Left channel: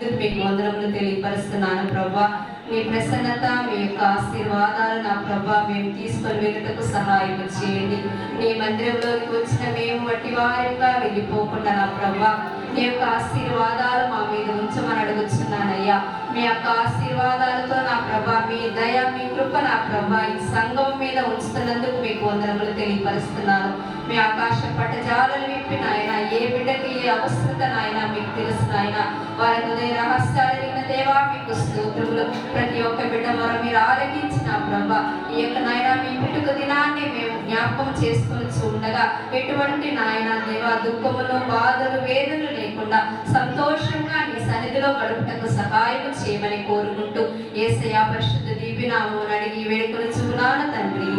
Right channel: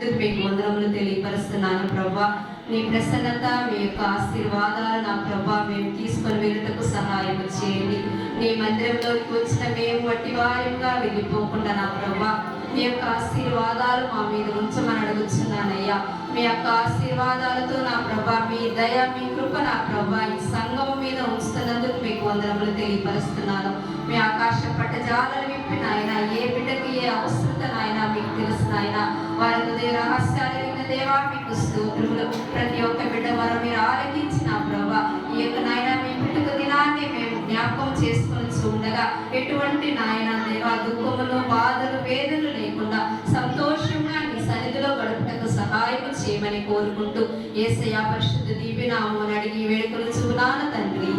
మీకు వందనములు తెలియపరుస్తున్నాను ప్రభా. మీ ప్రసన్నత, మీ యొక్క ఆశీర్వాదాలు నా ప్రభా మేము తీసుకొని వెళ్ళటకు సహాయం చేయండి. నీ మందిరంలోకి వచ్చిన మేము వట్టి వారంగా వెళ్ళిపోకుండా నా ప్రభా మీ యొక్క ఆశీర్వాదాలు మా మీద ఉంచమని అడుగుతున్నానయ్యా. మీ యొక్క ఆశీర్వాదాలతో నా ప్రభా మీ దయ, మీ కృప నా ప్రభా ఈ సంఘం మీద ఉంచుతున్నందుకు మీకు వందనములు తెలియపరుస్తున్నాను. మీ ఆకాశ పట్టజాలను విప్పి నాయన, ఏ బిడ్డకి ఏ అవసరత నాయన మీకు తెలుసు నాయన. వారి హృదయ రహస్యాలు విన్న దేవా మీకు స్తోత్రములు. ప్రతి ఒక్క బిడ్డ మనం మీరు ఆలకించిన ప్రభా ఈ యొక్క నాయన మీ పుట్టుక దినాన్ని మేము జ్ఞాపకం చేసుకొని ఉండగా ఎటువంటి నాయన దేవా దుఃఖములు, బాధలు, వేదనలు లేకుండా సంతోషంగా నీ సన్నిధిలో గడుపుటకు సహాయం చేయమని కోరుకుంటూ యేసయ్య పరిశుద్ధ దివ్యనామమున అడిగి వేడుకొనుచున్నాను తండ్రి.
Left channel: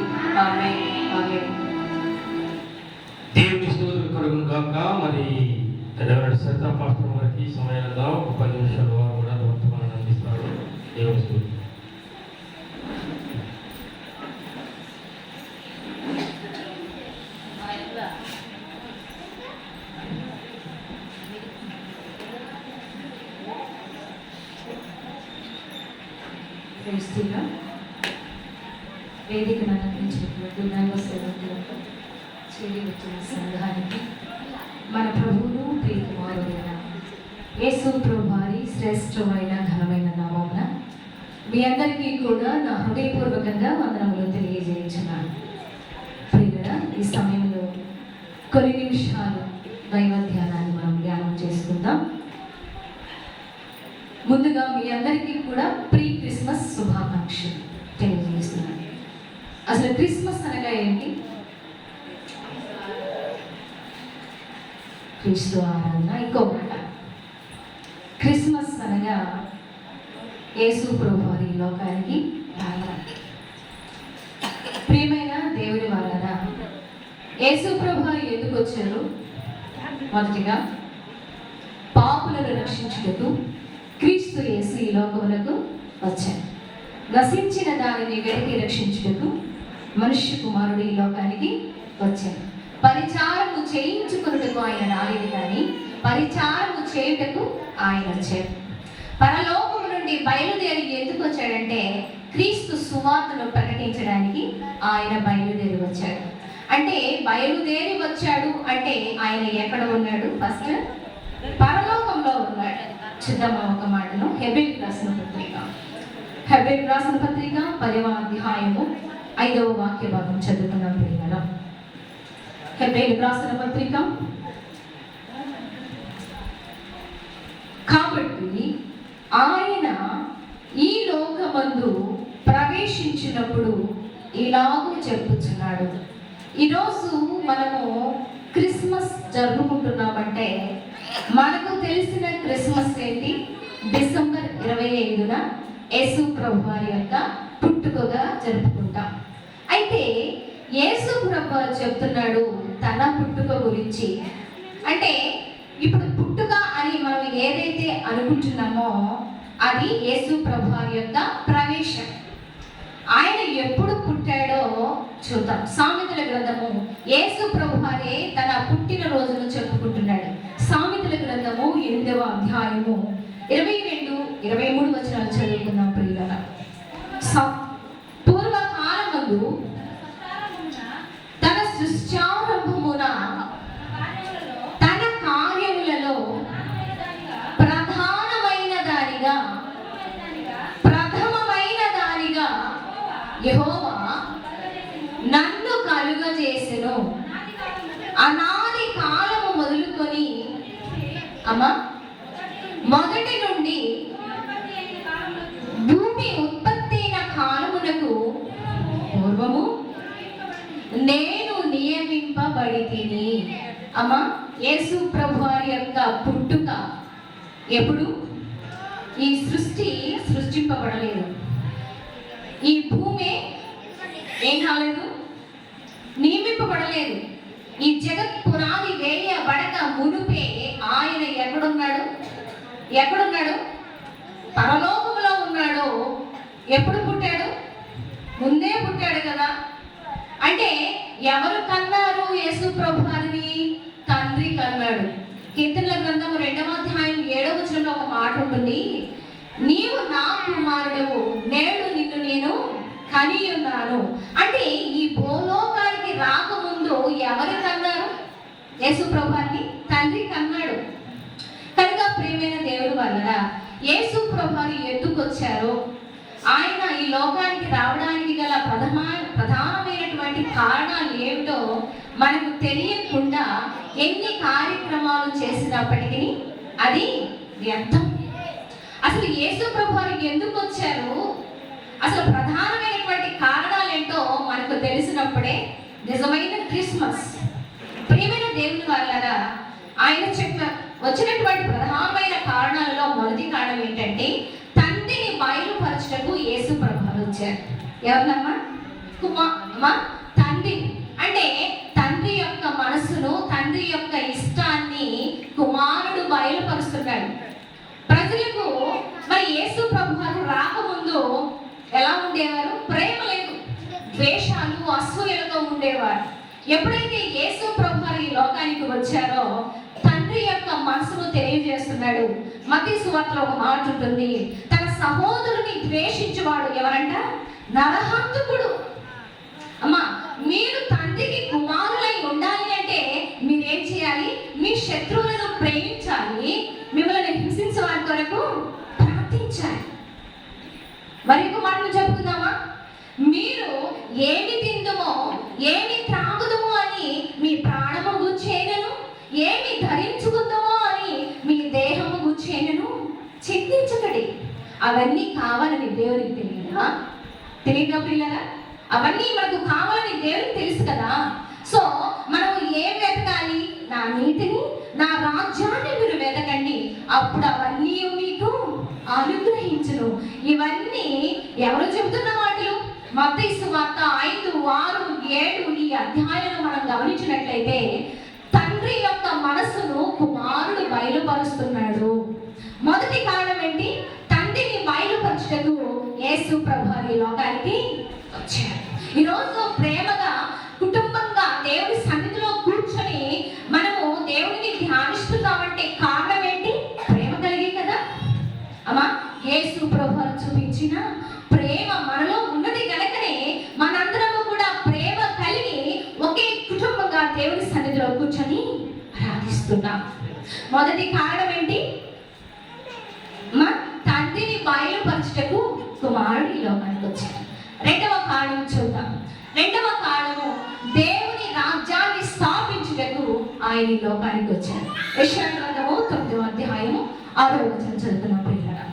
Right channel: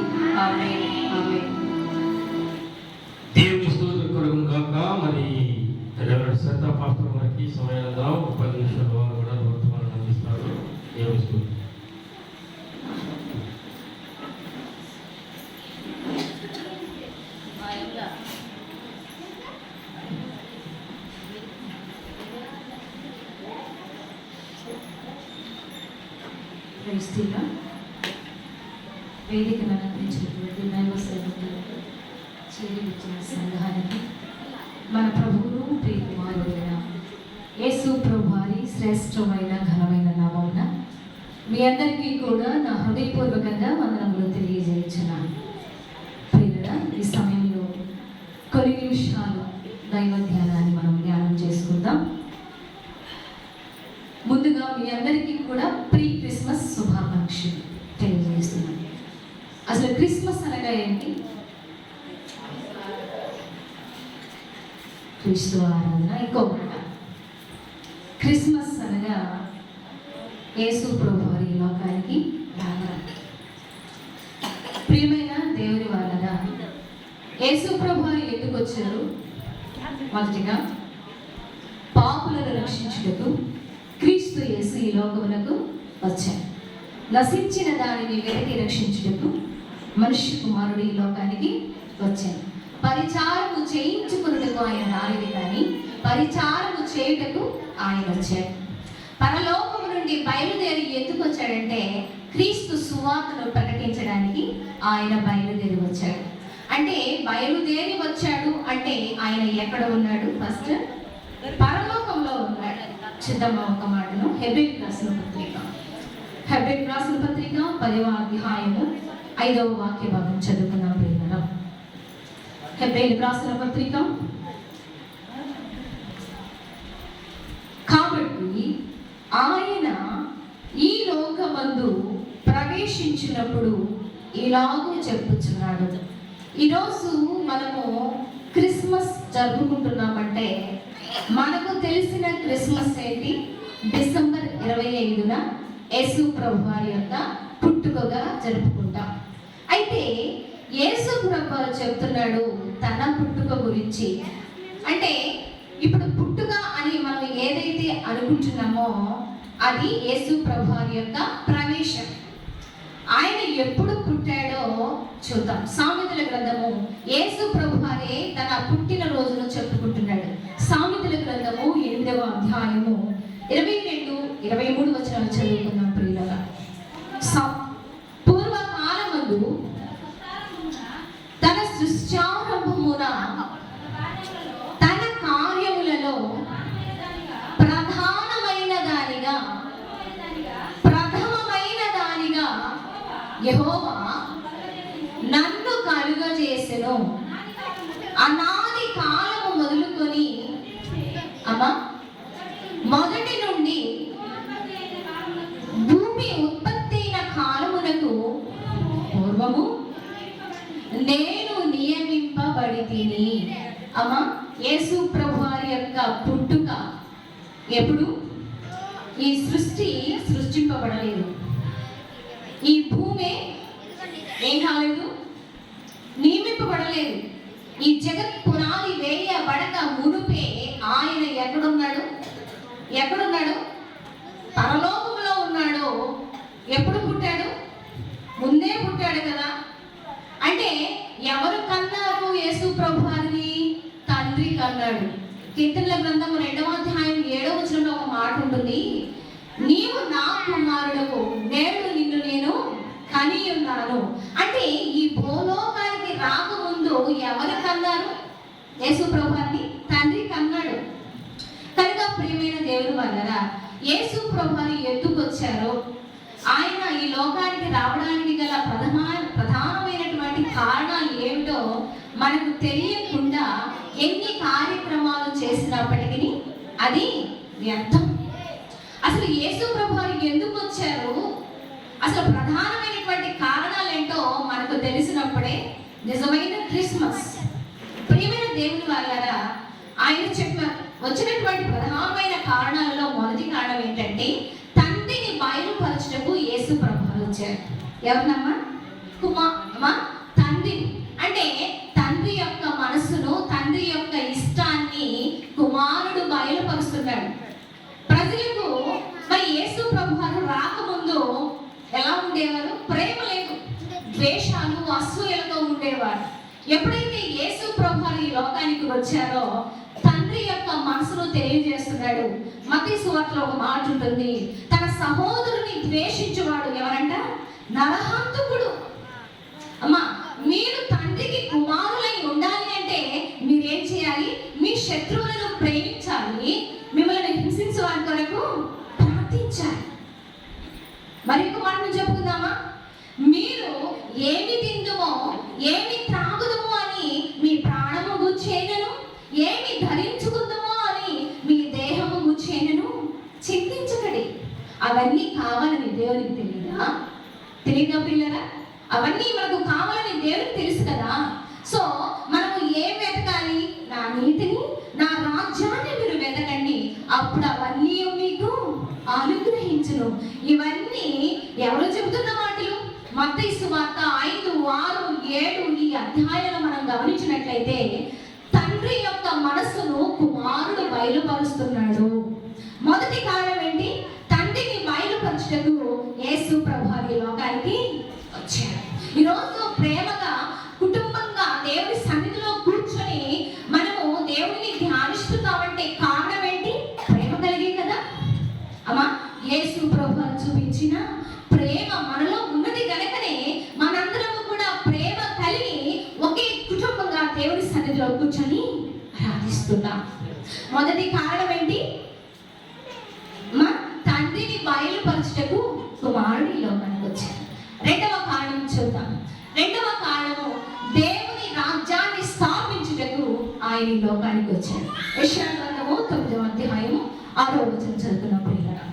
ఆమేన్. ఆమేన్. దేవుని స్తోత్రం కలుగును గాక. మరి రెవరెండ్ సత్తా పాస్టర్ వారికి సమయంగా ఒక 10 నిమిషాలు వారు కూడా వర్తమానాన్ని అందిస్తారు. దేవుని స్తోత్రం. వేదికను అందించినటువంటి దైవ సేవకులకు, చేరి వచ్చిన సంఘానికి, మన ప్రభువును ప్రియకుమారుడైన యేసు ప్రభువారి శ్రేష్టమైన ఘనమైన నామమున మీ అందరికీ కూడా నా హృదయపూర్వకంగా వందనములు తెలియజేయించున్నాను. ప్రియులారా, ఈ సమయంలో కొన్ని నిమిషాలు దైవ ధ్యానాన్ని మనం ధ్యానం చేసుకుందాం. ముందుగా మీ అందరికీ కూడా ప్రీ క్రిస్మస్ శుభాకాంక్షలు తెలియజేస్తున్నాను. అసలు క్రిస్మస్ అనగా ఏంటి? క్రీస్తు ఆరాధన. ఇంకొక క్రిస్మస్ అనగా యేసు ప్రభువారి లోకానికి రావడం. ప్రియమైన దేవుని వారన, యేసు ప్రభువారు ఎందుకు వచ్చారు? మొదటిగా పాపులను రక్షించుటకు క్రీస్తు యేసు ఈ లోకములకు వచ్చారు. నశించిన దానిని వెతికి రక్షించుటకు మనుష్య కుమారుడు ఈ లోకానికి వచ్చారు. పరిచారము చేయించుకున్నటకు ఆయన రాలేదు, కానీ పరిచారము చేయుటకు ఆయన వచ్చారు. పరలోకము నుండి బయలుదేరి ఎందుకు వచ్చాడంటే క్రీస్తు సువార్తను ప్రకటించడానికి ఆయన బయలుదేరి వచ్చాడు. అంటే బయలుదేరి వచ్చాడు అంటే ఆయన ఎక్కడ ఉన్నాడు? ఫస్ట్ పరలోకంలో ఉన్నాడు. చిత్తమ ఒక మాటను హెబ్రీయులకు రాసిన పత్రిక 10వ అధ్యాయము 5వ వాక్య భాగం చదువుకున్నాం. ప్రియులారా, హెబ్రీయులకు రాసిన పత్రిక. కాబట్టి ఆయన ఈ లోకమందు ప్రవేశించినప్పుడు ఇలాగూ చెప్పుచున్నాడు. ఈరోజు మనము క్రిస్మస్ జరుపుకుంటున్నామంటే మనకు తెలిసిన క్రిస్మస్ ఏంటి? డిసెంబర్ 25న యేసు ప్రభువారి యొక్క పుట్టుకగా జరుపుకుంటాం. అయితే యేసు ప్రభువారు చెప్తున్నాడు తన పుట్టుక గురించి. అంటే ఇప్పుడు పుట్టుక అని మనం ఏదైతే అనుకుంటున్నామో అది యేసు ప్రభువారి యొక్క ప్రవేశం. ఆయన ఎప్పుడు పుట్టాడో చూద్దాం. సామెతల గ్రంథము యేసు ప్రభువారే తన పుట్టిన రోజును చెప్పుకుంటున్నాడు. సామెతల గ్రంథము 8వ అధ్యాయము 22, 23 వచనాలు చదువుకున్నాం. ప్రియులారా, పూర్వకాలమందు తన సృష్టారంభమున తన కార్యములలో ప్రధానమైన దానిగా యెహోవా నన్ను కలుగజేసెను. అనాది కాలము మొదలుకొని మొదటి నుండి భూమి ఉత్పత్తి అయిన కాలమునకు పూర్వము నేను నియమింపబడితిని. యేసు ప్రభువారి యొక్క పుట్టుక ఎప్పుడు? ఈ సృష్టి సృష్టింపబడలేదు, ఈ భూమి ఏం కాలేదు, నియమింపబడలేదు. ఈ జగత్ పునాది వేయబడక మునుపే ఆయన ఎక్కడున్నాడు? పరలోకములో ఉన్నాడు. ఎప్పుడు పుట్టాడు? ముందే పుట్టాడు కదా. అంటే ఎవరు కన్నారు యేసు ప్రభువారిని? తండ్రి కన్నాడు. కీర్తనల గ్రంథము 2వ అధ్యాయం 7వ వచనంలో ఒక మాట మాట ఉంటుంది, నీవు నా కుమారుడవు, నేడు నిన్ను నేను కని ఉన్నాను. అంటే ఈ భూలోకానికి రాకముందు ఎవరు కన్నారు? యేసు ప్రభువాన్ని తండ్రి కన్నాడు. కనుక ప్రియమైన దేవుని వలన యేసు ప్రభువాన్ని ఎత్తుకొచ్చారు. ఆయన ఈ లోకానికి రావడానికి గల ప్రధానమైనటువంటి కారణాలు ఏమిటో మనకు తెలియకుండా ఎన్ని కార్యక్రమాలు చేసినప్పటికీ అది వ్యర్థం. అసలు యేసు ప్రభువారు ఎందుకు వచ్చారు, అసలు ప్రధానమైనటువంటి కారణాలు ఏంటో మనకు తెలిసినప్పుడే నిజమైన క్రిస్మస్. ప్రియమైన దేవుని వాళ్ళారా, ఆయన వచ్చినటువంటి ప్రధానమైన కారణాల్లో మొదటి కారణం ఏంటంటే తండ్రిని బయలుపరచుటకు యేసు ప్రభువారు వచ్చారు. ఎవరినమ్మా? తండ్రి. అంటే తండ్రి యొక్క మనసును, తండ్రి యొక్క ఇష్టాన్ని కుమారుడు బయలుపరుస్తున్నాడు ప్రజలకు. మరి యేసు ప్రభువారు రాకముందు ఎలా ఉండేవారు? ప్రేమ లేదు, ద్వేషాలు, అసూయలతో ఉండేవారు. ఎప్పుడైతే యేసు ప్రభువారు ఈ లోకానికి వచ్చారో తండ్రి యొక్క మనసును తెలియజేస్తున్నాడు. మత్తయి సువార్తలో ఒక మాట ఉంటుంది, తన సహోదరుని ద్వేషించేవాడు ఎవరంట? నరహంతకుడు. అమ్మా, మీరు తండ్రికి కుమారులై ఉండాలి అంటే మీరేం చేయాలి? మీ శత్రువులను ప్రేమించాలి, మిమ్మల్ని హింసించే వారి కొరకు ప్రార్థించాలి. మరి ఇంకో మాట చెప్తున్నామా? మీరు ఏమి తిందుమో ఏమి త్రాగుదుమో అని మీ ప్రాణము గూర్చేనను, ఏమి ధరించుకుందామో అని మీ దేహము గూర్చేనను చింతించకండి. అవన్నీ కావాలని దేవునికి తెలియదా? తెలియదా పిల్లరా? అవన్నీ మనకు కావాలని దేవునికి తెలుసు కదా. సో మనము ఏం వెతకాలి? నా నీతిని, నా రాజ్యాన్ని మీరు వెతకండి, అప్పుడు అవన్నీ మీకు అనుగ్రహించును. ఇవన్నీ ఎవరు చెబుతున్న మాటలు? మత్తయి సువార్త 5, 6, 7 ఈ అధ్యాయాలను మనం గమనించినట్లయితే తండ్రి యొక్క మనస్సును కుమారుడు బయలుపరుస్తున్నాడు. మొదటి కారణం ఏంటి? తండ్రిని బయలుపరచుటకు యేసు ప్రభువారు ఈ లోకానికి వచ్చారు. ఈరోజు ప్రేమగా కుటుంబంగా దేవుని సన్నిధిలో కూర్చొని మనము దేవుడిని ధ్యానిస్తున్నామంటే కారణం ఏంటి? ప్రేమ కలిగి కదా అమ్మా. యేసు ప్రభువారు చూపించిన ప్రేమ మనలో ఉన్నది కనుకనే మనందరము కూడా ప్రేమ కలిగి ఒకే కుటుంబంగా దేవుని సన్నిధిలో కూర్చొని ఆరాధిస్తున్నాం. మొదటి కారణం ఏంటి? తండ్రిని బయలుపరచుటకు కుమారుడు ఈ లోకానికి వచ్చాడు. రెండవ కారణం చూద్దాం. రెండవ కారణము దేవుని రాజ్యాన్ని స్థాపించుటకు ఆయన ఈ లోకానికి వచ్చాడు. యెషయా గ్రంథము 9వ అధ్యాయము 6వ వచనం చదువుతున్నాం పిల్లలు.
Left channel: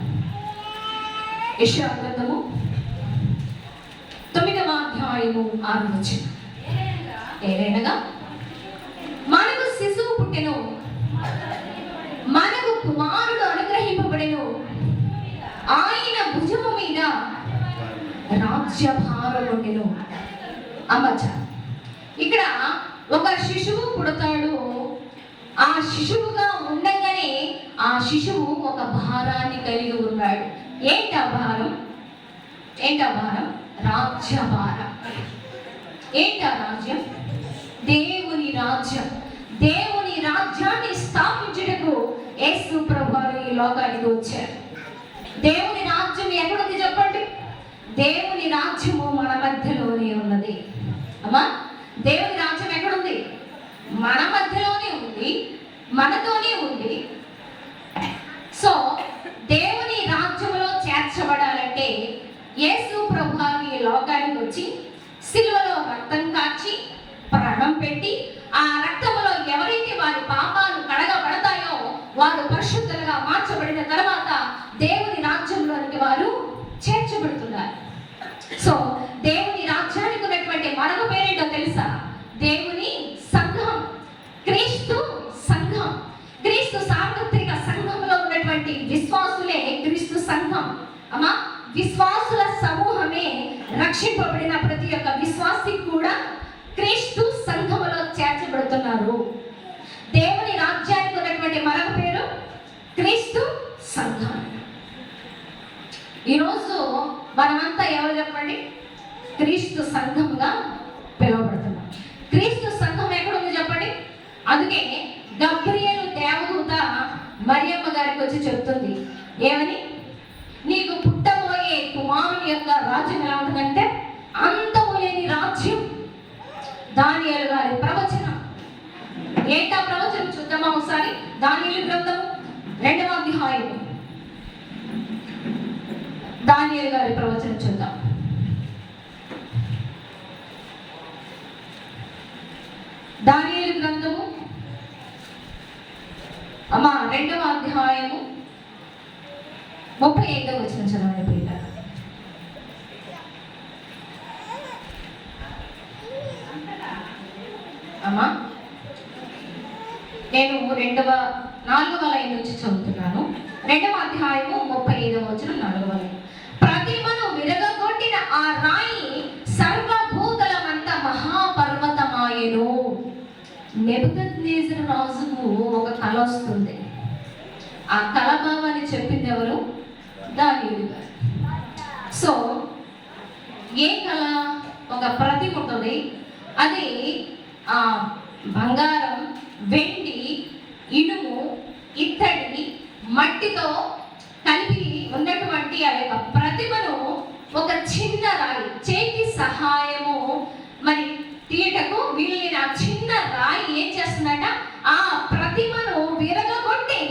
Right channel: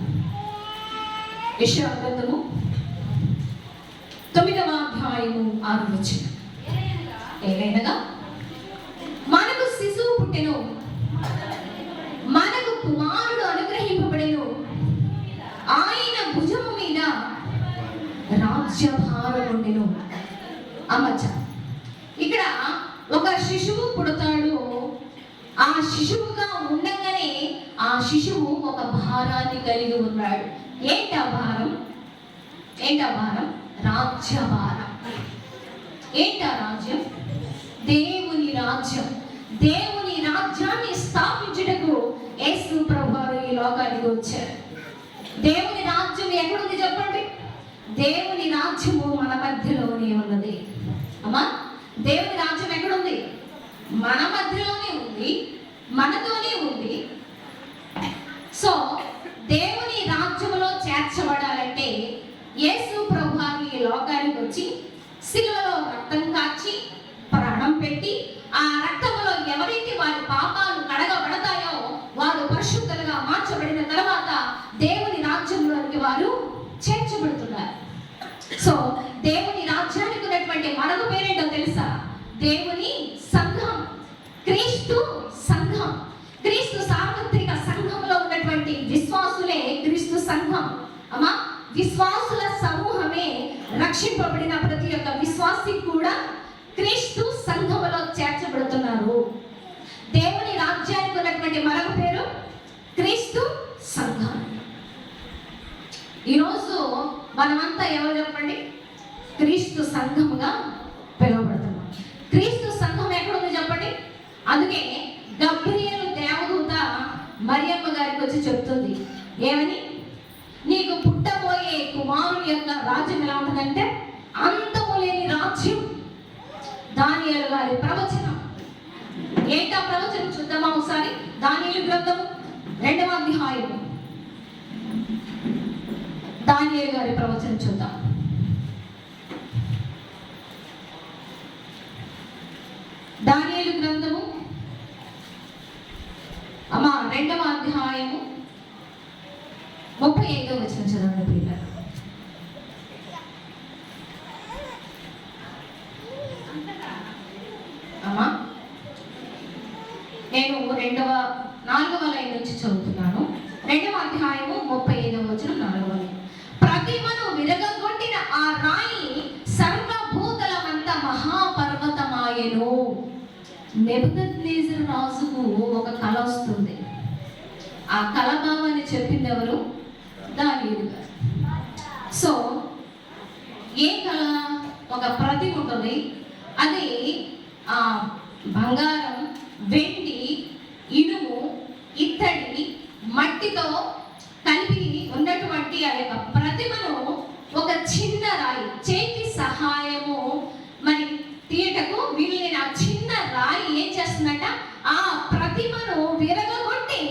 యెషయా గ్రంథము 9వ అధ్యాయము 6వ వచనం. ఏలైనగా మనకు శిశువు పుట్టెను, మనకు కుమారుడు అనుగ్రహింపబడెను, ఆయన భుజము మీద రాజ్యభారం ఉండెను. అమ్మచ్చ, ఇక్కడ ఒక శిశువు పుడతాడు. ఆ శిశువుగా ఉండగానే ఆ శిశువు ఒక భారాన్ని కలిగి ఉన్నాడు. ఏంటా భారం? రాజ్యభారం. ఏంటా రాజ్యం? దేవుని రాజ్యం. దేవుని రాజ్యాన్ని స్థాపించుటకు యేసు ప్రభువారు ఈ లోకానికి వచ్చారు. దేవుని రాజ్యం ఎక్కడుంది చెప్పండి? దేవుని రాజ్యము మన మధ్యలోనే ఉన్నది. అమ్మా, దేవుని రాజ్యం ఎక్కడుంది? మన మధ్యలోనే ఉంది, మనతోనే ఉంది. సో దేవుని రాజ్యములో చేర్చబడాలంటే యేసు ప్రభువారు ఈ లోకానికి వచ్చి సిలువలో రక్తం కాచి ప్రాణం పెట్టి ఆ రక్తములో ఎవరైతే వారి పాపాలు కడగబడతాయో వారు పరిశుద్ధులుగా మార్చబడిన తర్వాత దేవుని రాజ్యంలోనికి వారు చేర్చబడుతున్నారు. సో దేవుని రాజ్యానికి ఉన్నటువంటి మరొక పేరేంటో తెలుసా? దేవుని సంఘం, క్రీస్తు సంఘం. క్రీస్తు సార్వత్రిక సంఘంలో ఉన్నటువంటి విశ్వాసులే క్రీస్తు సంఘం. అమ్మా, విశ్వాసుల సమూహమే రక్షింపబడిన ప్రతి ఒక్క విశ్వాసి కూడా క్రీస్తు సంఘములో చేర్చబడుతున్నారు. దేవుని రాజ్యానికి ఉన్నటువంటి మరొక పేరు క్రీస్తు సంఘం. ఈరోజు మనమంతా ఎవరు చెప్పండి? క్రీస్తు సంఘంగా పిలువబడుతున్నాం. క్రీస్తు సంఘం ఎక్కడుందో చెప్పండి. అందుకే గబ్రియలు దేవదూత మరియమ్మ గారికి వచ్చి చెప్తుంది, ఏమని? నీకు పుట్టబోయే కుమారుని యొక్క రాజ్యం ఎలా ఉంటుందంటే అంతము లేని రాజ్యం. దానియేలు గారి ప్రవచనం. ఏంటా ప్రవచనం చూద్దామా ఒకసారి? దానియేలు గ్రంథం 2వ అధ్యాయం. దానియేలు గారి ప్రవచనం చూద్దాం. దానియేలు గ్రంథము 2వ అధ్యాయము 35వ వచనం చదవండి ప్రియులారా. నేను 4వ లైన్ నుంచి చదువుతున్నాను. 2వ అధ్యాయము 35వ వచనం 4వ లైన్. ప్రతిమను విరగగొట్టిన ఆ రాయి సర్వభూతలమంత మహాపర్వతమాయెను. నెబుకద్నెజరు రాజుకు ఒక కల వస్తుంది. ఆ కల భావాన్ని చెప్పింది ఎవరు? దానియేలు గారు. సో ఏ కళ? ఒక ప్రతిమ ఉంటుంది. అది బంగారం, వెండి, ఇనుము, ఇత్తడి, మట్టితో కలిపి ఉన్నటువంటి ఆ యొక్క ప్రతిమను ఒక చిన్న రాయి చేతి సహాయము మరి తీయటకు వీళ్ళని ఆ చిన్న రాయి ఏం చేస్తుందట? ఆ ప్రతిమను విరగగొట్టి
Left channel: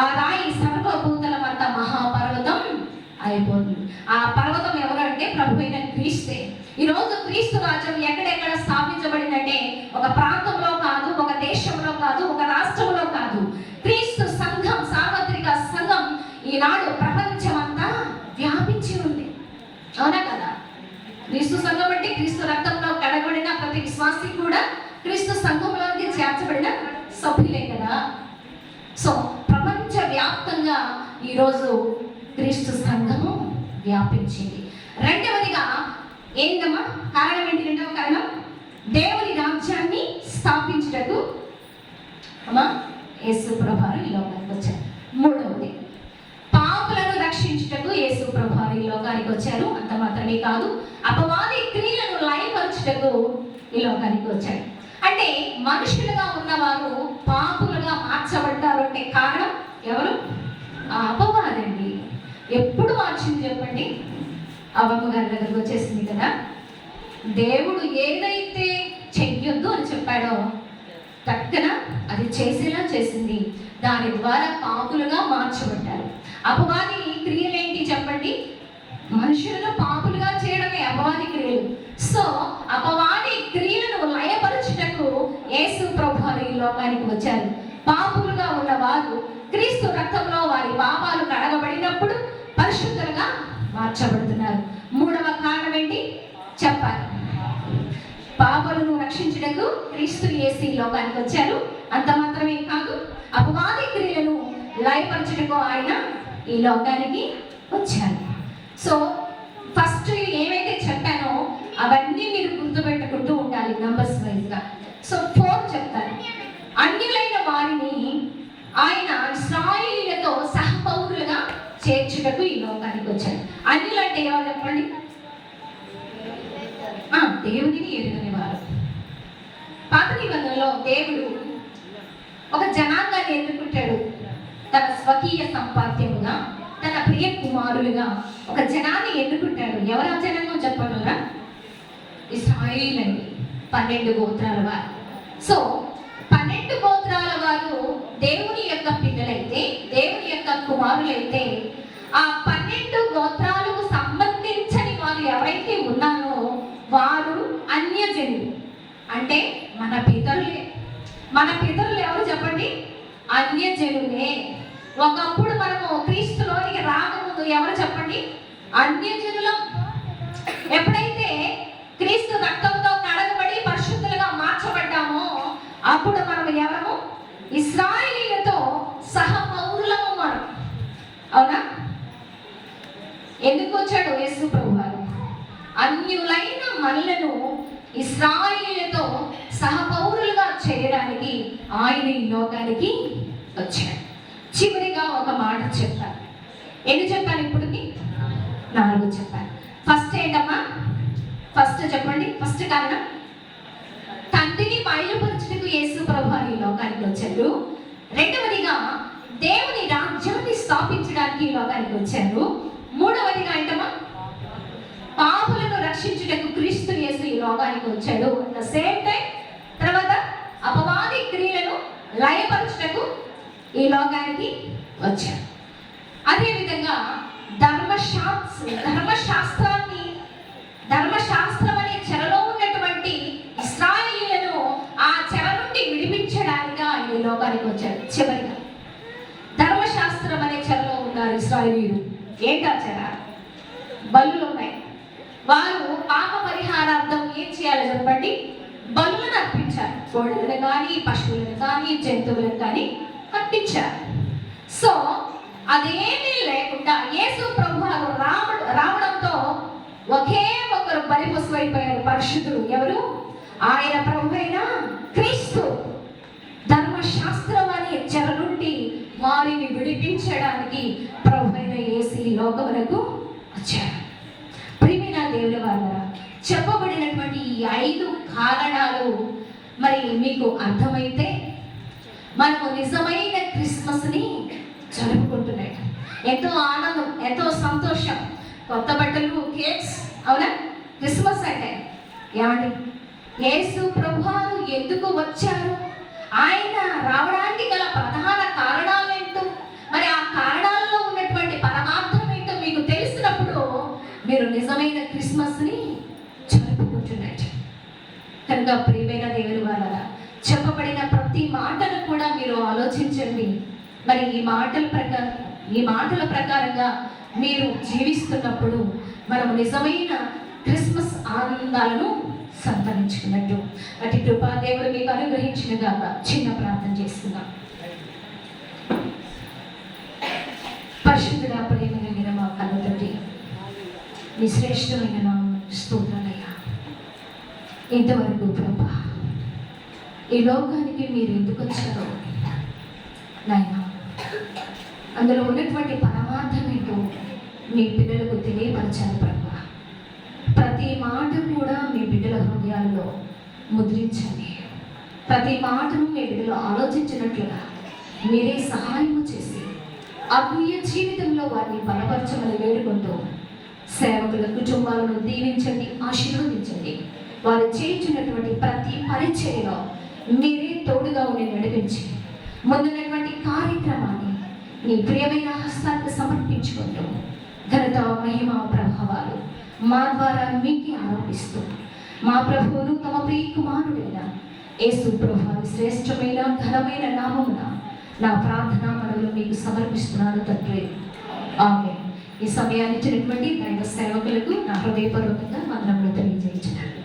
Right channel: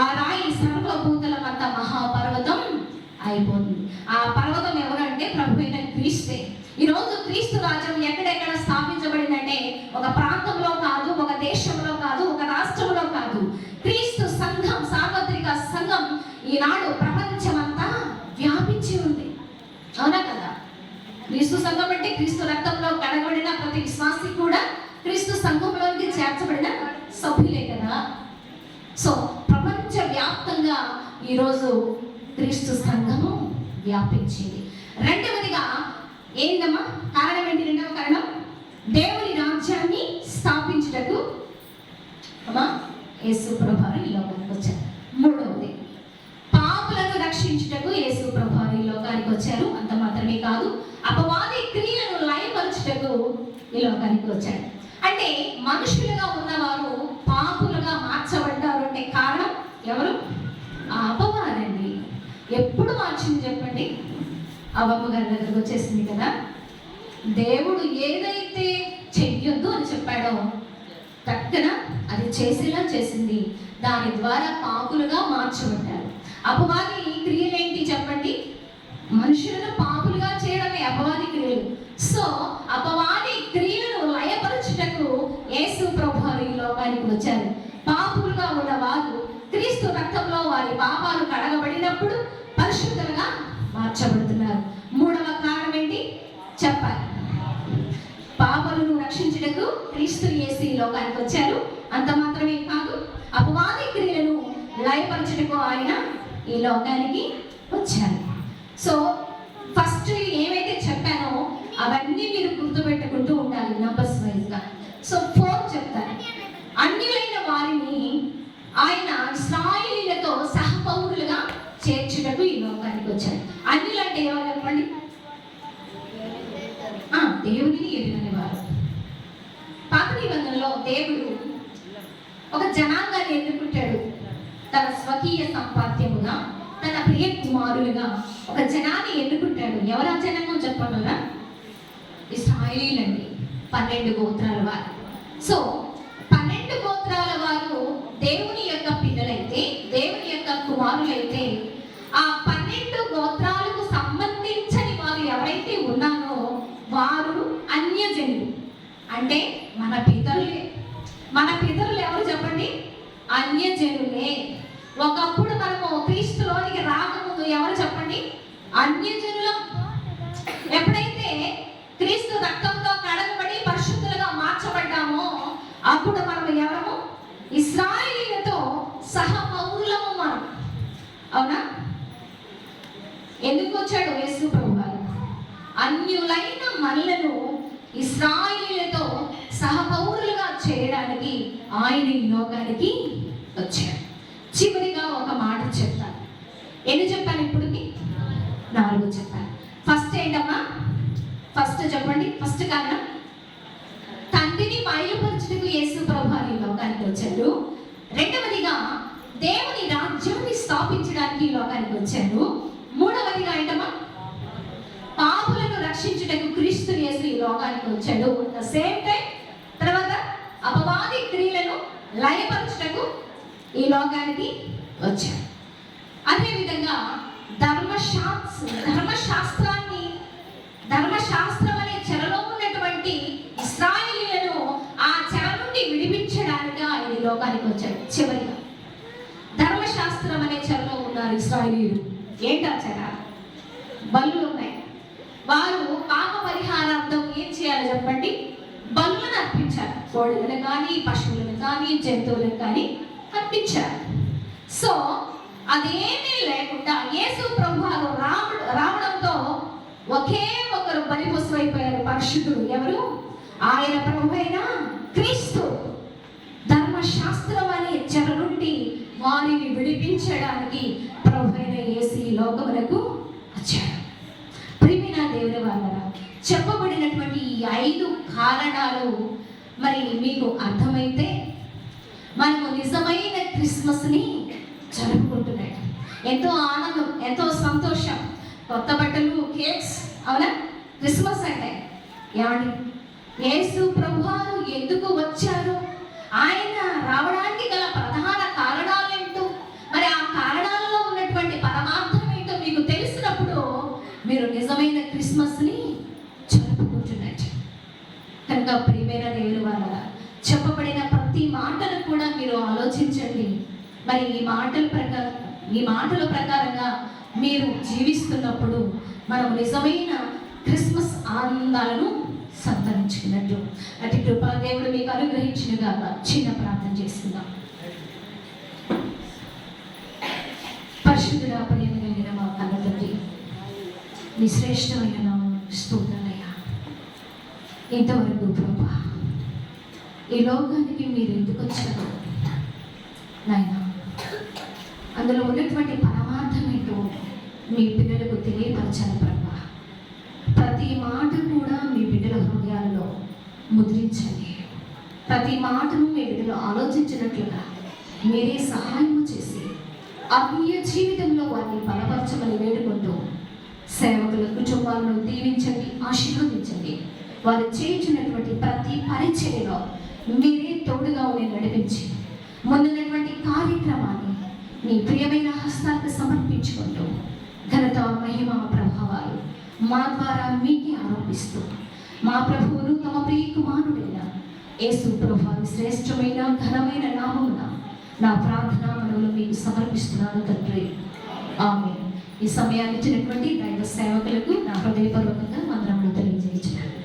ఆ రాయి సర్వభూతలమంత మహాపర్వతం అయిపోతుంది. ఆ పర్వతం ఎవరంటే ప్రభు అయిన క్రీస్తే. ఈరోజు క్రీస్తు రాజ్యం ఎక్కడెక్కడ స్థాపించబడిందంటే ఒక ప్రాంతంలో కాదు, ఒక దేశంలో కాదు, ఒక రాష్ట్రంలో కాదు. క్రీస్తు సంఘం, సార్వత్రిక సంఘం ఈనాడు ప్రపంచమంతా వ్యాపించి ఉంది. అవునా కదా? క్రీస్తు సంఘం అంటే క్రీస్తు రక్తంలో కడగబడిన ప్రతి విశ్వాసి కూడా క్రీస్తు సంఘంలోనికి చేర్చబడిన సభ్యులే కదా. సో ప్రపంచ వ్యాప్తంగా ఈరోజు క్రీస్తు సంఘము వ్యాపించింది. రెండవదిగా ఏందమ్మా కారణం ఏంటి? రెండవ కారణం దేవుని రాజ్యాన్ని స్థాపించుటకు యేసు ప్రభువారు ఈ లోకానికి వచ్చారు. మూడవది పాపులను రక్షించుటకు యేసు ప్రభువారు ఈ లోకానికి వచ్చారు. అంత మాత్రమే కాదు, అపవాది క్రియలను లయపరచుటకు ఈ లోకానికి వచ్చాడు. అంటే మనుషులుగా ఉన్నవారు పాపులుగా మార్చబడ్డారు అంటే కారణం ఎవరు? ఆ అపవాదండి. ఎప్పుడు మార్చింది చెప్పండి? అవ్వమ్మ గారి దగ్గరకు వచ్చేసింది కదా. దేవుడు ఏదైతే చెయ్యొద్దు అని చెప్పాడో తక్కన అది చేసేలా చేసింది. దాని ద్వారా పాపులుగా మార్చబడ్డారు. అపవాది క్రియలేంటి చెప్పండి? మనుషులను పాపులుగా చేయడమే అపవాది క్రియలు. సో అపవాది క్రియలను లయపరచుటకు యేసు ప్రభువారు ఈ లోకానికి వచ్చారు. పాపులుగా ఉన్నవారు క్రీస్తు రక్తంలో వారి పాపాలు కడగబడినప్పుడు పరిశుద్ధులుగా మార్చబడుతున్నారు. మూడవ కారణం ఏంటి చెప్పాలి? పాపులను రక్షించుటకు క్రీస్తు యేసు ఈ లోకానికి వచ్చారు. అంత మాత్రమే కాదు, అపవాది క్రియలను లయపరచుటకు ఆయన ఈ లోకానికి వచ్చారు. సో ఫస్ట్ ఏవైతే చెప్పానో అవన్నీ మీరు గుర్తుపెట్టుకుంటూ ఉండాలి నంబర్స్ వైజ్గా. సో 4 చెప్తాను. అన్యులైన వారిని ఆయన ఇశ్రాయేలీయులతో సహపౌరులుగా చేర్చుటకు ఈ లోకానికి వచ్చాడు. అన్యులంటే ఎవరు చెప్పండి? దేవుడిని ఎరుగని వారు. పాత నిబంధనలో దేవుడు ఒక జనాంగాన్ని ఎన్నుకుంటాడు. తన స్వకీయ సంపాద్యముగా, తన ప్రియ కుమారులుగా ఒక జనాన్ని ఎన్నుకుంటాడు. ఎవరు ఆ జనాంగం చెప్పగలరా? ఇశ్రాయేలీయులండి, 12 గోత్రాల వారు. సో 12 గోత్రాల వారు దేవుని యొక్క పిల్లలైతే, దేవుని యొక్క కుమారులైతే, ఆ 12 గోత్రాలకు సంబంధించని వారు ఎవరైతే ఉన్నారో వారు అన్యజనులు. అంటే మన పితరులే. మన పితరులు ఎవరు చెప్పండి? అన్యజనులే. ఒకప్పుడు మనము క్రీస్తులోనికి రాకముందు ఎవరు చెప్పండి? అన్యజనులం. ఎప్పుడైతే క్రీస్తు రక్తంతో కడగబడి పరిశుద్ధులుగా మార్చబడ్డామో అప్పుడు మనము ఎవరము? ఇశ్రాయేలీయులతో సహపౌరులము మనం. అవునా? ఎందుకు వచ్చాడు యేసు ప్రభువారు? అన్యులైన మనలను ఇశ్రాయేలీయులతో సహపౌరులుగా చేయడానికి ఆయన ఈ లోకానికి వచ్చాడు. చివరిగా ఒక మాట చెప్తాను. ఎన్ని చెప్పాను ఇప్పటికి? 4 చెప్పాను. ఫస్ట్ ఏంటమ్మా? ఫస్ట్ చెప్పండి. ఫస్ట్ కారణం తండ్రిని బయలుపరచుటకు యేసు ప్రభువారు ఈ లోకానికి వచ్చాడు. రెండవదిగా దేవుని రాజ్యాన్ని స్థాపించడానికి ఈ లోకానికి వచ్చారు. మూడవదిగా అంటమా పాపులను రక్షించుటకు క్రీస్తు యేసు ఈ లోకానికి వచ్చాడు. ద సేమ్ టైం తర్వాత అపవాది క్రియలను లయపరచుటకు ఈ లోకానికి వచ్చాడు. అదేవిధంగా ధర్మశాస్త్రం అనే చెరలో ఉన్నటువంటి ఇశ్రాయేలీయులను ఆ చెర నుండి విడిపించడానికి ఆయన ఈ లోకానికి వచ్చాడు. చివరిగా ధర్మశాస్త్రం అనే చెరలో ఉన్నారు ఇశ్రాయేలీయులు. ఏంటా చెర? బలులు ఉన్నాయి. వారు పాప పరిహారార్థం ఏం చేయాలో చెప్పండి? బలులను అర్పించారు. కోళ్ళను కానీ పశువులను కానీ జంతువులను కానీ అర్పించారు. సో అదేమీ లేకుండా యేసు ప్రభువారు రావడంతో ఒకే ఒకరు బలి పశువైపోయారు. పరిశుద్ధుడు ఎవరు? ఆయన ప్రభు అయిన క్రీస్తు. ధర్మశాస్త్రం అనే చెర నుండి వారిని విడిపించడానికి ప్రభు అయిన యేసు ఈ లోకములకు వచ్చాడు. ప్రియమైన దేవుని వారలారా, చెప్పబడినటువంటి ఈ 5 కారణాలు మరి మీకు అర్థమైతే మనము నిజమైన క్రిస్మస్ని జరుపుకుంటున్నాడు. ఎంతో ఆనందం, ఎంతో సంతోషం, కొత్త బట్టలు, కేక్స్. అవునా? క్రిస్మస్ అంటే ఏమండి? యేసు ప్రభువారు ఎందుకు వచ్చారు? ఆయన రావడానికి గల ప్రధాన కారణాలు ఏంటో, మరి ఆ కారణాలలో ఉన్నటువంటి పరమార్థం ఏంటో మీకు తెలిసినప్పుడు మీరు నిజమైన క్రిస్మస్ని జరుపుకుంటున్నట్టు. కనుక ప్రియమైన దేవుని వారలారా, చెప్పబడిన ప్రతి మాటను కూడా మీరు ఆలోచించండి. మరి ఈ మాటల ప్రకారంగా మీరు జీవిస్తున్నప్పుడు మనం నిజమైన క్రిస్మస్ ఆనందాలను సంతరించుకున్నట్టు. అటు కృపా దేవుడు మీకు అనుగ్రహించినగా చిన్న ప్రార్థన చేసుకుందాం. పరిశుద్ధుడా, ప్రేమ కలిగిన మా కన్న తండ్రి, మీ శ్రేష్టమైన నామం స్తోత్రాలయ్యా. ఇంతవరకు ప్రభా ఈ లోకానికి మీరు ఎందుకు వచ్చారో నాయన, అందులో ఉన్నటువంటి పరమార్థం ఏంటో మీ పిల్లలకు తెలియపరచాలి ప్రభా. ప్రతి మాట కూడా మీ బిడ్డల హృదయాలలో ముద్రించండి. ప్రతి మాటను మీ బిడ్డలు ఆలోచించినట్లుగా మీరే సహాయం చేసి ఆత్మీయ జీవితంలో వారిని బలపరచమని వేడుకుంటూ సేవకుల కుటుంబాలను దీవించండి, ఆశీర్వదించండి. వారు చేయించినటువంటి ప్రతి పరిచర్యలో మీరే తోడుగా ఉండి నడిపించి ముందున్నటువంటి కార్యక్రమాన్ని నీ ప్రియమైన హస్తాలకు సమర్పించుకుంటూ ఘనత, మహిమ, ప్రభావాలు మా ద్వారా మీకే ఆరోపిస్తూ మా ప్రభువును తమ ప్రియ కుమారుడైన యేసు ప్రభువారి శ్రేష్టమైన ఘనమైన నామమున నా ప్రార్థన మనవులు మీకు సమర్పిస్తున్నాను తండ్రి. ఆమేన్. ఈ సమయాన్ని ఇచ్చినటువంటి దైవ సేవకులకు నా హృదయపూర్వకంగా వందనములు తెలియజేయించున్నాను.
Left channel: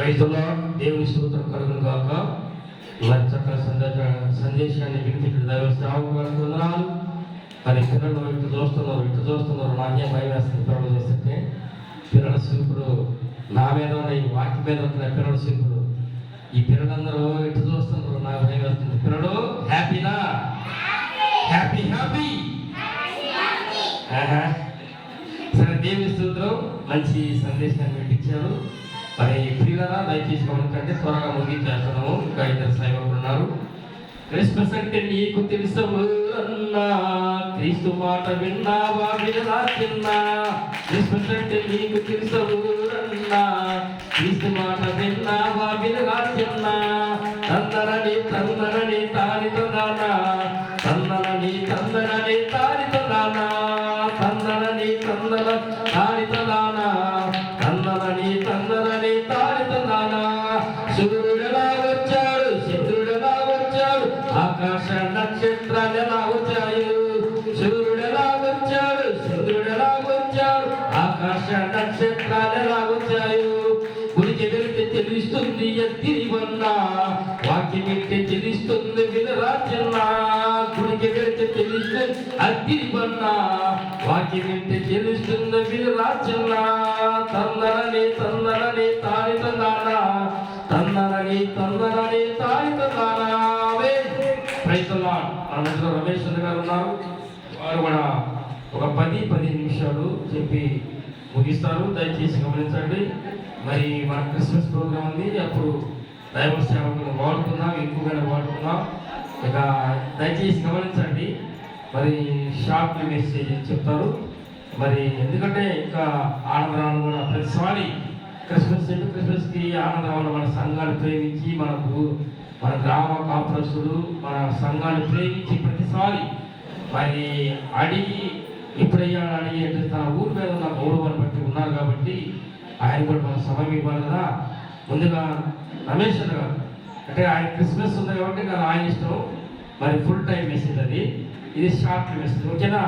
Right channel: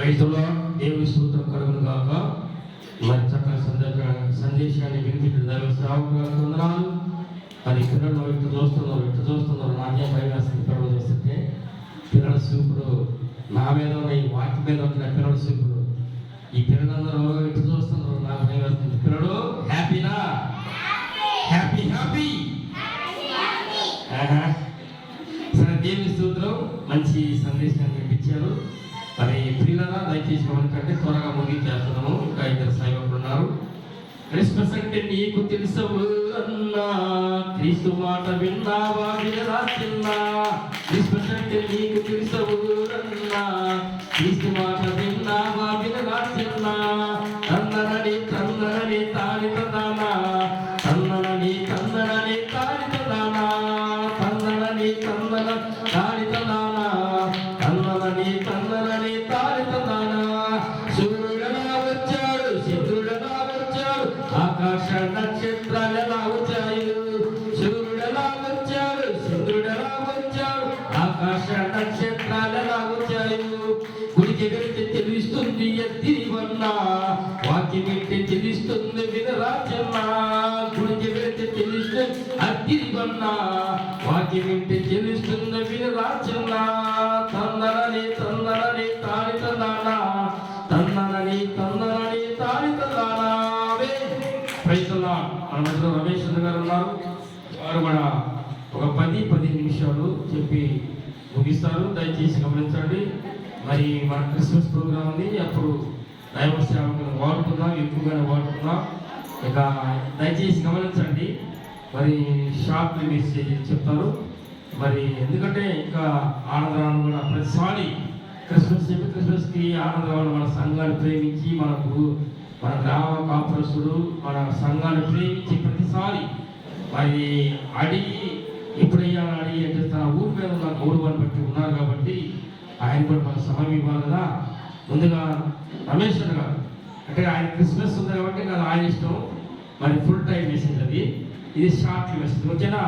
రైతుల దేవుని స్తోత్రం కలుగును గాక. మరి చక్కని సందేశాన్ని వినిపించిన దైవ సేవకులకు వందనాలు. మరి పిల్లలు ఇటు చూస్తున్నారు నాకేం భయం వేస్తుంది. పిల్లలు చూస్తుంటే పిల్లల చూపుడు నా మీద ఉన్నాయి, వాటి మీద ఉంటున్నాయి పిల్లల చూపుడు. ఈ పిల్లలందరూ ఇటు చూస్తున్నారు, నాకు భయం వేస్తుంది. పిల్లలు హ్యాపీనా? Happy happy. సరే, దేవుని స్తోత్రం. మంచి సందేశాన్ని వినిపించారు. మరి ప్రియులరా, దయచేసి గమనించండి, త్వరగా ముగించేస్తున్నాము. ఇంకా 2 సేవకులు ఉన్నారు. క్రిస్మస్ అంటే నీకు తెలుసవురన్నా, క్రీస్తు మాట విన్నావా వినరా చిన్నా? క్రిస్మస్ అంటే నీకు తెలుసవురన్నా, క్రీస్తు మాట విన్నావా వినరా చిన్నా? తందనని తందనని తానితనానా, తందనని తందనని తానితనానా, తందనని తందన తానితనానా, తందనని తందనని తానితనానా. సూర్యుడలా వచ్చాడు, చంద్రుడలా వచ్చాడు, ఆకాశ నక్షత్రాలు ఎలా వచ్చాయి? సూర్యుడలా వచ్చాడు, చంద్రుడలా వచ్చాడు, ఆకాశ నక్షత్రాలు ఎలా వచ్చాయి? గుడికి వెళ్తే తెలుస్తుంది ఎత్తిరివన్నా, వాక్యం వింటే తెలుస్తుంది వినరా చిన్నా? గుడికి వెళ్తే తెలుస్తుంది అత్తిరివన్నా, వాక్యం వింటే తెలుస్తుంది వినరా చిన్నా? తందనని తందనని తానితనానా, తందనని తందనని తానితనానా. రైతులా మన మధ్యలో రమేష్ గారు ఉన్నారు. వారు కూడా ఒక 10 నిమిషాలు చెప్పి ముగిస్తారు. దయచేసి గమనించండి. మరి మన క్రిస్మస్ ప్రోగ్రామ్ ఉంది, అప్పుడు దైవ సేవకులను వాడుకున్నాం, ఎక్కువగానే వాడుకున్నాం. ఇక దయచేసి గమనించండి, మరి షార్ట్ మెసేజ్ చెప్తారు. మరి ఎందుకంటే ఇంకా ఆనందరాలు కూడా ప్రతిసారి క్రిస్మస్కి ఆనందరాలు మన సంఘాన్ని ప్రేమించి మన గ్రామ కాపురస్తుడు మన సంఘాన్ని ప్రేమించి ప్రతిసారి మరి అడిగి ఎప్పుడయ్యా అడిగి అంటే తన ఊరి మీద ఉన్న గౌరవాన్ని బట్టి ఉన్నారు కాబట్టి ఆయన కూడా మన సమయం ఇవ్వాలి కదా. ముందుగా రమేష్ గారు అంటే ఆయన క్రిస్మస్ ఉంది కాబట్టి కదా ఆయన ఇష్టం. మరి ఫుల్ టైం మెసేజ్ అది, ఇది షార్ట్ మెసేజ్. ఓకేనా?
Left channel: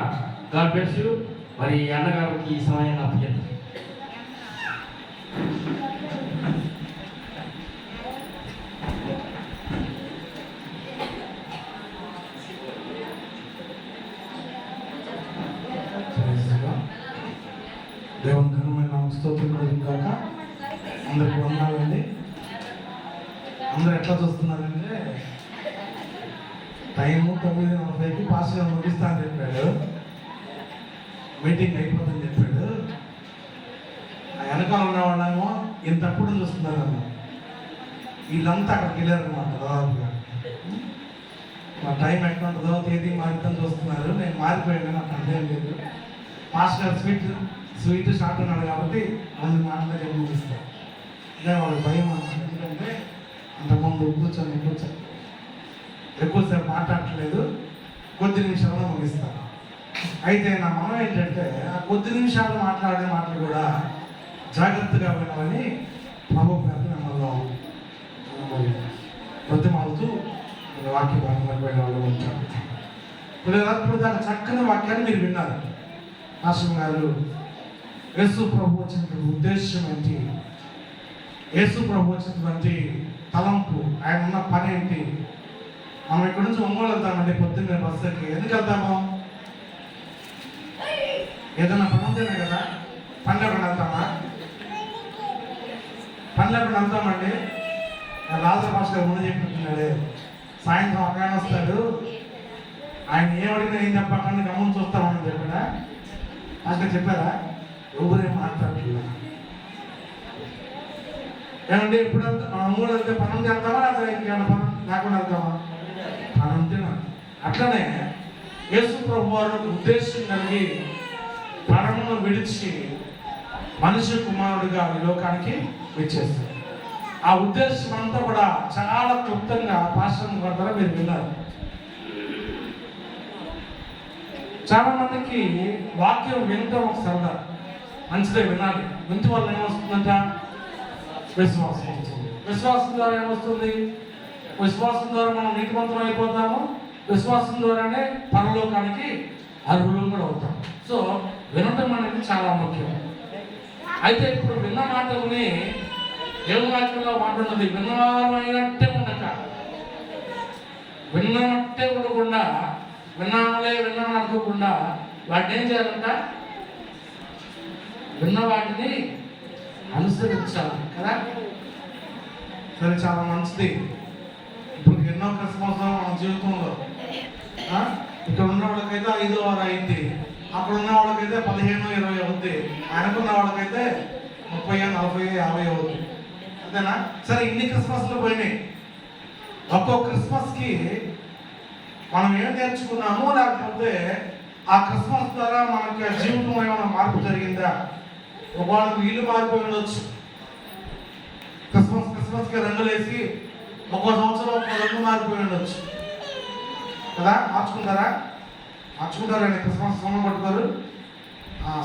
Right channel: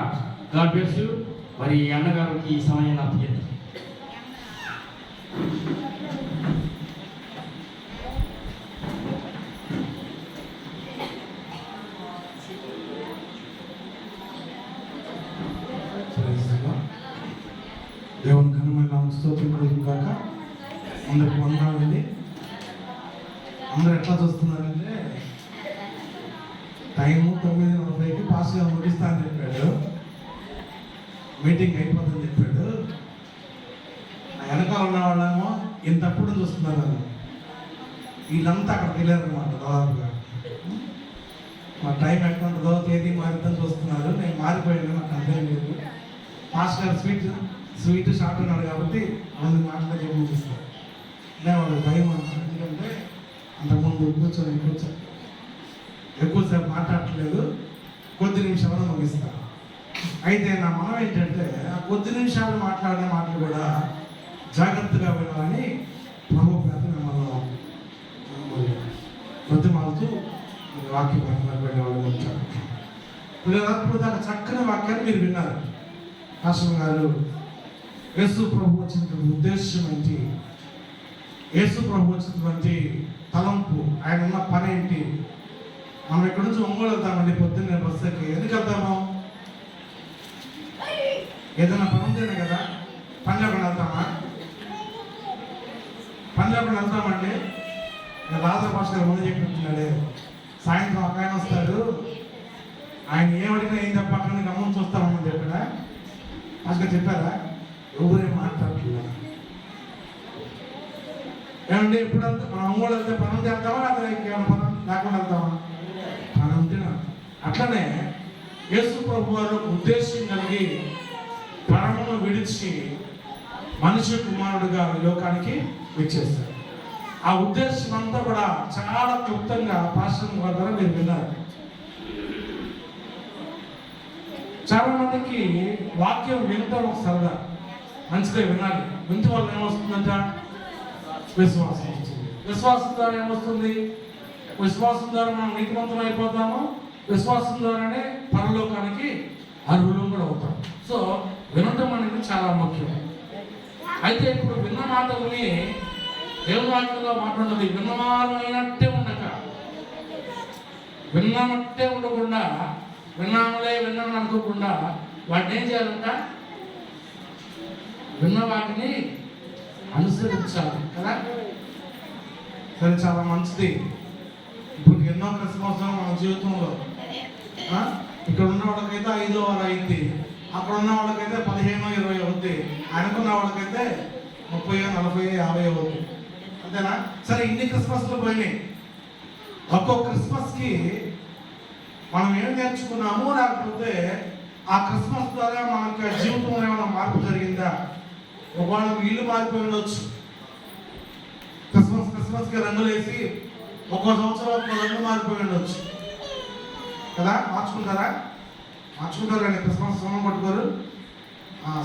God bless you. మరి అన్నగారికి ఈ సమయాన్ని అప్పచెప్తాను. దేవుని ఘనమైన స్తోత్రం కలుగును గాక. అందరికి వందనాలండి. అందరూ ఎట్లా చూస్తున్నారంటే టైము 9:40కి పాస్గా ముగిస్తా అని చెప్పాడు. మీటింగ్ అయిపోతుందని చెప్పాడు. ఆ వెనకాల ఉన్న వాళ్ళేమో ఇంతప్పుడు చూస్తున్నారు. వీళ్ళంతా అక్కడికి వెళ్ళారన్నమాట. దాదాపుగా మా టైం ఎట్లా ఉంటుందో తేదీ మారిద్దాం చూస్తున్నారు. నేను మారిపోయాను, నాకు అర్థం లేదు. పాస్ట్ గారు స్వీట్ షార్ట్ అన్నాడు కాబట్టి ముందు మాట్లాడే ముగిస్తాను. వాళ్ళకి భయం ఎందుకంటే అంతకుముందు కూర్చొని ఎక్కువసేపు మాట్లాడట్లేదు, కొద్ది నిమిషాల్లో ముగిస్తాను. అయితే నా మనం ఏంటంటే ఆ కొద్ది నిమిషాలు మాట్లాడే మాటలు కూడా జాగ్రత్తగా వినాలని ప్రభు పేద మిమ్మల్ని బ్రతిమాలుతూ వాక్య భాగంలో వెళ్ళేవాళ్ళు ఉంటారు. ఇప్పుడు దాకా చక్కని వాక్యాన్ని మీరు విన్నారు. ఆశ్రమ గారు యేసు ప్రభు వచ్చినటువంటి ఉద్దేశం ఏంటి, యేసు ప్రభు వచ్చినటువంటి తలంపు, ఆయన ఉన్న పని ఏంటి. మనం ఇక్కడ నుంచి ఒంగోలు వెళ్తామండి పొద్దున్నే బస్సుకి. ఎందుకు వెళ్తాము? ఏదైనా పని ఉంటేనే కదా. పనిలోకి వెళ్తామా? పనిలోకి వెళ్తామండి. రాజా భాష గారు ముందు చెప్పినట్టున్నాడు, సాయంత్రం ఒక ఆయన వస్తాడు, ఆయన ఏమడిగినా ఏం చెప్పకుండా గమనం చూస్తామని చెప్పినా అంటే చెప్పారా? ఎవరేం మాట్లాడుతున్నా ఏమంటే ఎప్పుడు ఒంగోలు వెళ్తే పనం చేద్దామా, అదే ఇంకేమైనా పనం లేకుండా వెళ్తామా? పనం తిన. అట్లనే యేసు ప్రభు వారు ఉద్దేశం కలిగి పరమును విడిచి మనిషి కుమారుడుగా ఈ లోకానికి వచ్చేస్తారు. ఆ ఉద్దేశం అంతా కూడా చాలా క్లుప్తంగా పాస్టర్ ద్వారా మీరు విన్నారు. చాలా మందికి వాక్యం వినటం ఒక సరదా, మంచిదే, వినాలి. వింటే వల్ల ఏమొస్తుందంట? విశ్వాసం వస్తుంది. విశ్వాసం ద్వారా ఏమొస్తుంది? విశ్వాసం ద్వారా మనం నీతిమంతులు అయిపోతాము. విశ్వాసం ద్వారానే పరలోకానికి అర్హులు కూడా అవుతాం. సో వినటం అనేది చాలా ముఖ్యం. అయితే ఇప్పుడు విన్న మాటల్ని దేవుని వాక్యంలో మాట్లాడుతుంది. విన్నవారు అయినట్టే ఉండక, విన్నట్టే ఉండకుండా, విన్నానులే విన్నాను అనుకోకుండా వాటిని ఏం చేయాలంట? విన్న వాటిని అనుసరించాలి కదా. సరే, చాలా మంచిది. ఇప్పుడు ఎన్నో క్రిస్మస్ మన జీవితంలో ఇక్కడ ఉన్న వాళ్ళకైతే 5 6 అయింది, అక్కడ ఉన్న వాళ్ళకైతే 15 20 అవుద్ది, అనుకున్న వాళ్ళకైతే 30 40 50 అవుద్ది. అంతేనా? సరే, ఇన్ని క్రిస్మస్లు పోయినాయి. ఒక్కో క్రిస్మస్కి మనం ఏం నేర్చుకున్నామో, లేకపోతే ఆ క్రిస్మస్ ద్వారా మనకి జీవితంలో ఏమైనా మార్పు జరిగిందా? వాళ్ళకి ఇల్లు మారిపోయి ఉండొచ్చు. క్రిస్మస్కి రంగులు వేసి ఒక్కో సంవత్సరం ఒక్కో రంగు మారిపోయి ఉండొచ్చు కదా. మార్చుకుంటారా? మార్చుకుంటారండి. క్రిస్మస్ సున్నం పట్టుకోరు,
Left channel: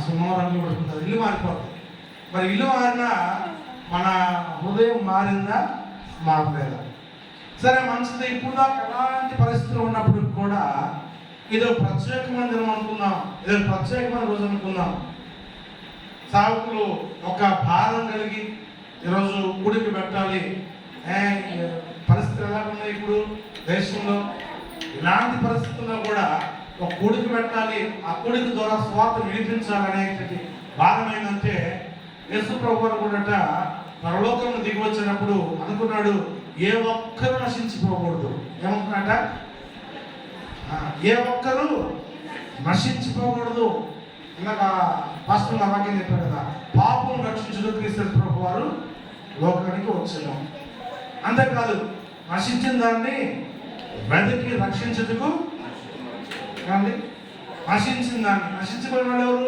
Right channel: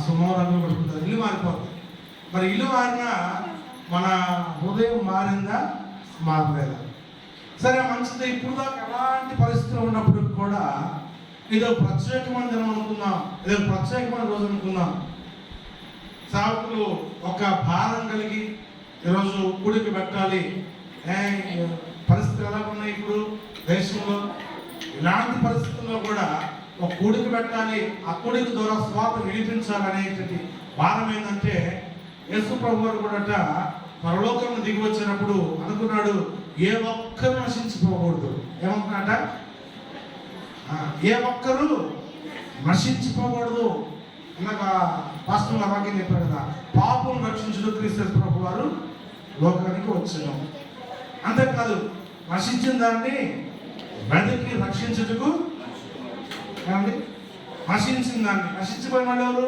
సున్నం రంగులు పట్టుకుంటారు, ఇల్లు మారిపోతుంది. మరి ఇల్లు మారినా మన హృదయం మారిందా, మారలేదా? సరే, మంచిది. ఇప్పుడు దాకా ఎలాంటి పరిస్థితులు ఉన్నప్పుడు కూడా ఏదో ప్రత్యేకమైన దినం అనుకున్నాం, ఏదో ప్రత్యేకమైన రోజు అనుకున్నాం. సావుకులు ఒక భారం కలిగి ఈరోజు కూడికి పెట్టాలి. పరిస్థితులు ఎలా ఉన్నాయి ఇప్పుడు దేశంలో? ఇలాంటి పరిస్థితుల్లో కూడా ఒక కూడికి పెట్టాలి, ఆ కూడికి ద్వారా స్వార్థ విడిపించాలనేటువంటి భారం ఏంటంటే, యేసు ప్రభు వారు కూడా పరలోకం దిగి వచ్చినప్పుడు అనుకున్నాడు, ఏ ఒక్కరు నశించిపోకూడదు. ఏమనుకున్నాట? ఏ ఒక్కరు నశించిపోకూడదు. ఇందాక పాస్టర్ వాక్యం చెప్పారు కదా, పాపం రక్షించుడు క్రీస్తు ప్రభు వారు లోకానికి వచ్చాము. అంతేకాదు, నశించిన దాన్ని వెదకి రక్షించుటకు ఏమండి నశించిన దాన్ని. నశించిపోయిన వాళ్ళు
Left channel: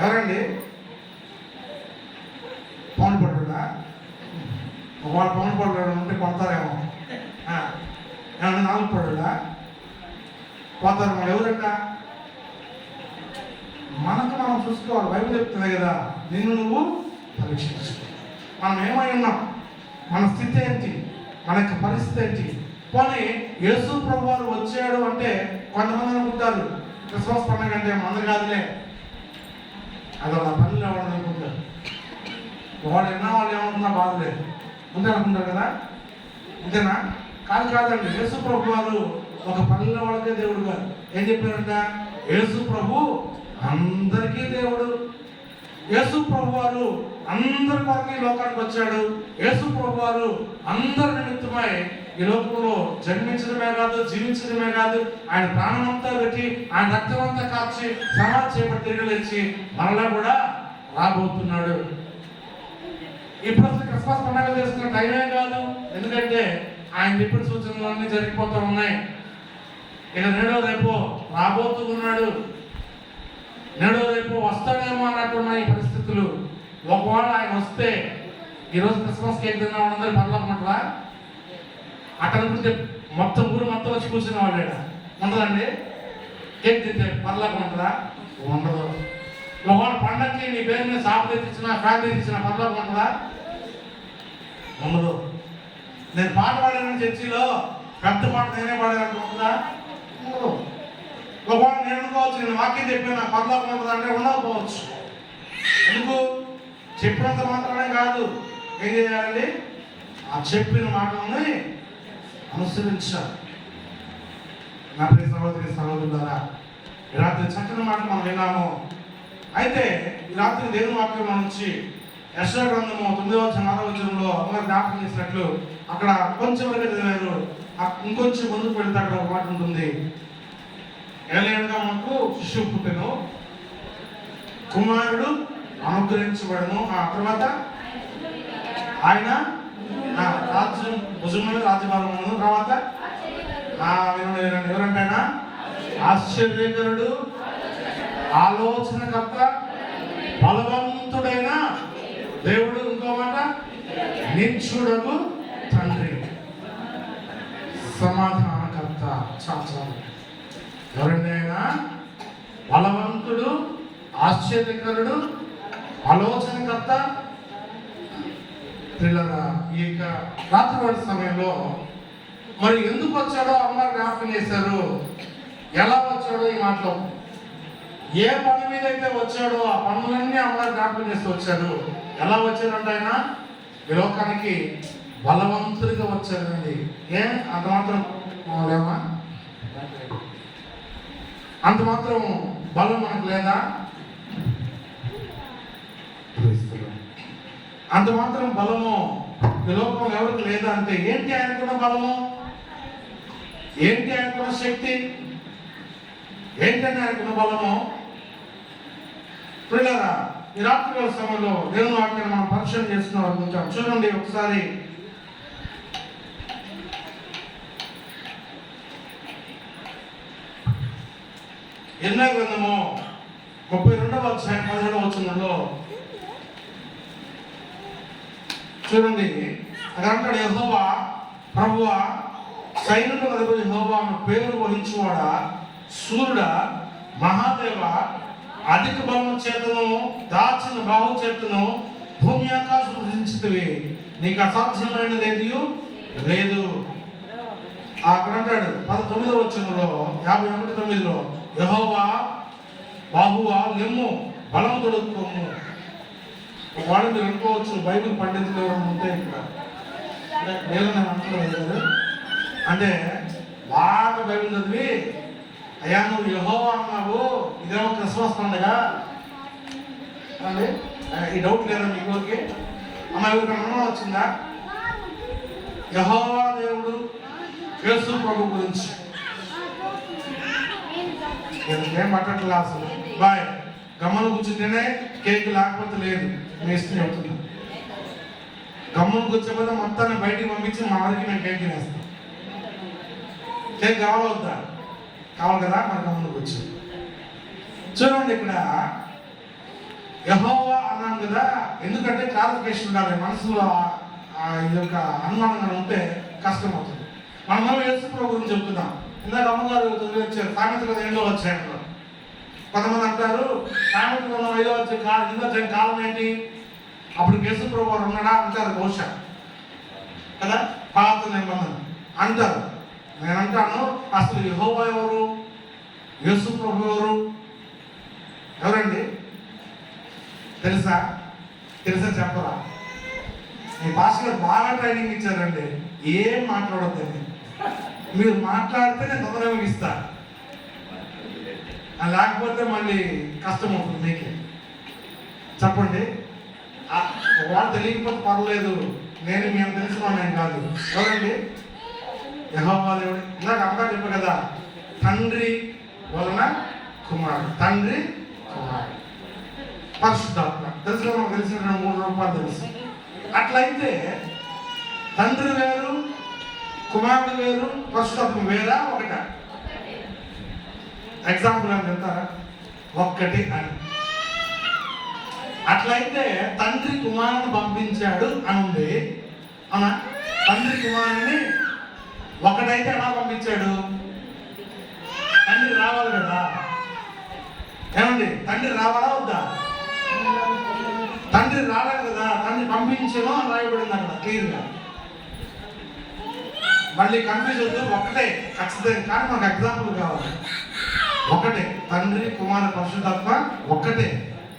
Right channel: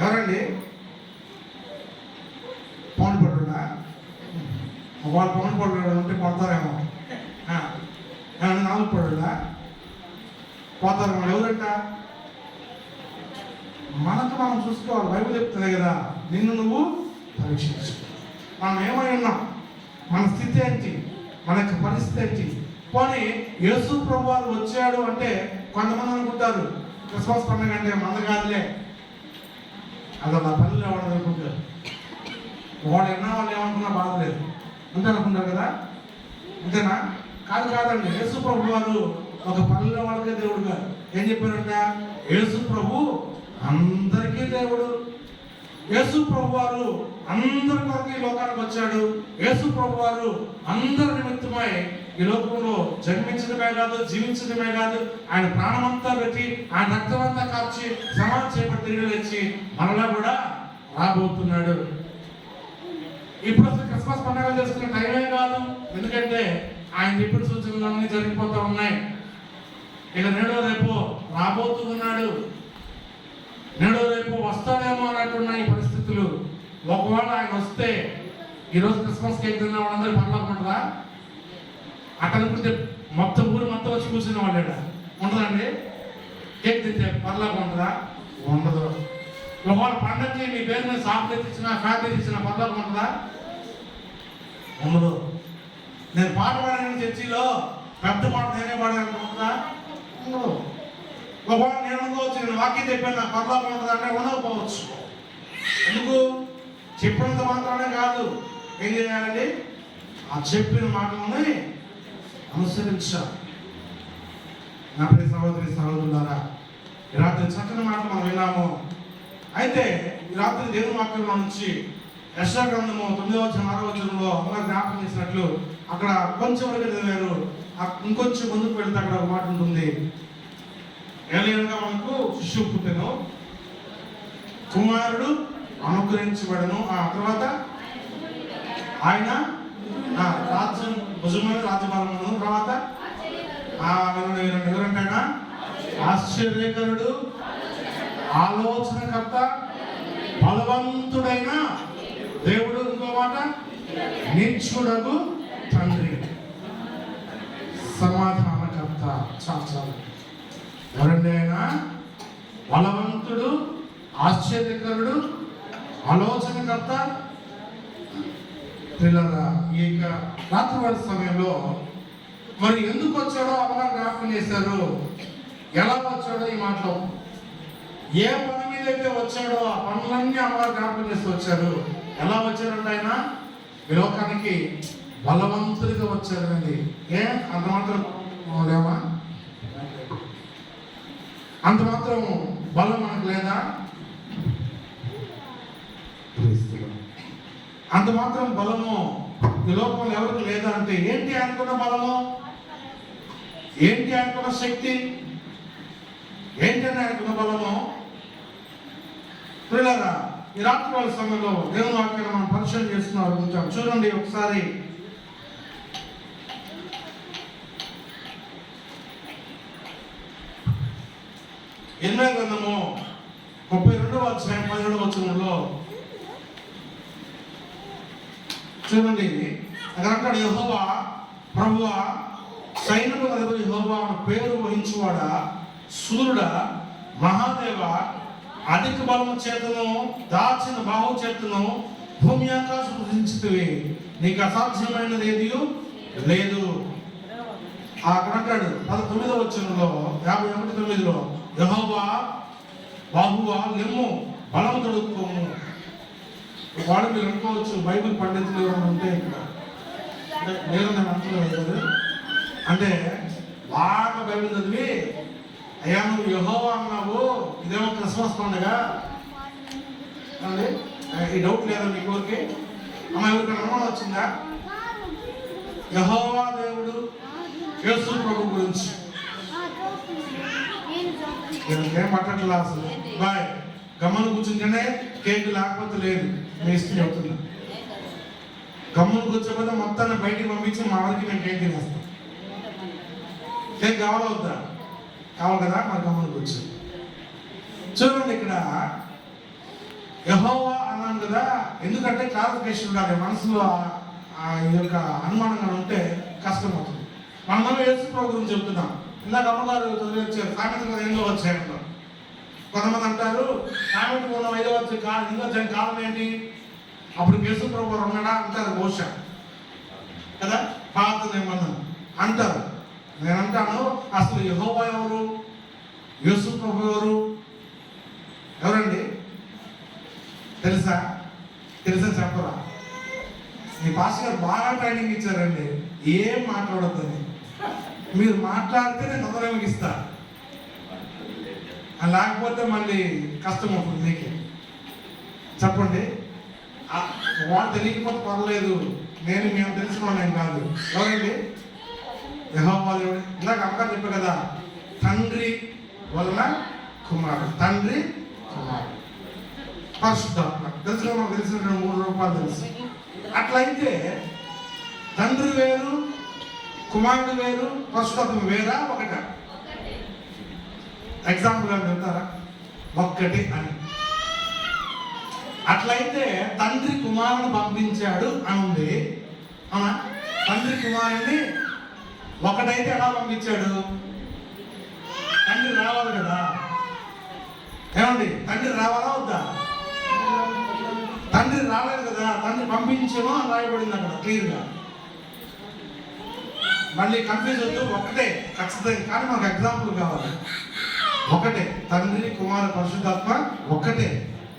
ఎవరండి? పౌన్ పడ్డా వాళ్ళు పౌన్ పడ్డాడు అంటే పడతారేమో. ఏమన్నా 4 పడ్డా పోతారు. మనం ఎవరంట? మనకు మనం చూసుకోవాలి. బైబిల్ చెప్తుంది కదా, నిన్ను నువ్వు పరీక్షించు. మనం ఏమై ఉన్నాం, మన స్థితి ఏంటి, మన యొక్క పరిస్థితి ఏంటి. పోనీ యేసు ప్రభువారు వచ్చాడు అంటే కొంతమంది అనుకుంటారు క్రిస్మస్ పండుగ అంటే మందు కాదులే, అది నా పల్లెలు ఎవడని అనుకుంటారు. వాడు ఎన్నో వాళ్ళు ఏమనుకున్నా బాధలేదు అంతే అనుకుంటారు కదా. అంతేనా? కాదండి. యేసు ప్రభు వారు ఒక పల్లెల వాళ్ళకే దేవుడు గారు. ఏం చెప్పారంట? యేసు ప్రభు అందరికీ దేవుడు. యేసు ప్రభు వారు అందరి కొరకు ఈ లోకానికి వచ్చాడు. యేసు ప్రభు వారు అందరి నిమిత్తమై ఈ లోకంలో జన్మించడమే కాదు, జీవించడమే కాదు, ఆయన ప్రాణమంతా పెట్టి, ఆయన రక్తమంతా కాచి, సమాధి చేయబడి తిరిగి లేచి మరలా కూడా రాబోతున్నాడు. ఇప్పుడు అసలు క్రిస్మస్ పండుగలు చేసుకున్న టైమే కాదు. ఎందుకంటే ఆయన చెప్పిన సూచనలు అన్నీ జరిగిపోతూ ఉన్నాయి. ఇక నేడో రేపు రాబోతున్నాడు, నేడో రేపు వస్తానేమో అన్నట్టున్నాయి పరిస్థితులు. ఒకవేళ ఆయన వస్తే ఈరోజు క్రిస్మస్ కేక్ తిన్న వాళ్ళందరూ పర్లేకుంటారా? అట్లా అనుకుంటే మొత్తం ఊరు మొత్తం వచ్చి కూర్చున్న వాళ్ళేడా ఉంటుందండి? కేక్ తింటే పర్లేకుంటుందా? ఉండదు. ఒకవేళ పండగకి నీ పేరు మీద షాప్ తెచ్చినా, ఫ్యాన్ తెచ్చినా పర్లేకుంటుందా? ఉండదు. నేను పాట పాడాను చర్చిలో, పెద్ద పాట నేనే పాడాను ఉంటుందా? ఉండదు. ఒకవేళ నేను అనుకోవచ్చు, నేను వాక్యం చెప్పాను పర్లోకం ఉంటుంది అంటే ఉండకపోవచ్చు. ఎందుకు? చెప్పినంత మాత్రమే కాదు, ఏం చేయాలండి? ఆ చెప్పిన మాటలని అనుసరించాలి. నా ప్రియ సహోదరి సహోదరులారా, ఈ రాత్రి చక్కని మాటలు మనం విన్నాము. అయితే ఈ రాత్రి దేవుని వాక్యం నుంచి యెషయా గ్రంథము 9వ అధ్యాయంలో అమ్మగారు జ్ఞాపకం చేసినట్లు అక్కడ కొంచెం వరకు చదివారు. ఇంకొంచెం ముందుకు వెళ్తే అక్కడ ఒక మాట ఉంటుంది. ఏలయనగా మనకు శిశువు పుట్టెను, కుమారుడు అనుగ్రహించబడను. ఆ తర్వాత ఆయన రాజ్యం భుజంలో రాజ్యభారమును. తర్వాత ఎవరంటైనా ఆశ్చర్యకరుడు, ఆలోచనకర్త, బలవంతుడైన దేవుడు. ఇంకో మాట నిత్యుడగు తండ్రి, సమాధానకర్త. చాలు. ఎవరండి ఆయన? బలవంతుడు, ఆశ్చర్యకరుడు, ఆలోచనకర్త. పిల్లరా, ఈ రాత్రివేళ సమయంలో మరి ఎందుకు వచ్చాడో అమ్మగారు జ్ఞాపకం చేశారు. ఎలా వచ్చాడో ఈ మాటలో, ఏ పని మీద అయితే వచ్చాడో ఆ పనులన్నీ అమ్మగారు జ్ఞాపకం చేస్తూ వచ్చారు. ఎలా వచ్చారంటే ఆయన ఈ లోకానికి బలవంతుడిగా వచ్చారండి. అంత మాత్రం లేవా? అంత మాత్రం బలం మనకు లేదా? అంత మాత్రం బలము ఈ లోకంలో ఎవరికి లేదా అంటే ఏంటి ఆయనకున్న బలము? ఏంటి ఆయనకున్న శక్తి? ఏంటంటే ఆయనకున్న బలము? పిల్లరా, ఈ రాత్రి వేళ సమయంలో దేవుని వాక్యాన్ని మనం పరిశీలన చేస్తున్నాం. చూడండి ఒకసారి. యెర్మయా గ్రంథము 32వ అధ్యాయం 17వ వచనంలో చూడండి. అక్కడ అంటాడు, యెహోవా ప్రభువా సైనికుల అధిపతి యెహోవా పేరు వహించువాడా, సూర్యుడా, మహాదేవ, అధిక బలము చేతను దాచిన బాహు చేతను భూమి ఆకాశం సృజించితివి, నీకు అసాధ్యమైనది ఏది లేదు. అక్కడ అంటాడు 19వ వచనంలో 51:9 యెహోవా బాహువా లెమ్ము, బలము తొడుక్కోము. వాళ్ళు మీరు అనుకోవచ్చు బైబిల్ పండితులు ఉంటే ఇక్కడ నేను అంటలేదు కదా, అంటే బాగా బైబిల్ చదివి అయ్యా నువ్వు యెహోవా అన్నావు, ఇదేమో క్రిస్మస్ పండుగ అండి. ఈ డౌట్ లేదా మీకు? ఊరికి అమ్మ ఎవరికి అనుమానం వచ్చిందా? యెహోవా దేవుడు యేసు ప్రభు గురించి ఏం పట్టట్లా అసలు. బాయ్ గమ్మను కూర్చుంటేనే కేక్ లేకపోతే లేదు. మీ ఇష్టం చెప్తున్నా. గమ్మను కూర్చోకపోతే మొత్తాన్ని బయటికి పంపించి మా వారికి నేను కేక్ తినేస్తాను. చేతి కావాలా వద్దా? కావాలి కదా, మరి గమనికి వచ్చి చూడండి. ఇక్కడ యెహోవా అన్నాం కదా, ఎందుకంటే క్లారిఫికేషన్ ఉండాలి. మనసులో ఈ యొక్క అనుమానంగా ఉంటే కష్టం అవుతుంది. మనం యేసు ప్రభు గురించి చెప్తున్నాం. ఇందాక అమ్మగారు వచ్చారు సామెతలు 5వ అధ్యాయంలో. కొంతమంది అంటారు సామెతలు 5వ అధ్యాయం కాలం ఏంటి, అప్పుడు యేసు ప్రభు వారు ఉన్నాడా అంటారు. బహుశా కదా, పాత నిబంధన అంటారు. నేను అంటాను, అసలు యెహోవా ఎవరు, యేసు ప్రభు ఎవరండి? తెలుసా చెప్పరా? మీ పాస్టర్ గారు బాగా ట్రైనింగ్ ఇచ్చారండి. ఏం మాట్లాడొద్దని, మీరు మాట్లాడితే నేను తొందరగా ముగిస్తా, లేకపోతే మళ్ళీ కష్టం అవుతుంది మీకే. చెప్పండి. వాళ్ళు తెలియకపోతే పర్వాలేదు, మేము తెలిసిన నేను కాదు. ఎవరండి? యెహోవా దేవుడు. ఇందాక అమ్మగా చెప్పారు కదా, తండ్రి వలన కుమారుడు, తండ్రి కుమారుడు, పరిశుద్ధాత్మ. తెలిసిన 3 రూపాయలు తెలుసు. అట్లయితే తండ్రి వేరు, కుమారుడు వేరు, పరిశుద్ధాత్మ వేరా ఒకట? ఎగ్జాంపుల్ అని చెప్తారా? ఒక్కటి అని. అట్లయితే తండ్రి కుమారుని పంపించాడు అని ఉంది. అవునా? తండ్రి కుమారుని ఒకటైతే ఎలా పంపించాడు? తండ్రి రావాలి కదా. ఏమండి, తండ్రి రావాలా వద్దా? తండ్రి రాలేదు కదా, తండ్రి పంపించేమో అని రాయబడింది అక్కడ క్లియర్గా. మళ్ళీ కన్ఫ్యూజ్ వద్దు, ఒక్కటే ఖచ్చితంగా. కానీ మనకు ఎగ్జాంపుల్ కావాలి. ఒకటే తండ్రి కుమార పరిశుద్ధాత్మ, ఒక్కటే.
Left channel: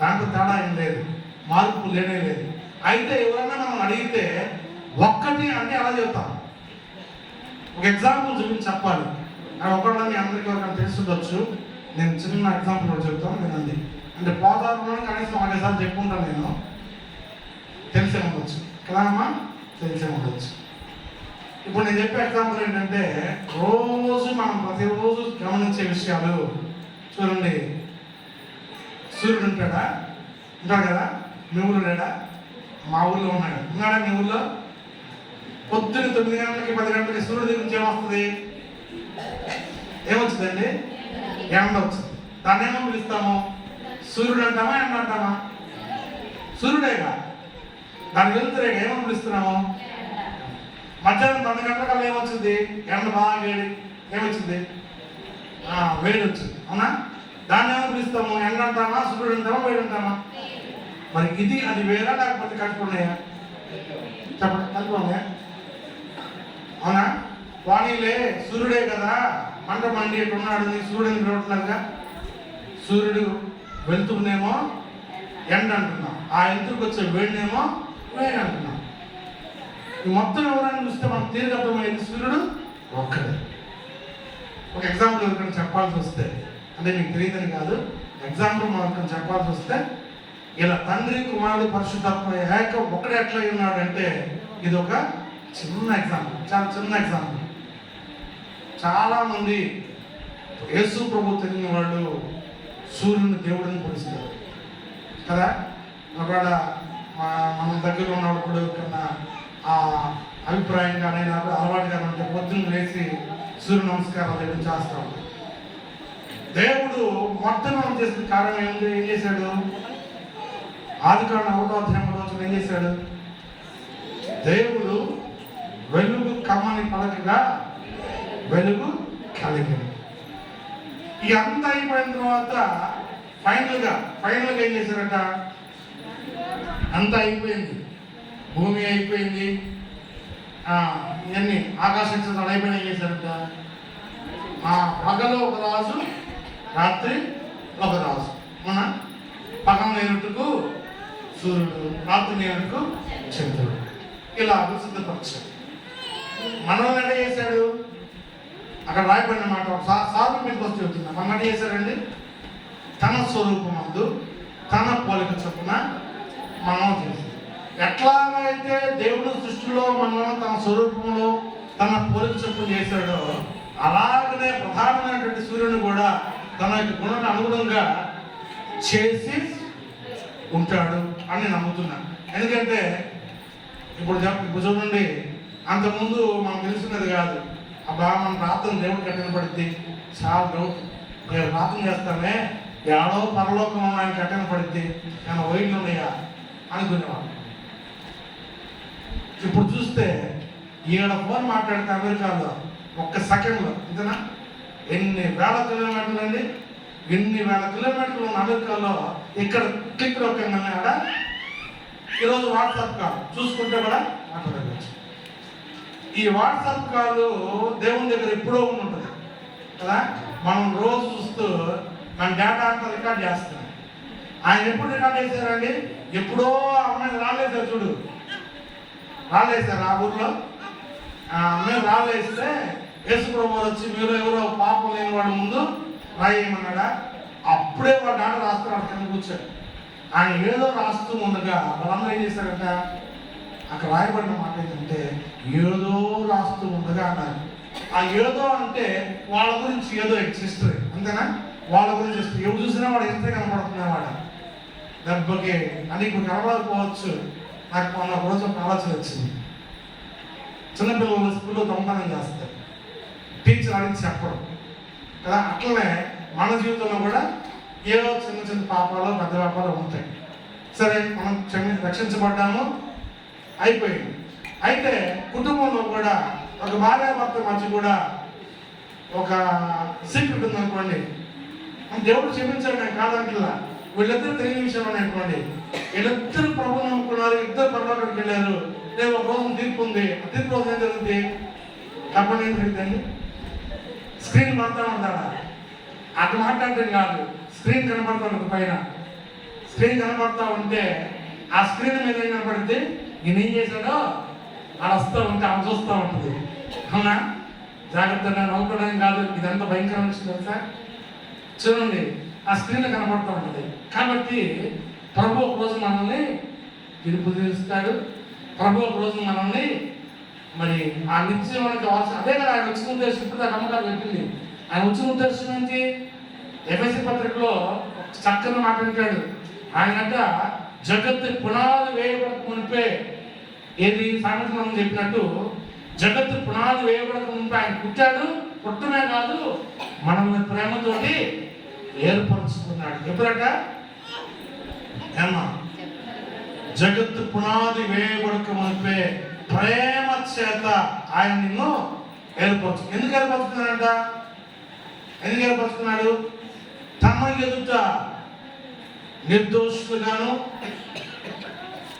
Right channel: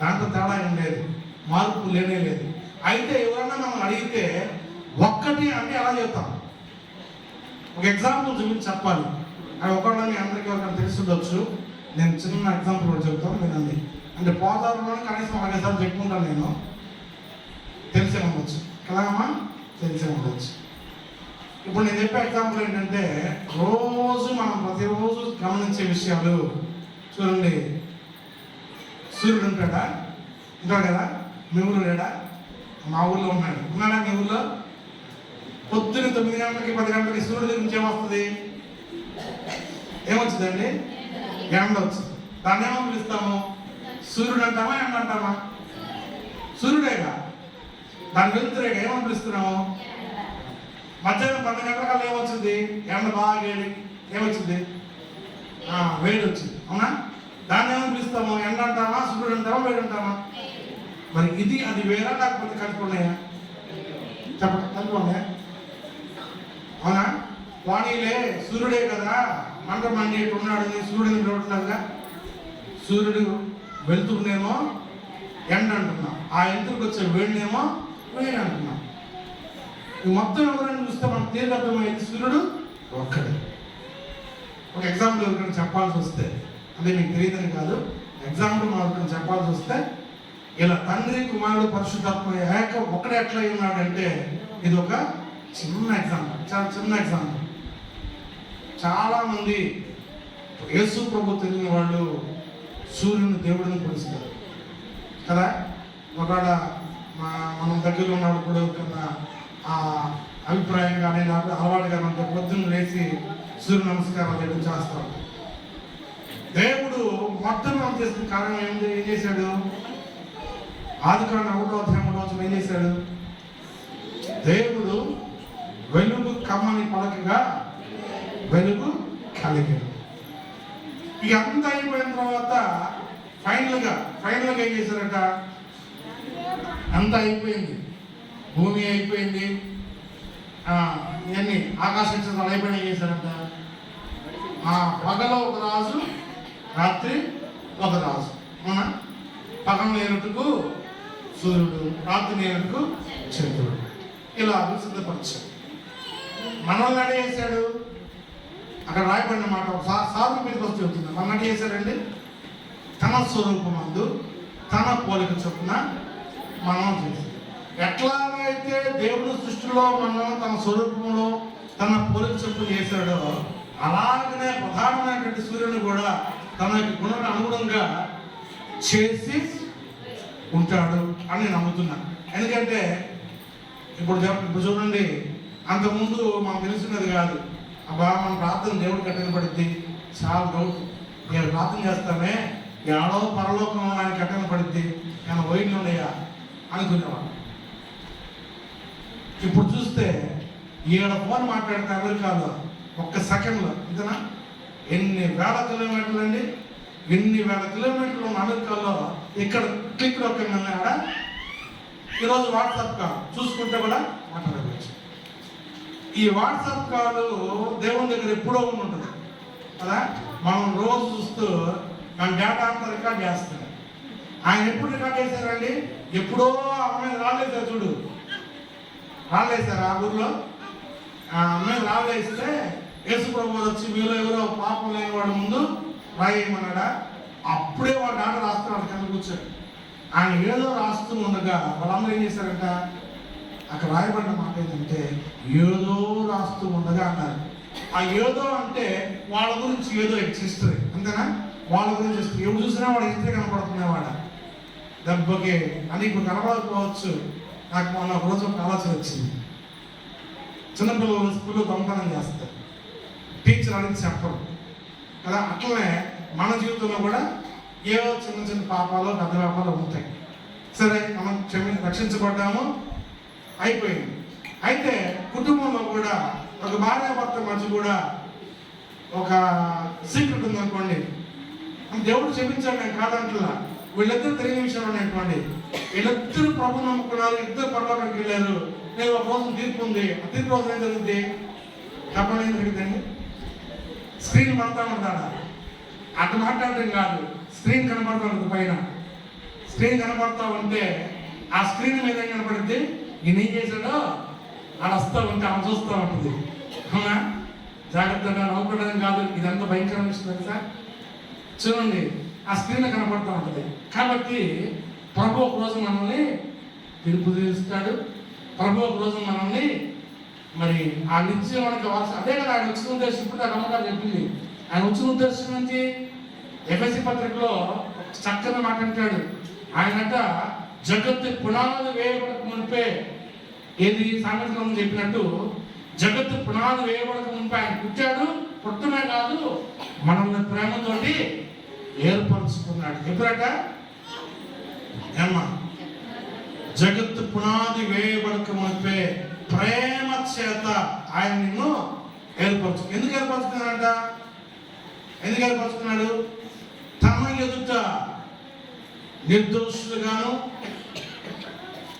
దాంట్లో తేడా ఏం లేదు, మార్పు లేనే లేదు. అయితే ఎవరన్నా మనం అడిగితే ఒక్కటి అంటే ఎలా చెప్తాం? ఒక ఎగ్జాంపుల్ చూపించి చెప్పాలి. అది ఒకవేళ మీ అందరికీ ఎవరికైనా తెలిసి ఉండొచ్చు. నేను చిన్న ఎగ్జాంపుల్ కూడా చెప్తాను వినండి. అంటే పోదారులోనే కనీసం 5 సార్లు చెప్పుకుంటాను నేను. తెలిసే ఉండొచ్చు కదా అమ్మా, తెలిసే ఉండొచ్చు. ఇప్పుడు నేను చెప్పే ఎగ్జాంపుల్ ఏంటంటే, రోజు మనం ప్రతిరోజు గమనించే విషయాలు. చూడండి, సూర్యుడు ఉంటాడా? ఉంటాడు కదా. మీ ఊళ్ళో లేడా? మా ఊళ్ళో ఉన్నాడా? మీ ఊళ్ళో పొద్దున్న 9 గంటలకి 10 గంటలకి సూర్యుడి గురించి ఏమొస్తుంది? ఏమొచ్చిందండి? ఎండ వచ్చింది. దాన్ని ఏమో పిలుస్తాము? సూర్యుడు అంటామా, ఎండ అంటామా? సూర్యుడేగా, దాని వెళ్తురేగా, ఏమని పిలుస్తున్నాము? మధ్యాహ్నం 10 గంటలకల్లా ఏమొచ్చింది? ఎండ బాగా వేడి. ఏమొచ్చింది? వేడి వచ్చింది. అవునా? దాన్ని ఏమని పిలుస్తాము? ఎండ అంటామా, సూర్యుడు అంటామా, వేడి అంటామా? మరి ఇది అది వేరా లేకపోతే కట్టుకున్నాయా? చెప్పండి, కట్టుకున్నాయా? అవునా? వాణిలే సూర్యుడే కదా, మంట మండి ఉన్నాడు, సూర్యుడిని రోడ్లాగా. సూర్యుడు వెళ్తుండేమో ఎండ అంటున్నాం, ఆ ఎంతకు వచ్చే వేడినేమో వేడి అంటున్నాం. మొత్తం ఎవరైనా చూస్తే మనకు తీరు అర్థమైంది, సూర్యుడు ఒక్కడే. ఒక ఎగ్జాంపుల్ ఎవరికైనా చెప్పాల్సి వస్తే, అంటే మీకు తెలియదని కాదు, ఎగ్జాంపుల్ మనం చెప్పాల్సి వస్తే, ఇలా తండ్రి కుమారుడు పరిశుద్ధాత్మ ఏక ఒకడే ఎట్లా ఉన్నాడంటే, ఇది ఒక చిన్న ఎగ్జాంపుల్, చాలా చిన్న ఎగ్జాంపుల్. చాలా మంది యేసు ప్రభు తెలియని వాళ్ళు సూర్యుని దేవుడిని పిలుస్తారు కదా. ఒకవేళ మనం దగ్గర ఉన్నవాడు కూడా కన్నా అభిప్రాయంగా నాకు అలవాటుగా ఉంటే పొద్దున్న లేచి సూర్య నమస్కారం దగ్గర చేస్తాం. దేవుడు మొట్టమొదటి చేసిన కారణం ఏంటి? ఏం చేశాడు? ఆదికాండం 1వ అధ్యాయం రోజున ఏం చేశాడు? దేవుడు వెలుగు కమ్మని పలకగా వెలుగు కలిగింది. ఇదంతా అయిపోయిన తర్వాత ఫైనల్గా ఏం చేశారట? అంతా అయిపోయింది, భూమి అయిపోయింది, ఇవన్నీ ఆకాశ నక్షత్రాలు అయిపోయినా ఏం చేశారట? పగలు ఒక రాజు, రాత్రి ఒక రాజు. అవునా? పగలు నేరుటకు సూర్యుడు, రాత్రి నేరుటకు చంద్రుడు. ఇలా సిద్ధపరిచాడు. మనల్ని అడే చేశాడు. అక్కడ రాయబడిన మాట సాగు మీదకి వస్తే వచ్చింది. మన అడే చేశాడండి, తన స్వరూపమందు తన పోలిక చొప్పున మనం చేశాడు. ఎట్లాగైతే దేవుడు సృష్టిలో మనం తన స్వరూపంలో తన పోలిక చొప్పున చేశాడో, అలాగనే ప్రధానమైనటువంటి సూర్యుని కూడా తన యొక్క గుణానికి అనుగుణంగా చేసి ఉంటాడు అని నమ్ముతున్నాను. ఎందుకంటే ఇప్పుడు చూడండి, అంతకుముందు మనకు తెలుసున్నది కాదు. అబ్బా మన ప్రార్థన దేవుడు కఠినపడుద్ది, చాలా డౌట్. నేను ప్రార్థన చేస్తామే ఏడో పరలోకం ఆయన కఠినపడుద్ది, కానీ వైర్లు ఉన్నాయా అనుకునేవాడు. ఇప్పుడు చూస్తే ఈడ ఫోన్ మాట్లాడితే అమెరికాలో ఒక్క సెకండ్లో ఇంతనా ఎన్ని వేల కిలోమీటర్లు అండి, ఎన్ని వేల కిలోమీటర్లు ఉన్న అమెరికాలో ఇక్కడ క్లిక్ ఆడ ఈరోజు వాట్సాప్ కాల్ చూసుకుంటే కూడా మాట్లాడవచ్చు. ఈ వాట్సాప్ కాల్ దేవుని దగ్గర ఎప్పుడో ఉంటుంది కదా, మనం రోజు చూస్తూ మన డేటా అంతా రికార్డ్ చేస్తాం. ఆయన ఎప్పుడు రికార్డ్ చేశారండి? ఎప్పుడో అమ్మాయి రాలేసారు చూడు, రాలేసారు ఆ ఊర్లో. ఆ అమ్మాయి రాలేస్తే యేసు ప్రభు వచ్చి మీరు ఎవరో పాపం లేని వాడు ముందు రాయమన్నాడా, అప్పుడే వాడు డాట రాస్తున్నాడు కింద కూర్చొని. ఆయన ఏదో రాస్తూ ఉండగా వాళ్ళందరూ ఏం చేశారంట, అక్కడ రాయబడిన మాట ఏంటంటే ఏదో రాస్తూ ఉండగా అన్నారు. ఆ ఏదో అంటే వాళ్ళ గురించి ఏదో హిస్టరీ అంతేనా, వాళ్ళ గురించి హిస్టరీ. ఎవరు చూసినా వాడు హిస్టరీ కనపడుతున్నవాడు దెబ్బకి అని ఇప్పుడు కనపడకపోవచ్చు. నాకు మొన్న ఒక రోజు ఒక ఆలోచన వచ్చింది. చిన్నపిల్లలు స్కూల్లో దొంగతనం చేస్తారు, టీచర్ అడిగి చెప్పరు కదా. అట్లనే మన జీవితంలో కూడా ఏవో చిన్న చిన్న పాపాలు పెద్ద పాపాలు ఉంటాయి. సరే మనం రక్షించబడ్డాము, అయిపోయింది. అయితే కుటుంబంలో కూడా ఒక భార్యాభర్త మధ్య కూడా ఒక సీక్రెట్ ఉందనుకోండి, దేవుడు క్షమించాడు కాదంటలా. వీళ్ళిద్దరు తెలియని విషయం అనుకోండి, వీళ్ళిద్దరు ప్రభు నమ్ముకున్నారు, ఇద్దరు పర్లోకానికి వెళ్ళారు. నేను ఒక రోజు తీర్పు ఉంది, ఆ తీర్పు రోజు ఏం జరుగుతుంది చెప్పండి, ఏం జరుగుతుంది? స్క్రీన్ పడతా ఉంటాడా? అటు మాట్లాడటం కాదు, స్క్రీన్ కనపడతా ఉంటుంది పైన. స్క్రీన్ కనపడతా ఉంటే ఆ స్క్రీన్ మీద ఏం కనపడితే ఈయన ఏం చేశాడో ఆడ వస్తూ ఉంటే ఆమె చూస్తూ ఉంటుంది. అవునా? జాగ్రత్తగా నవ్వుకోవడం కాదు, ఇదంతా భయంకరమైన విషయం తెలుసా. చూడండి, ఆ స్క్రీన్ కనపడుతూ ఉంటుంది. కాబట్టి ప్రభు ఒక రోజు మనల్ని తీర్పు తీరుస్తాడు. ప్రభు ఒక రోజు మనల్ని మరి ఆ నిత్యం మనకి అవసరం. అదే కదా ఆయన వచ్చిన ఉద్దేశం. ఇప్పుడు నమ్మకాలు చెప్పింది. ఆయన వచ్చిన ఉద్దేశం ఏంటి? ఎఫెసీ పత్రికలో చక్కని మాట అంటాడు. ఆయనట జగత్తు పునాది వేయబడక మునిపే, ఏది సామెతలో చెప్పినట్టు జగత్తు పునాది వేయబడక మునిపే ఆయన పుట్టాడు. పుట్టమే కాదు, మనల్ని ప్రేమతోటి ఏర్పరుచుకున్నాడు. ఎప్పుడట ఏమ్మా? జగత్తు పునాది వేయబడక మునిపే ప్రేమ చేత ఆయన నిన్ను ఏర్పరచు. ఎందుకు ఏర్పరచుకున్నాడంట? ఎందుకు ఏర్పరచుకున్నాడు? తన ఎదుట నిర్దోషులుగాను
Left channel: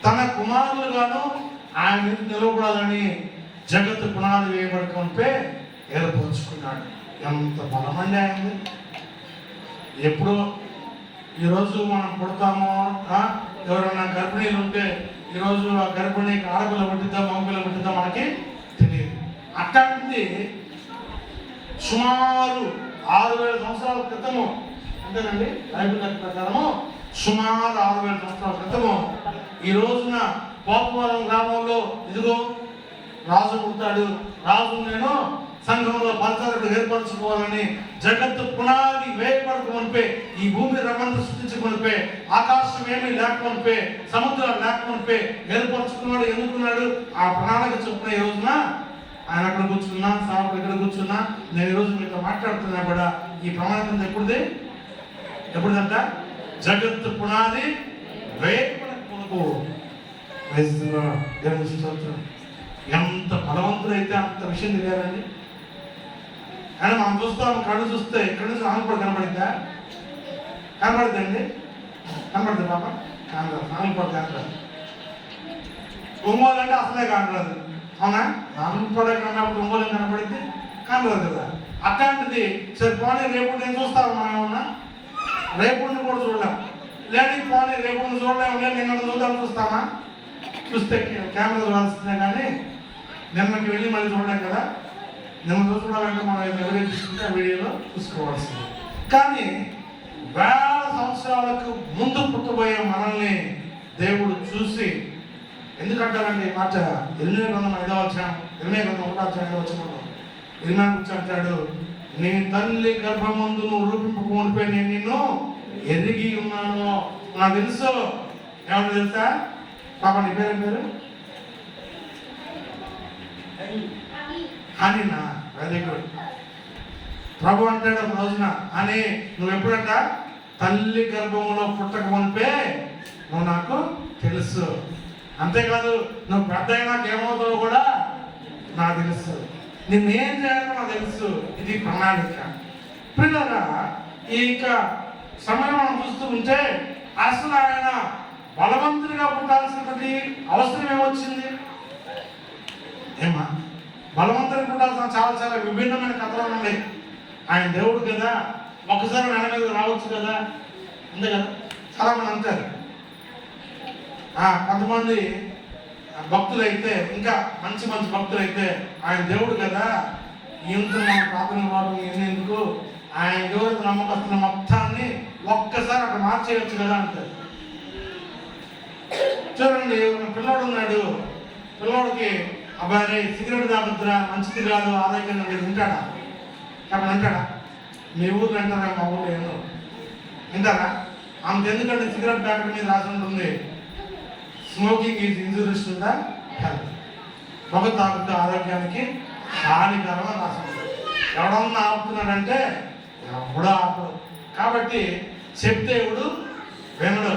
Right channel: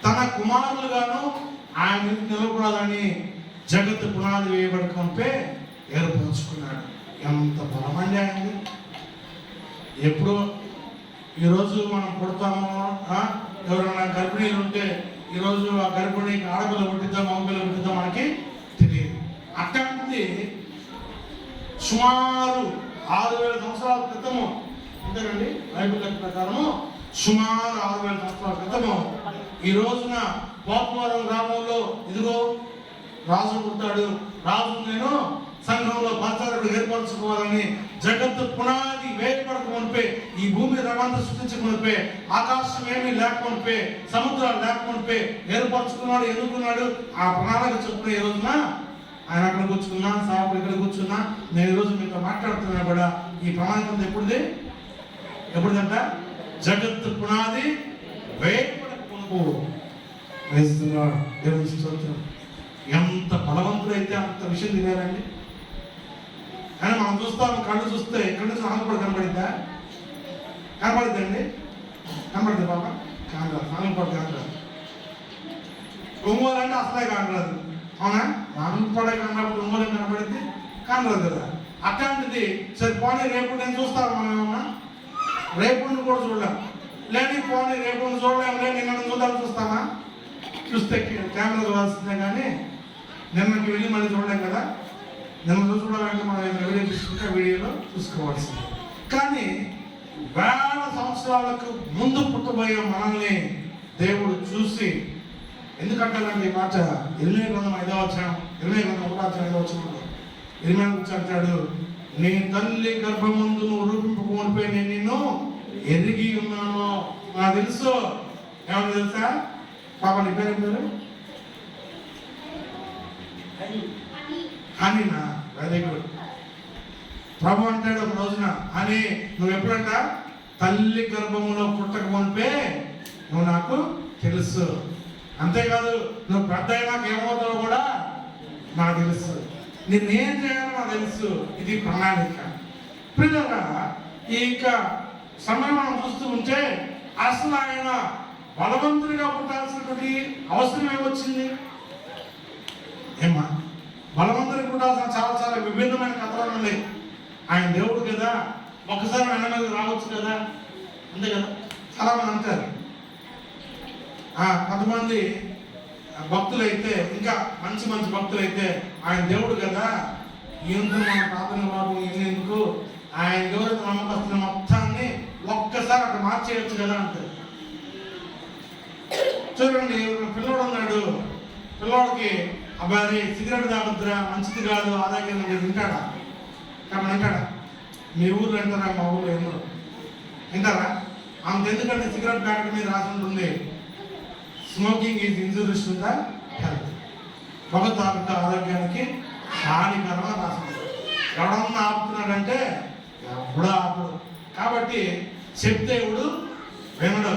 తన కుమారులుగాను ఆయన నిలబడాలని జగత్తు పునాది వేయబడకంపే ఏర్పరచుకున్నాడు. ఎంత బలమండి ఆయనది. ఎప్పుడో ఈరోజు మనం పుడతామో, ఎవరైనా గర్భిణీలు ఉంటే ఈరోజు ఆ గర్భిణీకి ఆడపిల్ల పుట్టిద్దాం మగపిల్ల పుట్టిద్దాం మనకి తెలియదు. అట్లాంటిది సుమారు 6000 సంవత్సరాల క్రితము, అంతేనండి బైబిల్ లెక్క ప్రకారము సుమారు 6000 సంవత్సరాల క్రితము ఈ రోజున పోపవరం గ్రామంలో ఇదిగో రాజు పుట్టాడు. రాజు నేను సంఘంలో పంచాయతీ ఏర్పరచుకోవాలని జగత్తు పునాది వేయబడక మునిపే, ఈ భూమి రమంతా సృష్టించకమునిపే, ఆకాశం ఏమీ లేకమునిపే, సముద్రాలు లేకమునిపే ఏర్పరచుకున్నాడు. ఎన్నుకున్నాడు. ఆ ప్రణాళిక చొప్పున ఈ రోజున ఆయన అక్కడ కూర్చున్నా, సాగు ఇక్కడ కూర్చున్నా, నేను ఈరోజు మీతో మాట్లాడుతున్నా కూడా ఈ ప్రణాళిక ఎప్పుడుది? ఎప్పుడుదంట? జగత్తు పునాది వేయబడక మునుపు. ఎంత బలవంతుడైతే అంత విషయం తెలియాలండి. కానీ మనం చూస్తాం, కళ్ళు చూస్తే ఇక్కడ నుంచి ఆనపడ కనబడిద్దా? కనబడిద్దండి? కనబడుతుంది పాప? కానరాదు. ఆనపడ కానరాదు. ఒంగోలు అంటే అసలే కానరాదు. అవునా? ఆనపడ కన్నప్పుడు ఒంగోలు కనబడిద్ది, కానరాదు కదా. అట్లాంటిది సరే పోనీ రేపు నేను చూస్తాను. మనం ఏమన్నా రేపు కూడా చూడలేం. లేని పోనీ రేపు చూడలేము. లేదు నిన్న చూద్దాం చూస్తామా? చూస్తే కెమెరా చూడాల్సిందే కానీ నిన్నకి వెళ్ళి మళ్ళీ చూడలేం కదా. నిన్న చూసుకోవాలంటే మనం వీడియో తీసుకుంటే ఆ వీడియోలో చూసుకోవాల్సింది. కానీ 1000 సంవత్సరాలకు ముందు పుట్టబోయే మనల్ని దేవుడు చూసి, ఎందుకంటారండి ఈ మాట? ఇర్మియా గ్రంథం 5వ అధ్యాయం, ఇర్మియా గ్రంథం 1వ అధ్యాయంలో వచ్చినప్పుడు ఇర్మియా గురించి అంటాడు, నీ తల్లి గర్భమందు నువ్వు రూపింపకపోనిపై నేను నిన్ను ఎరిగి ఉన్నాను. నాకు తెలుసు. ఏమంటే తెలుసా పాప? నీ పేరు? హనీనా? Very good. ప్రభు అంటాడు ఒక రోజున, అని నువ్వు ఎప్పుడంట తల్లి గర్భంలో పుట్టక మునిపే నువ్వు నాకు తెలుసు. అంతేకాదు నువ్వు పెద్ద అయినాక ఏమవుతావు కూడా నాకు తెలుసు. నేనేం చేయాలో నాకు తెలుసు. ఇది ప్రణాళిక. పిల్లరా, ఇంకా సమయం మనం చూస్తూ ఉంటే అసలు ఆయన బలవంతుడిగా పుట్టాల్సినది అవసరం ఏమొచ్చింది? ఏమా బలవంతుడిగా పుట్టాల్సిన చాలా చాలా విభిన్నమైన కథలు ఉన్నాయి. ఆయన దేవుడు కదా, ఒకసారి నెల మీద రావచ్చు కదా, అంతే కదా. చాలా మంది అంటారు. కొంతమంది భక్తులైతే, ఇంకా మంచి మంచి భక్తులైతే, ఆయన దేవుడు కదా, ఎందుకు మన ప్రార్థన వారు ఎందుకు, ఆయన దేవుడు నమ్మకస్తున్న మొత్తాన్ని ఒక్కసారి అక్కడ మార్చేయచ్చు కదా అంటారు. చూడండి, పిల్లోడు ఉన్నాడు, పిల్లోడికి అబ్బాయి సిగరెట్ తాగుతురా, మంచిది కాదు, ఆరోగ్యంగా వింటాడా? అక్కడ వింటాడా? మీ ఊరు వింటారా? మా ఊళ్ళో ఏమో వింటారా? ఆమెకు ఎందుకంటే సిగరెట్ తాగడం మీద రాసి ఉంటుంది, smoking is injurious to the health. పొగ తాగుతూ ఆరోగ్యానికి హానికరమని రాసి ఉంటుంది. ఎవడన్నా ఆపుతున్నాడంటే ఎవడో ఆపడు. కాబట్టి చెప్తే ఎవడు వినడు.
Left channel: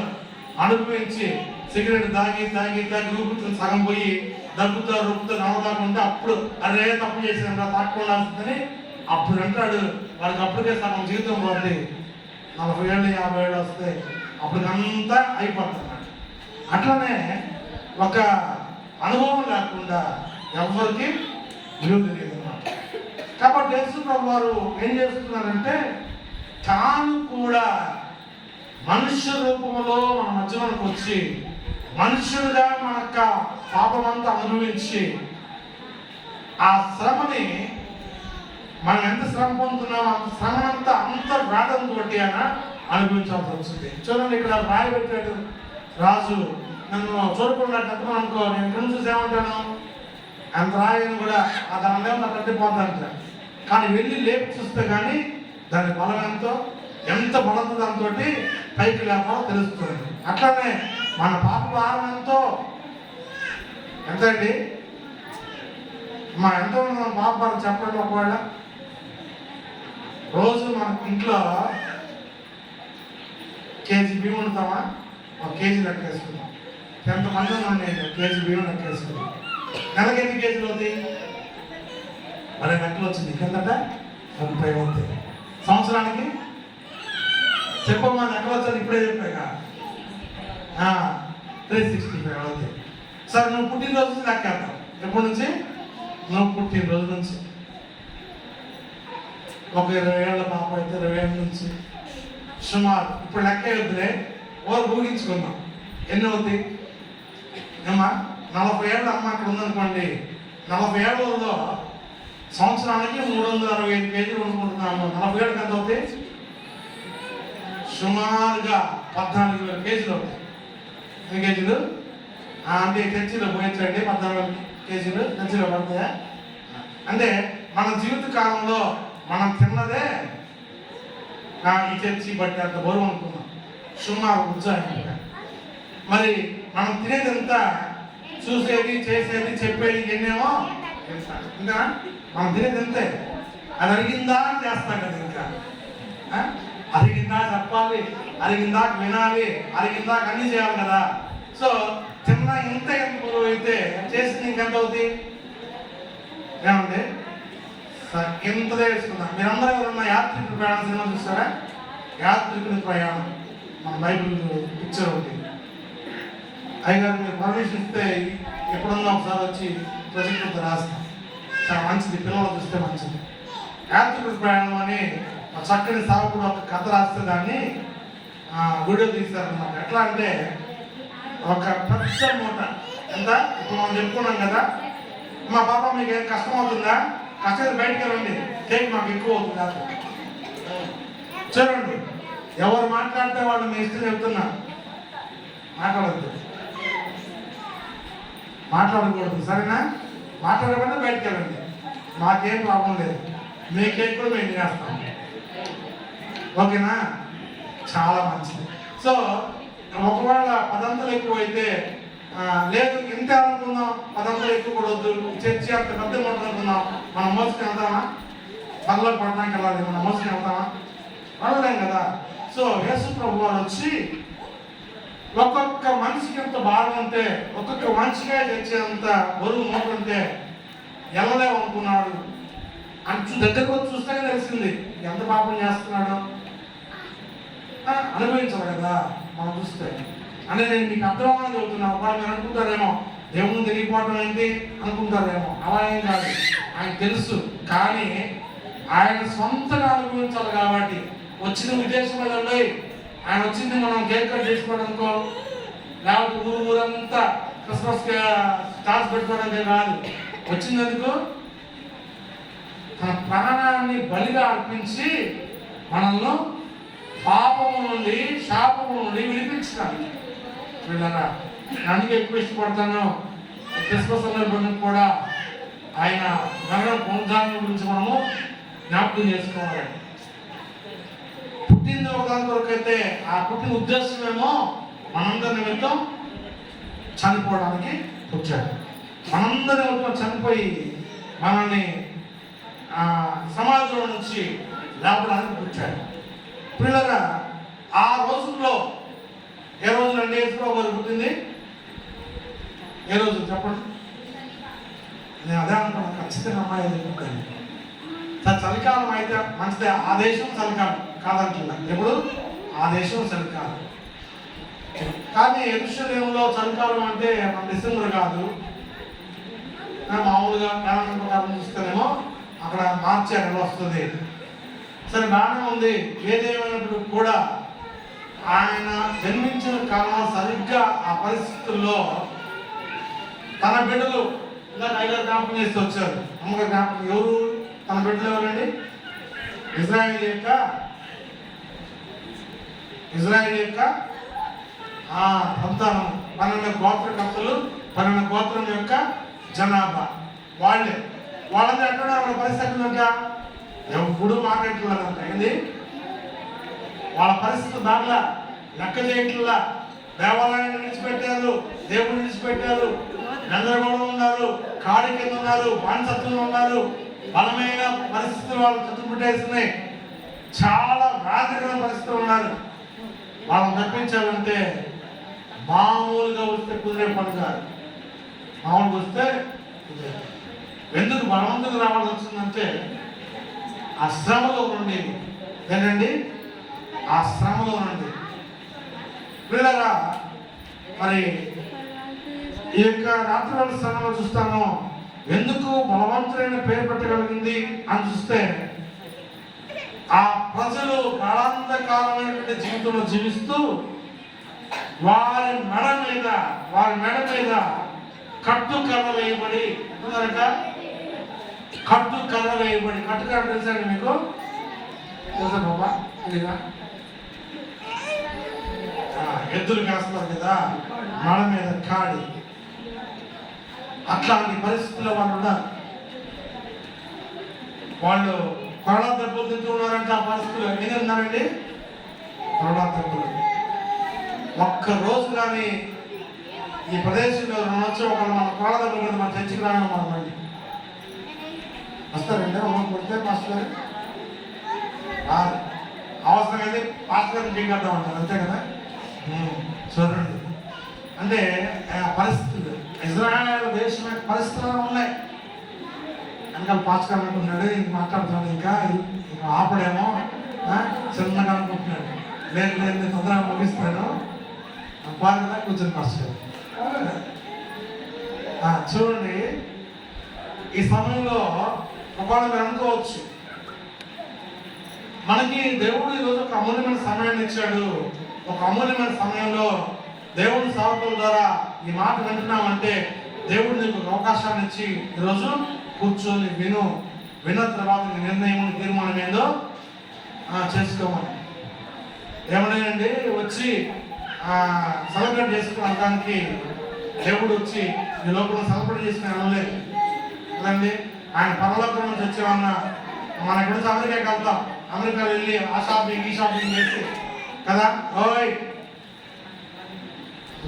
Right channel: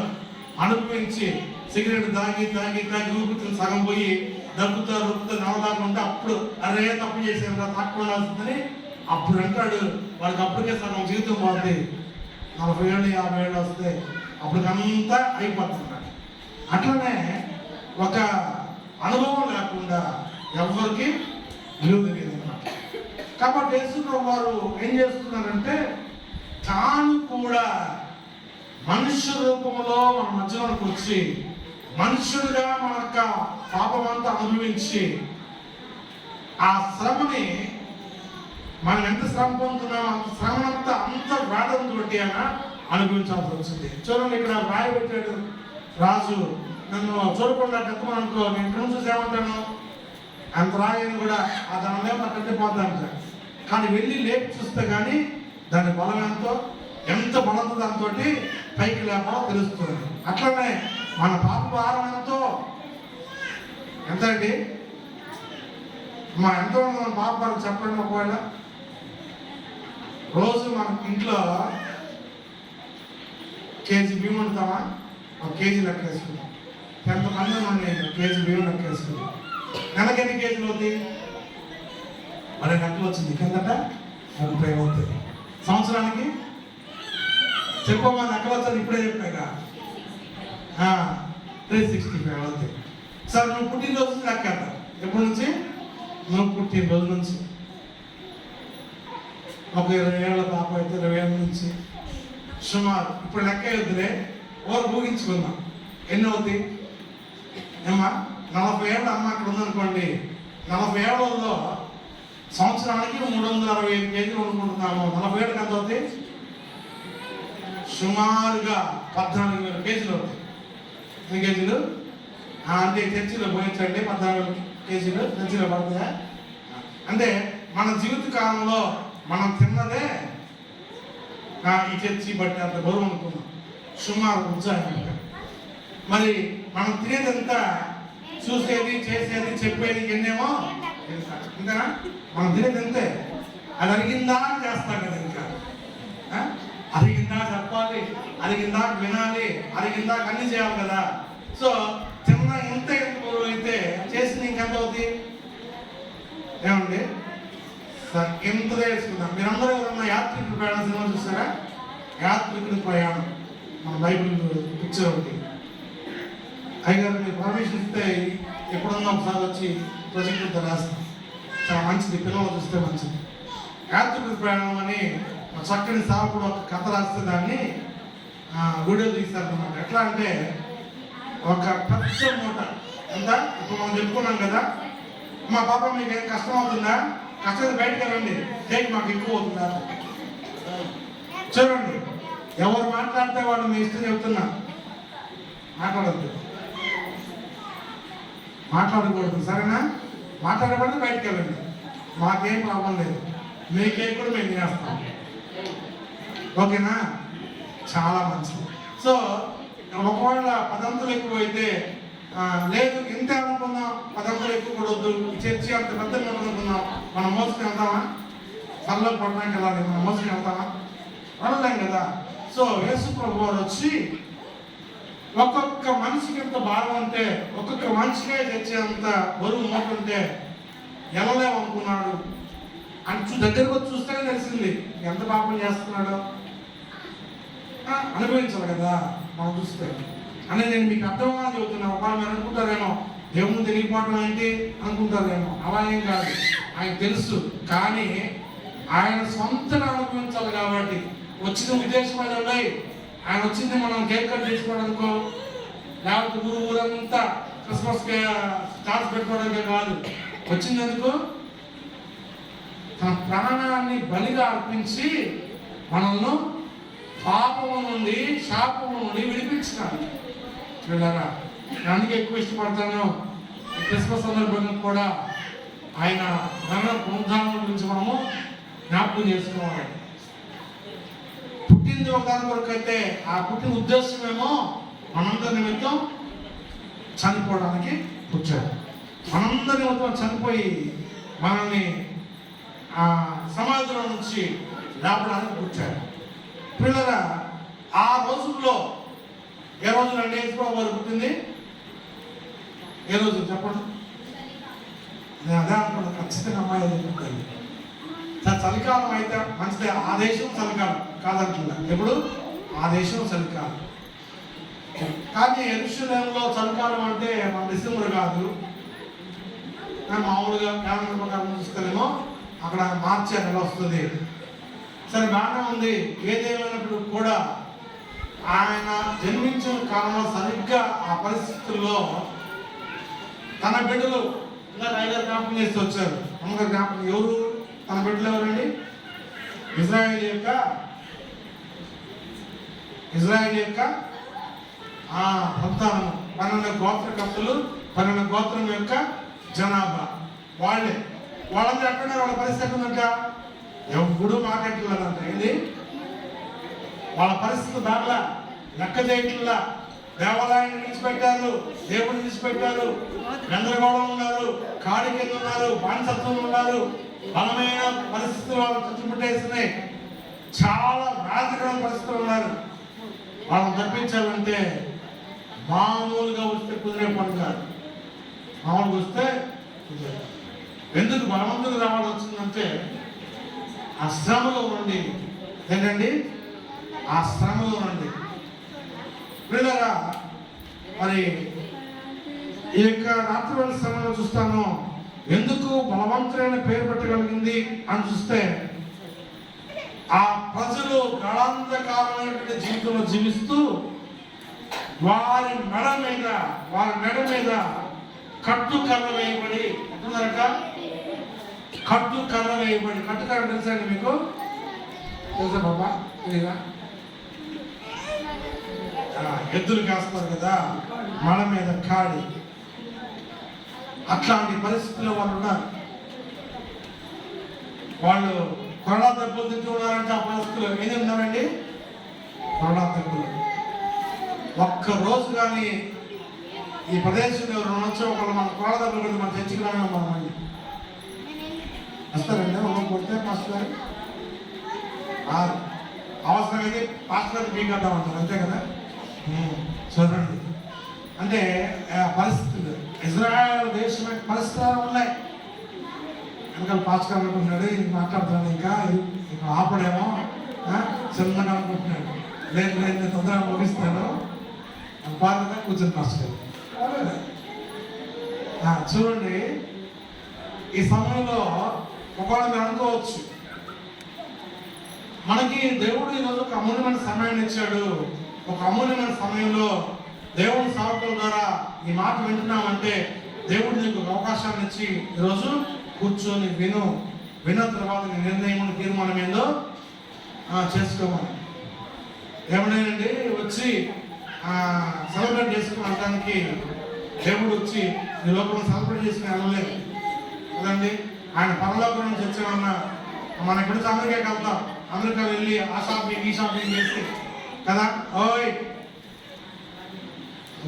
అనుభవించి సిగరెట్ తాగి తాగి తాగి ఊపితులు సగం పోయి దగ్గుతా రొప్పుతో నవ్వుతాకుంటే అప్పుడు అదే తప్పు చేశాను కదా, తాక్కోవాల్సిందని అప్పుడు అంటాడు. వాళ్ళకి అప్పటికే సగం జీవితం పోతుంది. 40 ఏళ్ళు 50 ఏళ్ళు వస్తే అప్పటికంతా అయిపోతున్నాడు. అట్లనే ఒక అనుభవం లేకుండా ఎవరికి విలువ తెలియదు అన్నమాట. కాబట్టి యేసు ప్రభు వారు ఏం చేస్తున్నారంటే, తాను కూడా మనుష్య రూపంలో మన మధ్యలోకి వచ్చి మనుషులుగా మన యొక్క పాపమంతా అనుభవించి ఆ శ్రమని మనం ఎంత శ్రమ పొందుతున్నాం అంత శ్రమనంతా అంత వేదంతో ఆయన అనుభవించాల్సి వచ్చింది. చూడండి, ఇక్కడ రాయి పెట్టాడు రాజు. నన్ను చూడకుండా కట్టుకుని అనుకో, నేను ఇక్కడ చూసి ఏమంటాను, అంత రాయిని కూడా ఆ దాని నా కట్టిపోతాను. కానీ వెళ్ళి లేపి చూస్తే కానీ దాని బలం ఎంతో, ఎంత బలంతో దాంతో పైకి లేపో తెలుస్తుంది. అట్లానే మన పాప భారం ఎంతో, ఎంత అండి ఎంతో మన పాప భారం చెప్పండి. ఒకవేళ రోజు మన ఇంట్లో కేజీ బియ్యం ఉంటామా, 1 కేజీ లెక్కేసుకుంటాం. ఎంతమంది మన కేజీ బియ్యం లెక్కేసుకుంటాం. నెలకి ఎన్ని కేజీలు అవుతాయి? 10 గంటలు వచ్చింది కిందట 30 అవుతాయి. సంవత్సరానికి చెప్పమ్మా, లెక్కలు వచ్చాను ఇప్పుడే చెప్పాక 365 అవుతాయి. సార్ నువ్వు పుట్టినరోజు లెక్కేద్దాం. ఎప్పటి నుంచి? నువ్వు పుట్టినరోజు నుంచి. ఒక 20 ఏళ్ళ పాప అయితే 20 ఏళ్ళ నుంచి సుమారు ఇప్పుడు లెక్క వద్దులే, ఓరు ఊహించుకుందాం ఎన్ని అవుతాయి ఏమా. 40 ఏళ్ళ అమ్మ అక్కడ ఉందనుకోండి, 40 ఏళ్ళలో సంవత్సరానికి 365 కేజీలు వండుకుంటున్నాము. 40 ఏళ్ళకి ఎంత అవుతాయి? సుమారుగా 14,000 కేజీలు అవుతాయి. ఎన్ని కేజీలు అంటే చర్చిలో పోయించండి, 14 కేజీలు చర్చిలో పడతాయా? అంటే మన జీవిత కాలంలో మనం తిన్నదే ఈ చర్చి బట్టి అంత బరువు అనుకున్నాం, సుమారు ఉత్సాహంగా. మరి మనం తినేదంతా చూసేది, చేసేది, చెప్పేది ఎన్నేమో ఇంకా మనం తినేది అంతే. అది అరిగిందా చేస్తాం కదా, ఇంకా అరిగిందా చెప్పాలి, అరిగిందా వినాలి, అరిగిందా అన్నీ చేయాలి కదా. సో తిన్న ఇంత ఎంత బరువు అయితే చేసింది ఇంకెంత అవుతుంది ఏమండి? ఎంతదే వేసుకుందాం. మీరందరూ ఎవరన్నా యాత్రికుడి ప్రయాణం సినిమా చూస్తారా? యాత్రికుడి ప్రయాణం మన బైబిల్ పిక్చర్ ఒకటి. అయ్యగారు మీరు పర్మిషన్ ఇస్తే ఎప్పుడన్నా ఒకసారి వచ్చి ప్రొజెక్ట్ రాస్తాం. చాలా మంచిది, పిల్లలు చూస్తే మంచిది. యాత్రికుడి ప్రయాణం అని చక్కని సాగుడు ఒక కథ రాస్తే దాన్ని వీడియో తీస్తారన్నమాట. ఎట్లా అంటే ఒక పెద్ద మూట ఎంత ఇప్పుడు మనం చెప్పుకున్నాం కదా, మా పాప మీకు ఏం కష్టం అవుతుందా, కష్టం బయటకు వెళ్ళండి, చేయి మాకు ఎక్కువ అవుతుందా. చూడండి, ఎవరు మాట్లాడితే వాళ్ళు మీ ఇష్టం చెప్తున్నా, మాట్లాడద్దు, మాట్లాడకూడదు, సరేనా? మాట్లాడకుండా బయటకు వెళ్ళండి, మాకేం ప్రాబ్లం లేదు, మీకేం కూడా మేము తినేస్తాం, ఓకేనా? చాలా మంచిది. సో ఒకవేళ 10 ఎక్కువ అయితే లేదు ఇంత అనుకుందాం, అదంతా ఎక్కువ కూడా వద్దు, ఈ చర్చి అంత పెద్ద అనుకుందాం, మనం మోసుకుని వెళ్తామా? పనిలో పడడానికి వెళ్ళాలి, మనం మోసుకుని వెళ్తామా? అనలేం కదా. సో యేసు ప్రభు వారు వచ్చి ఒక్కొక్క మనిషికి ఎంత భారం ఉంటే, ఒక్కొక్క మనిషిగా తెచ్చేంత బరువు మోటుంటే వెళ్ళలేమనుకున్నాడు అని దగ్గరకు వచ్చి చూస్తేనే తెలిసింది ఎంత పాపం చేస్తున్నాడో. అనుభవించాలి కదా మనం చూస్తే. అంటే నేను మీకు అర్థంగా చెబుతున్నాను. వాళ్ళు మీరు అనుకుంటారేమో దేవుని తెలియకపోవడం ఏంటి అనుకుంటారేమో. అలా ఏం కాదు, ఆయన తెలుసు. కానీ ఆయన సొంతగా అనుభవించాలి కాబట్టి వచ్చిన ఉద్దేశం అది ఉన్నాయి. ఆయన వచ్చింది మనం కేక్ కట్ చేసుకోవడం అనుకో, లేకపోతే ఊరంతా క్రిస్మస్ స్టార్స్ పెట్టుకోవడానికి కాదు. వచ్చినందుకు తన ప్రాణాన్ని బలిగా అర్పించి మనల్ని పాపము నుండి, శాపము నుండి విడిపించినాడు. వీళ్ళరా అందుకే ఎక్కువ ఇష్టపడతాను. క్రిస్మస్ సందర్భంగా కూడా ఆయన మరణ పునరుద్ధానం గురించి మనము జ్ఞాపకం చేసుకోవాలి. పుట్టింది ఒకదాని కొరకు అయితే ఆ పుట్టిన ఉద్దేశమేమో మనందరి నిమిత్తం చనిపోవడానికి వచ్చాడు. మనందరి నిమిత్తం చనిపోయి మనల్ని సమాజంలో నుంచి లేపడానికి వచ్చాడు. పిల్లగా ఆ రోజుల్లో ఏ రోజులు అండి యేసుప్రభు వారు పుట్టింది? ఏ రోజు చెప్పండి? నేను అదే అనుకున్నాను, ఖచ్చితంగా అమ్మాయి పుట్టింది. చలికాలం అయితే మంచిదే, ఆ దేశం చలికాలం కాదంటున్నా. ఎప్పుడు ఆ దేశం చలికాలం. కానీ యెరూషలేములో చలికాలం అంటే డిసెంబర్ కాదు, మామూలుగా క్యాలెండర్ ప్రకారం చూస్తేనేమో అక్కడ మార్చి నెల వస్తుంది. సరే బాగానే ఉంది. ఏదేమైనప్పుడు కూడా ఆయన జన్మించిన కాలంలో సరిగ్గా ఆ పరిస్థితుల్లో తన బిడ్డలు ఇలా టైలర్ జ్ఞాపకం చేస్తూ వచ్చారు. అమ్మగారు జ్ఞాపకం ఎవరు తన బిడ్డలు ఎవరండి? ఇజ్రాయేల్ యొక్క సంతానం 12 గోత్రకర్తలు, 12 గోత్రం యొక్క జనాభా వాళ్ళందరూ ఎక్కడ వాళ్ళ పరిస్థితి ఇంకా ఎప్పుడు మాట్లాడుతున్నారంట. ఏంది వాళ్ళ పరిస్థితి దాంట్లో లెక్క చేయట్లా. దేవాలయాన్ని విడిచిపెట్టారు, దేవుడిని విడిచిపెట్టారు, గందరగోళం ఉన్నారు, కాడి కింద ఉన్నారు, బానిసత్వంలో ఉన్నారు. బలమైన పరిస్థితులు వాళ్ళు చుట్టుముట్టేస్తున్నాయి. చాలా రాజకీయ పరిస్థితులు ఉన్నారు. వాళ్ళని తప్పించాలంటే మామూలుగా వస్తే కుదిరే పని కాదు. మామూలుగా వస్తే ఎందుకు బలవంతులు రావాల్సి వచ్చిందంటే ఆ శ్రమలో నుండి. ఏంటండి? ఆ శ్రమలో నుండి. పిల్లరా మరి ఈ యొక్క రాత్రి శ్రమలో చూస్తాము. ఎందుకు బలవంతులైన పేరు పెట్టగలిగింది అని చూస్తే ఆ ప్రజలు కాలాంతకాలమైనటువంటి జీవితంలో జీవిస్తూ వారి మెడ మీద కట్టు కర్ర వేయబడి కట్టుకర్ర తెలుసండి మీకు? తెలుసా బాబా? తెలీదా? ఎద్దులు కాస్తారు కదా, మెడ మీద కాడి. అట్లాంటి పరిస్థితుల్లో వాళ్ళు ఉన్నారు. వాళ్ళు కొరడా దెబ్బలు తింటూ ఉన్నారంటే ఆ పరిస్థితుల్లో ఏది ఉన్నారండి? కొరడా దెబ్బలు. ఒక్క రోజు కానీ ఈ ప్రదేశంలో వచ్చి ఒకళ్ళు మన కొరడా దెబ్బలు మన చర్చికి రాని మనం వస్తారండి. ఒకరు కొడితే మాస్టర్ గారు అవసరమైతే పాస్టర్ గారిని బీక్ కట్టాం అంటారు, అంతే కదా. చూడండి, అంటే పరిస్థితులు ఇజ్రాయెల్ దేశం యొక్క పరిస్థితులు ఉన్నాయి. వెనకాల పాస్టర్ అనుకుంటున్నాడు, ఇది మాట్లాడుతున్నాడు, ఇంకా ఆపడేమో చిన్నగా అనుకుంటున్నాడు. లేదు నేను తొందరగా ముగిస్తాను, బాగా కూర్చొని పాస్టర్ చూడండి. ఈ సమయంలో ఒకవేళ మీరు అనుకోవచ్చు, మనకి దేవుడు ఈరోజు ఒక అమూల్యమైన సమయాన్ని ఇచ్చాడు. ఒక అమూల్యమైన సమయంలో దేవుని సేవకుల ద్వారా ఈ మాట వింటున్నామంటే దేవుడు నీకు ఒక అవకాశాన్ని ఇచ్చి ఈరోజు కూర్చొని విన్న తర్వాత నిర్ణయం తీర్మానం ఏందో చేసుకోవాలి. ఏమన్నాయండి వచ్చి సెలబ్రేట్ చేసుకోవడానికి దేవుడు వచ్చి ఈ లోపల సెలబ్రేట్ చేసుకుని అనలేదు కదండి. ఆయన పరలోకం నుంచి వచ్చేమన్నా మన గురించి అమెరికాకి వెళ్తాం, అమెరికా వెళ్ళి ఆ షాపింగ్ ఈ షాపింగ్ చేసి కదా. ఓయ్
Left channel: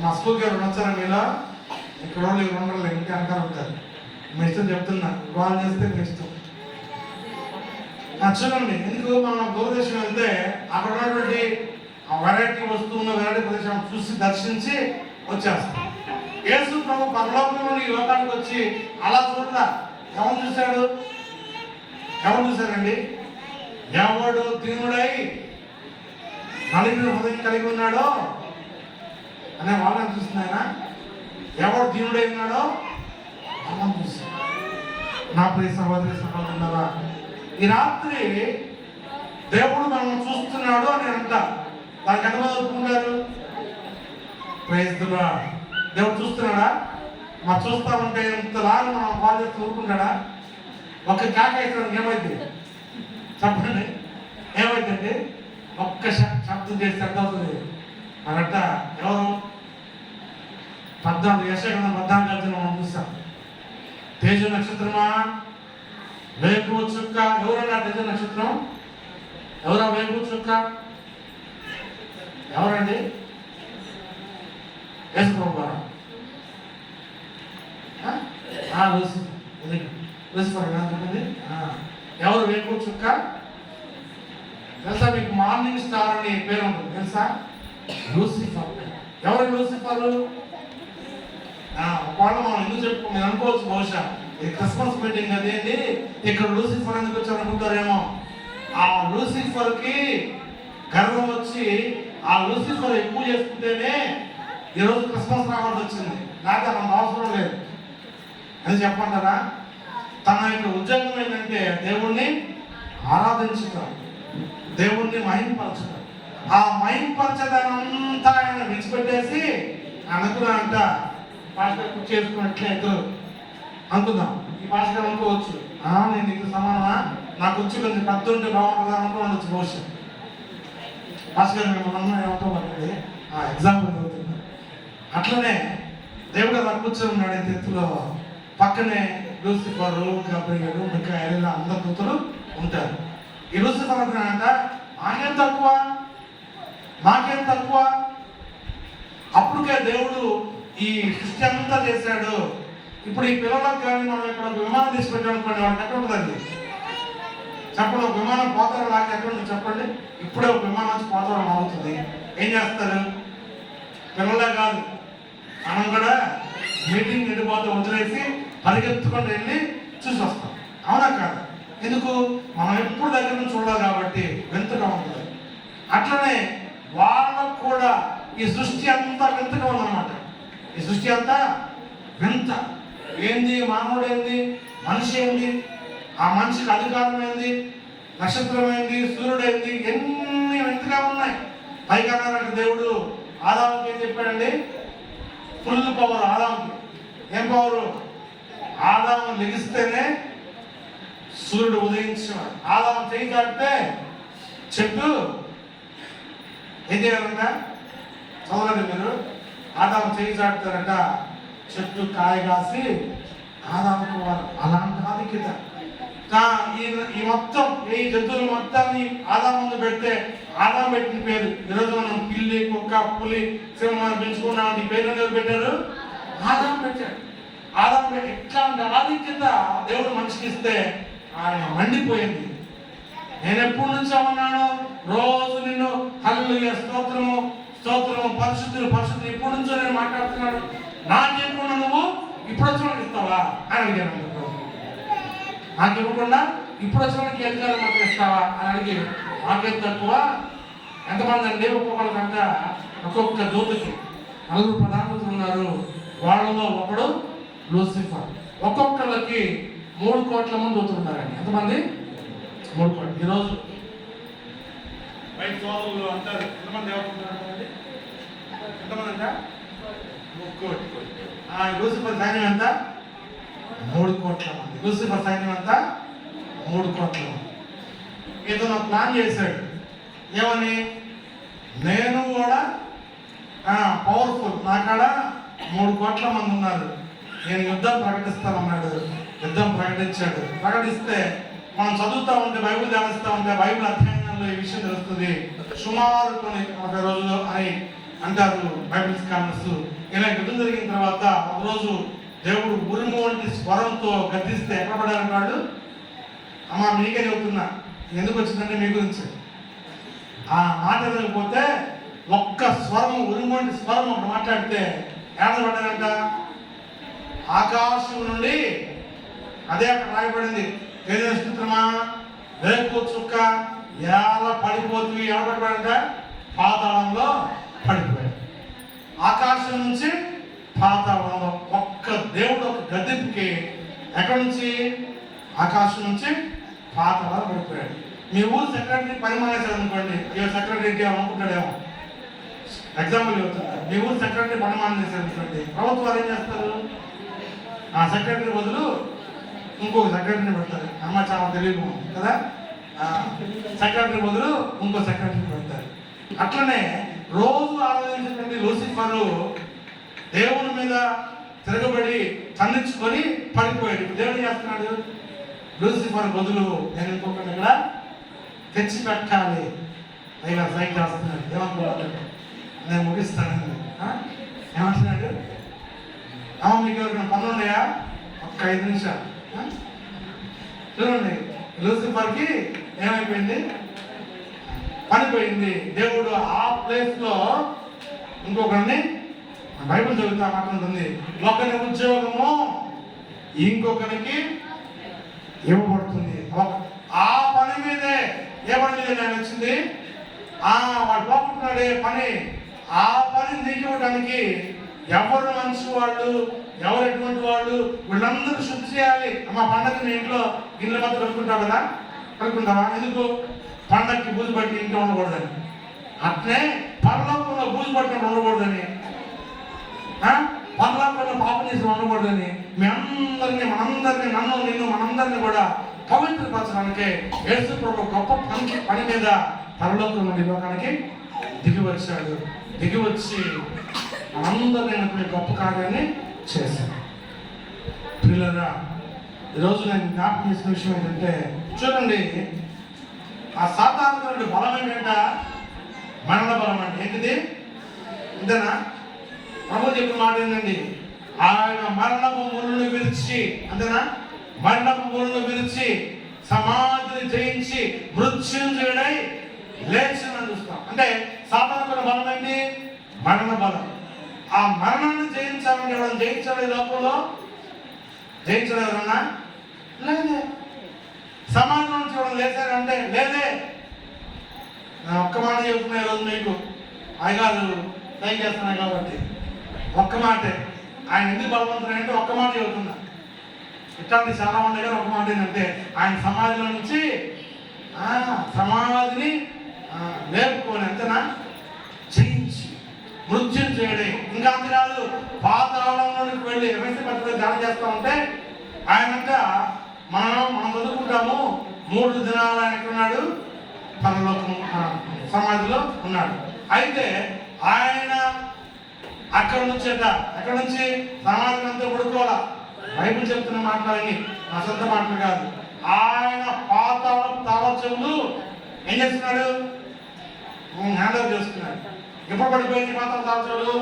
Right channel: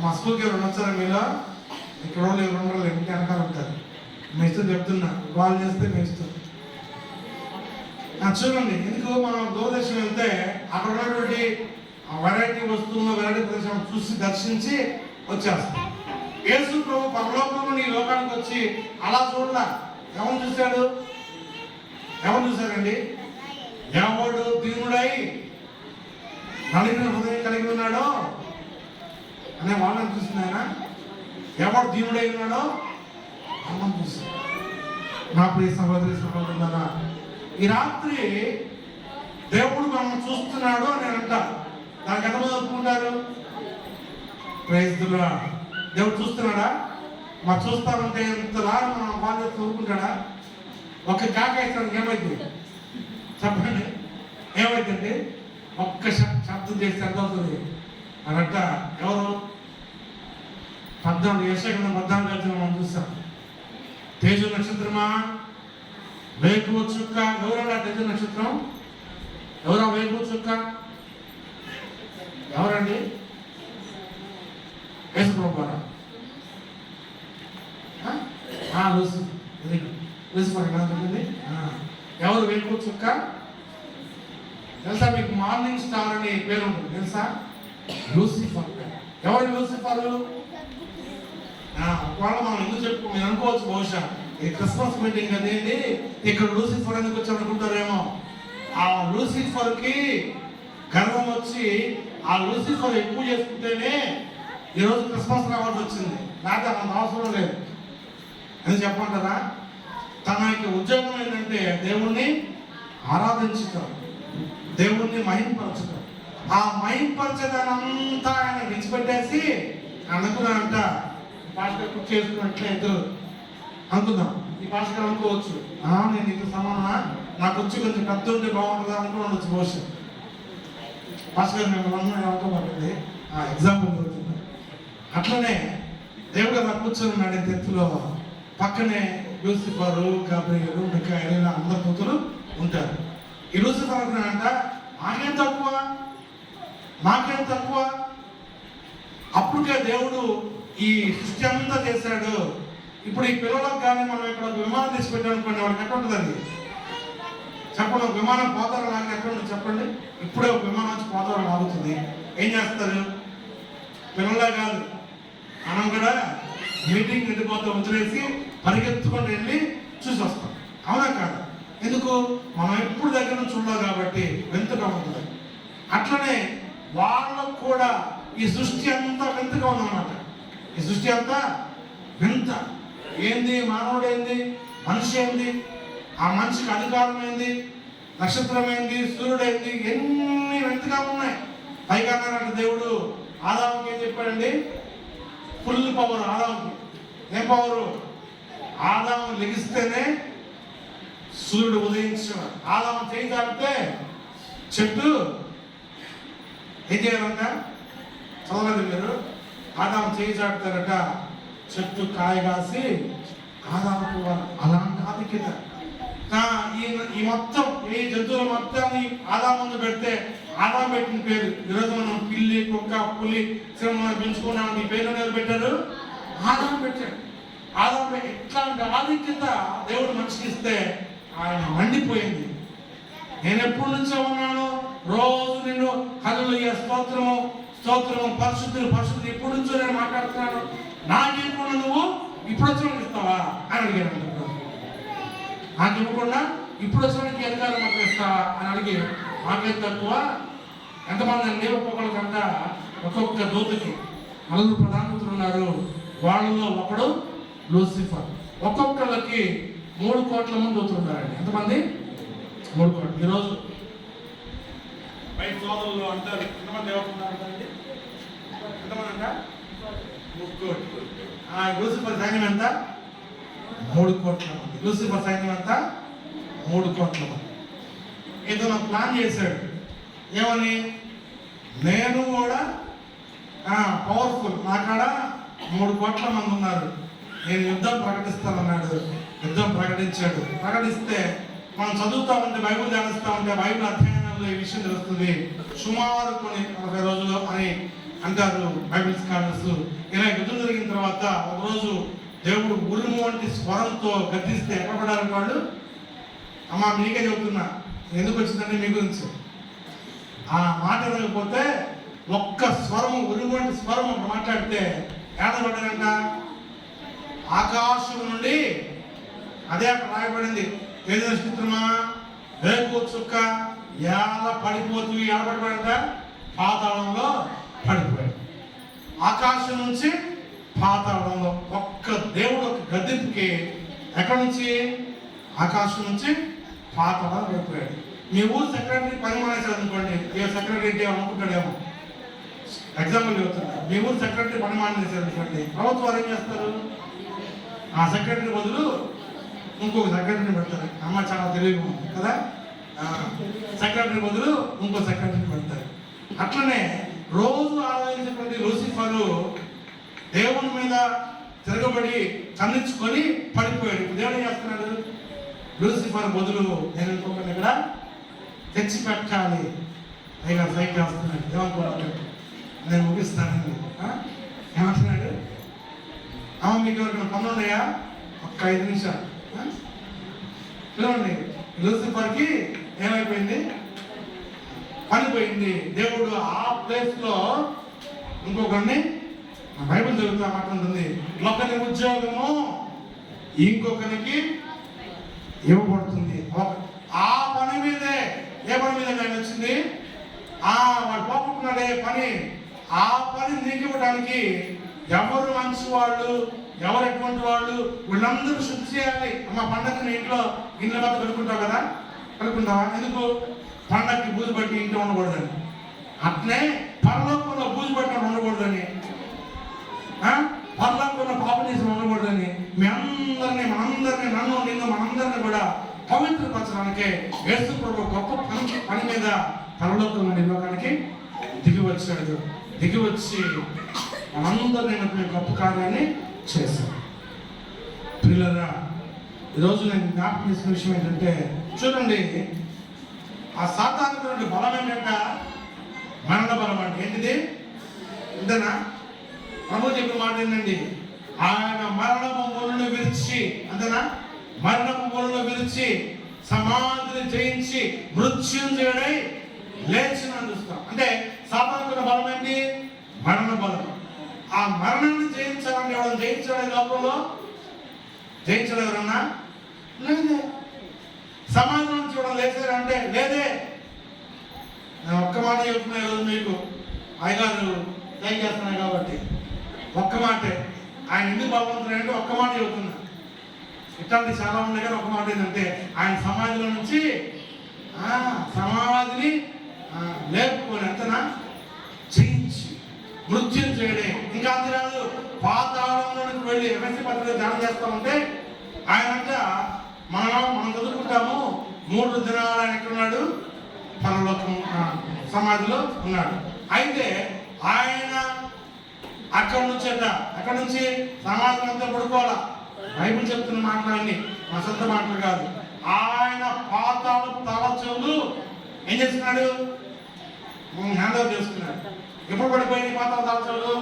మా స్కూల్కి ఎవరు వచ్చారా మీలో? ఇక్కడ వాళ్ళు ఎవరు ఉండరు, ఇంకా వెనకాల ఉంటారు. మీ ఇష్టం చెప్తున్నా, వాళ్ళు చేస్తే మీ ఇష్టం. చూడండి, ఎందుకు మనం దూరదర్శనం వెళ్తే అక్కడ ఉన్నటువంటి వెరైటీ వస్తువులు, వెరైటీ ప్రదేశం చూసి దర్శించి వచ్చేస్తాం. యేసు ప్రభు పరలోకంలో ఈ లోకానికి వచ్చి అలా చూడలా. ఎవరు చూశాడు? ఎవరు చూశారండి? ఎవడు దీనుడై నలిగిన హృదయం కలిగి ఉన్నాడో అనే వాళ్ళని చూస్తున్నాయన. ఎవడు దీనుడై ఉన్నాడో వాళ్ళని చూశాడు. నా ప్రియ సహోదరి సహోదరులారా, ఈ రాత్రి దేవుడు మనం చూస్తున్నాడు అని అంట. దానికి ఎంత ఒప్పుకుంటారు? Praise the Lord. దేవుడు చూస్తున్నాడా? మనం చూస్తామంటే ఇంతలాగా మనం బాధ్యత ఊరుకుంటాడా? ఒక్క కేకేసరికి ఏమైంది చెప్పండి, ఏమైందండి? ఒక్క శబ్దం చేస్తే ఎంత అవుతుంది? మనంట ఎవరు 14 యెషయా 14 మనం చూస్తాం. తేజు నక్షత్రమా, వేకువ చుక్క. ఎవరన్నా తేజు నక్షత్రం? ఎవరా వేకువ చుక్క? ఎవరండి? యేసు ప్రభువా? లూసిఫర్ చెప్పండి. ఎవరు వేకువ చుక్క? తెలుసా మీకు? మార్నింగ్ స్టార్ అని పేరు ఉంటుంది, తెలుసా? లూసిఫర్. ఎవరు లూసిఫర్? వాళ్ళు మనం ఎందుకు చెప్పుకో, మీరు అనుకోవచ్చు బహుశా ఇది క్రిస్మస్ మీటింగ్ అదేంటి ఇక్కడ లూసిఫర్ ఎందుకు వచ్చారు అనుకుంటారేమో. ఆ లూసిఫర్కి గర్వం వచ్చి ఆ లూసిఫర్ ఎక్కువ చేసుకుంటేనే ఈరోజు క్రిస్మస్ రావాల్సి వచ్చింది, లేకపోతే మనకు అవసరం లేదు. ఎందుకు చెప్పంటారా? తన యొక్క ఉద్యోగం ఏంటంటే దేవుణ్ణి ఆరాధించుతారు, దేవుణ్ణి మహింపరచుతారు. ఆ మహింపరచదానంతా ఆయన విడిచిపెట్టేసి అనుకున్నానంట. పాస్టర్ కుర్చీ చేసుకున్నట్లే ఇద్దరు అనుకుందాం. ఈ పాస్టర్ అనుకోవచ్చు, నేను నీకు సమానమా, నాకు వచ్చి కొంచెం పెద్ద ఉంటే బాగుంటుందా అనుకోవచ్చు బహుశా. పాస్టర్ గారు మిమ్మల్ని ఏమనుకోమంటుంది ఎగ్జాంపుల్ చదువుతున్నా. అట్లనే దేవుడు అలా కూర్చొని ఉన్నాడు ఎత్తులో. పక్కనే లూసిఫర్, గబ్రియలు, మిఖాయేలు అందరు కూతురు ఉంటారు. ఈ లూసిఫర్ అంట మాకేం తక్కువ, మాకేం తక్కువ. అప్పటికే దేవుడు ఈ సృష్టి అంతా చేశాడు. ఇప్పుడు ఈ పిల్లలకు కానీ మనం ఇక్కడ విమానం తీసి పెట్టామనుకోండి, వాళ్ళకి ఎక్కడ ఉంటుందండి చెప్పండి? ఒక విమానం పోతారు నాకు ఎక్కడ ఉంటుంది చెప్పండి? ఇప్పుడే ఒక విమానం వచ్చి పోతారు ఆగుతుంది. ఏం చేస్తారు? పిల్లలే కాదు, మనం కూడా మీటింగ్ వెళ్ళిపోతే వదిలేసి పరిగెత్తుకొని వెళ్ళి చూసి వస్తాం, అవునా కాదు? ఎందుకు? మనం ఎప్పుడు దగ్గర నుంచి చూడాలి కాబట్టి వింతగా ఉంటుంది. అట్లనే వాళ్ళకు కూడా ఈ సృష్టి అంతా వింతగా ఉందన్నమాట. ఈ సృష్టి అంతా వింత. ఏంది? మానవుడు ఏంది? మనిషి ఏంది? ఆ మనిషికి అధికారం ఏంది? నక్షత్రం ఏంది? సూర్యుడు ఏంది? ఎన్ని వింతగా ఉన్నాయి. పైగా దేవుడు ఆదాముకి ఏం చెప్పాడండి? ఫుల్ పవర్ ఆదాముకి. ఏం పవరు? ఆదాము లెగిస్తేనే సూర్యుడు ఉదయించాడు. ఆదాము చేయి దాటితే చెట్టు ఏం చేయాలంట? చదవలేదు మీరు? ఆదాము చేయి చాటుతారట, చెట్టు కాయ కాసి ఆదాముకు అలాంటి ఆధిక్యత. ఈ మొత్తం ఈ జంతువులు మొత్తాన్ని ఆదాము ముందు పెడితే ఆదాము పెట్టిన పేరు. ఈరోజు మనం పిల్లి, కుక్క, పులి, సింహం పెంచుకున్నాం. ఈ పేరు ఎవరు పెట్టారు? ఆదాము పెట్టాడు. ఆదాము ఎట్లాంటి ఆధిక్యత దేవుడు మనిషికి ఇస్తే ఆయన మండిపోయింది. నేను ఎప్పుడు నుంచో ఉన్నాను, రోజు నేను హల్లెలూయా స్తోత్రము స్తోత్రము పరిశుద్ధులు పరిశుద్ధులు ఎప్పుడు నుంచో నేను మాట్లాడుతున్నాను, నాకేమన్నా నువ్వు ఇప్పుడు వచ్చి ఇస్తావా అని అడిగాను. నాకు ఇవ్వకుండా ఇప్పుడు వచ్చి అధికారం మాకు ఇస్తావా అని అడిగి, మాకేం తక్కువ? ఎంతమంది అండి? ఒక్కొక్కరికంతా ఒక్కొక్క దూతకి 4 ప్రధానమంత్రులు ఉన్నారు. వాళ్ళలో ఒకడు లూసిఫర్. ఒక్కొక్కరికి 3 కోట్ల మంది దూతున్నారండి. ఎంతమంది? 3 కోట్లు. ఈరోజు బయట సోదరులు అంటారు ఎంతమంది ఎవరున్నారండి? ఎంతమంది అంట? 3 కోట్లు. లూసిఫర్ సైన్యం ఎంత? 3 కోట్ల మంది. లూసిఫర్ సైన్యం ఎంత? 3 కోట్ల మంది. ఏదైనా ప్లాన్ చేశాడు. ఏమని? నేను కూడా పవర్ఫుల్, నా కాడ 3 కోట్ల మంది ఉన్నారు, నేను యుద్ధం ప్రకటిస్తానన్నాడు. యుద్ధం ప్రకటించాడు. ప్రకటిస్తే మనం చదువుతూ ఉంటే, బైబిల్ ధ్యానిస్తూ ఉంటే బైబిల్ అధ్యయనంలో ఈ విషయం తెలుస్తుంది. సుమారు కొన్ని 1 రోజులు అని అంటారు బైబిల్ స్కాలర్స్. ఇలా యుద్ధం జరిగిన తర్వాత ఒకరోజు దేవుడు ఉరుము వంటి స్వరంతో గద్దిస్తే ఎక్కడ పడారంటే వాళ్ళు, అమ్మ మీకే చెబుతున్నా ఎందుకు వచ్చిందంటే మీ గురించి, ఆ మాట వినకపోతే ఒక్క స్వరము ఉరుము వంటి స్వరం ఒక మాట్లాడితే ఏడబడ్డారంట ఆకాశం నుండి. అదే అక్కడ రాయబడింది, ఏదో చిత్రమా వేపు చుక్క ఎలా పడిపోతూ ఏడబడ్డాడంట పాతాళంలో పడిపోయాడు. ఆకాశం నుంచి పాతాళంలో ఒక్క దేవుడు ఒక గద్దెకి ఎక్కడి నుంచి, ఆకాశం నుంచి పాతాళంలో పడిపోయాడు. మీ ఊరు సెక్రటరీ పని మానేశాడు అనుకోండి, సెక్రటరీ అనుకుంటాడేమో, ఎగ్జాంపుల్ చెబుతున్నారు. మీ ఊరు సెక్రటరీ పని మానేశారు అనుకోండి, ప్రభుత్వాలు ఏం చేస్తారు, ఆ సెక్రటరీ బదులు ఇంకొక సెక్రటరీని పెడతారు. అమ్మ చాలా తెలియదు కదా, సెక్రటరీ బదులు ఇంకో సెక్రటరీని పెడతారు. అట్లనే రోజు ఆలోచించినటువంటి లూసిఫర్ దేవుని మీద తిరగబడి తన్నించుకొని పడిపోయాడు. దేవుడు చేస్తున్నాడు, లూసిఫర్ బదులు నేను ఇంకొకటి ఇక్కడ తెచ్చి పెట్టాలి. పైగా సైకిల్ రాస్తున్నాడు. ఏమనుకుంటున్నాడు, నేను ముగిస్తాను. ఏమంటున్నాడు, అమ్మ మీకు ఎవరికైనా పనులు ఉన్నాయా, ఒక్క 5 నిమిషాలు చూడండి. లూసిఫర్కి ఏమైపోయింది, పనిపోయింది. దేవుడు ఆ ప్లేస్ లో ఇంకొకరిని, బైబిల్ చదువుతా మాట్లాడుతుంది, ఒకరి ఉద్యోగము ఇంకొకరికి ఇవ్వబడుతుంది. ఆ పని మీదే, ఏ పని మీద ఆయన వచ్చింది, వాడు పోగొట్టుకున్నాడే పని, ఆ పని నీకు ఇవ్వడానికి ఎవరు మంచి వాళ్ళు, ఎవరు ఎటువంటి వాళ్ళు, వీళ్ళందరూ శుద్ధి చేయాలి. మా పండగ మీ ఇంట్లో గిన్నెల మధ్య కలుపుకుంటావు కదా, కలుపుకుంటావా? ఎందుకు, పండగకి బూజు పట్టి ఇంట్లో ఉండకూడదని. అట్లే పరలోకంలో బూజు పట్టిన ఉండకూడదని, పరలోకంలో పాపం చేసి ఉండకూడదని మనందరినీ నన్ను నిన్ను మనందరినీ కూడా పవిత్రపరచడానికే యేసు ప్రభు గొప్ప పని మీద పరలోకం నుండి లోకానికి దిగి వచ్చాడు. దిగి వచ్చి మనందరినీ గొప్ప కార్యాన్ని చేశాడు. పిల్లరా, ఈరోజు నేను జ్ఞాపకం చేసిన విషయం ఏంటంటే, చూడండి, ఆ సాధారణ బలం ఏంటంట, మరణ బలం అంటే ఏంటిది, అంతేనా? ప్రభు చెప్పిన మాట ఏంటండి, ఆయన మరణపు ముళ్ళను విరిచి, అంతేనా, మరణపు ముళ్ళను విరిచి సమాధిని జయించి మృత్యుంజయుడై లేచినని చూస్తాం. అంటే సాధారణ బలం ఏంటి, మరణ బలం. ఆ మరణాన్ని జయించాలంటే ఎవరైనా జయించాడు లోకంలో, జయించడం ఎవరన్నా లేదే. సమాజం నుంచి ఎవరైనా లేచాడంటే లేదే. నేను ఒక్క మాట చెబుతున్నా ఈరోజు మీకు, అయ్యగారు టైం చేస్తున్నాయి కాబట్టి ఒక్క మాటే. ఆయన ఎందుకు బలవంతుడంటే ఒక్క మాట చెబుతున్నా. ఇట్లాంటి చాలా ఉన్నాయి కానీ ఒక మాట ఏంటంటే, ఆయన సమాధిలో నుంచి సమాధిని లేపుకొని ఎంతనా జయించి మృత్యుం చేయడే. ఇంకా అంతరాలు పాతాళంలోనికి వెళ్ళి ఎంఎస్సీ పత్రికలు ధ్యానం చేస్తూ ఉంటే ఆయనంట మనం చదువుకుంటాము 3 దినాలు ఆయన ఎక్కడున్నాడు, పరలోకం సమాధిలో ఉన్నాడు. అయితే ఆయన అక్కడ నుంచి ఎక్కడి నుంచి సమాధి అంతా పడుకోవాలా. బైబిల్ చెప్తున్న మాటలన్నీ నా సొంత మాటలు కాదు. ఆయన పాతాళ తాళచెవులు ఏం చేస్తున్నాడు, హ్యాండ్ ఓవర్ చేస్తున్నాడు. ఎప్పుడు పడిపోయింది పాతాళ తాళచెవులు,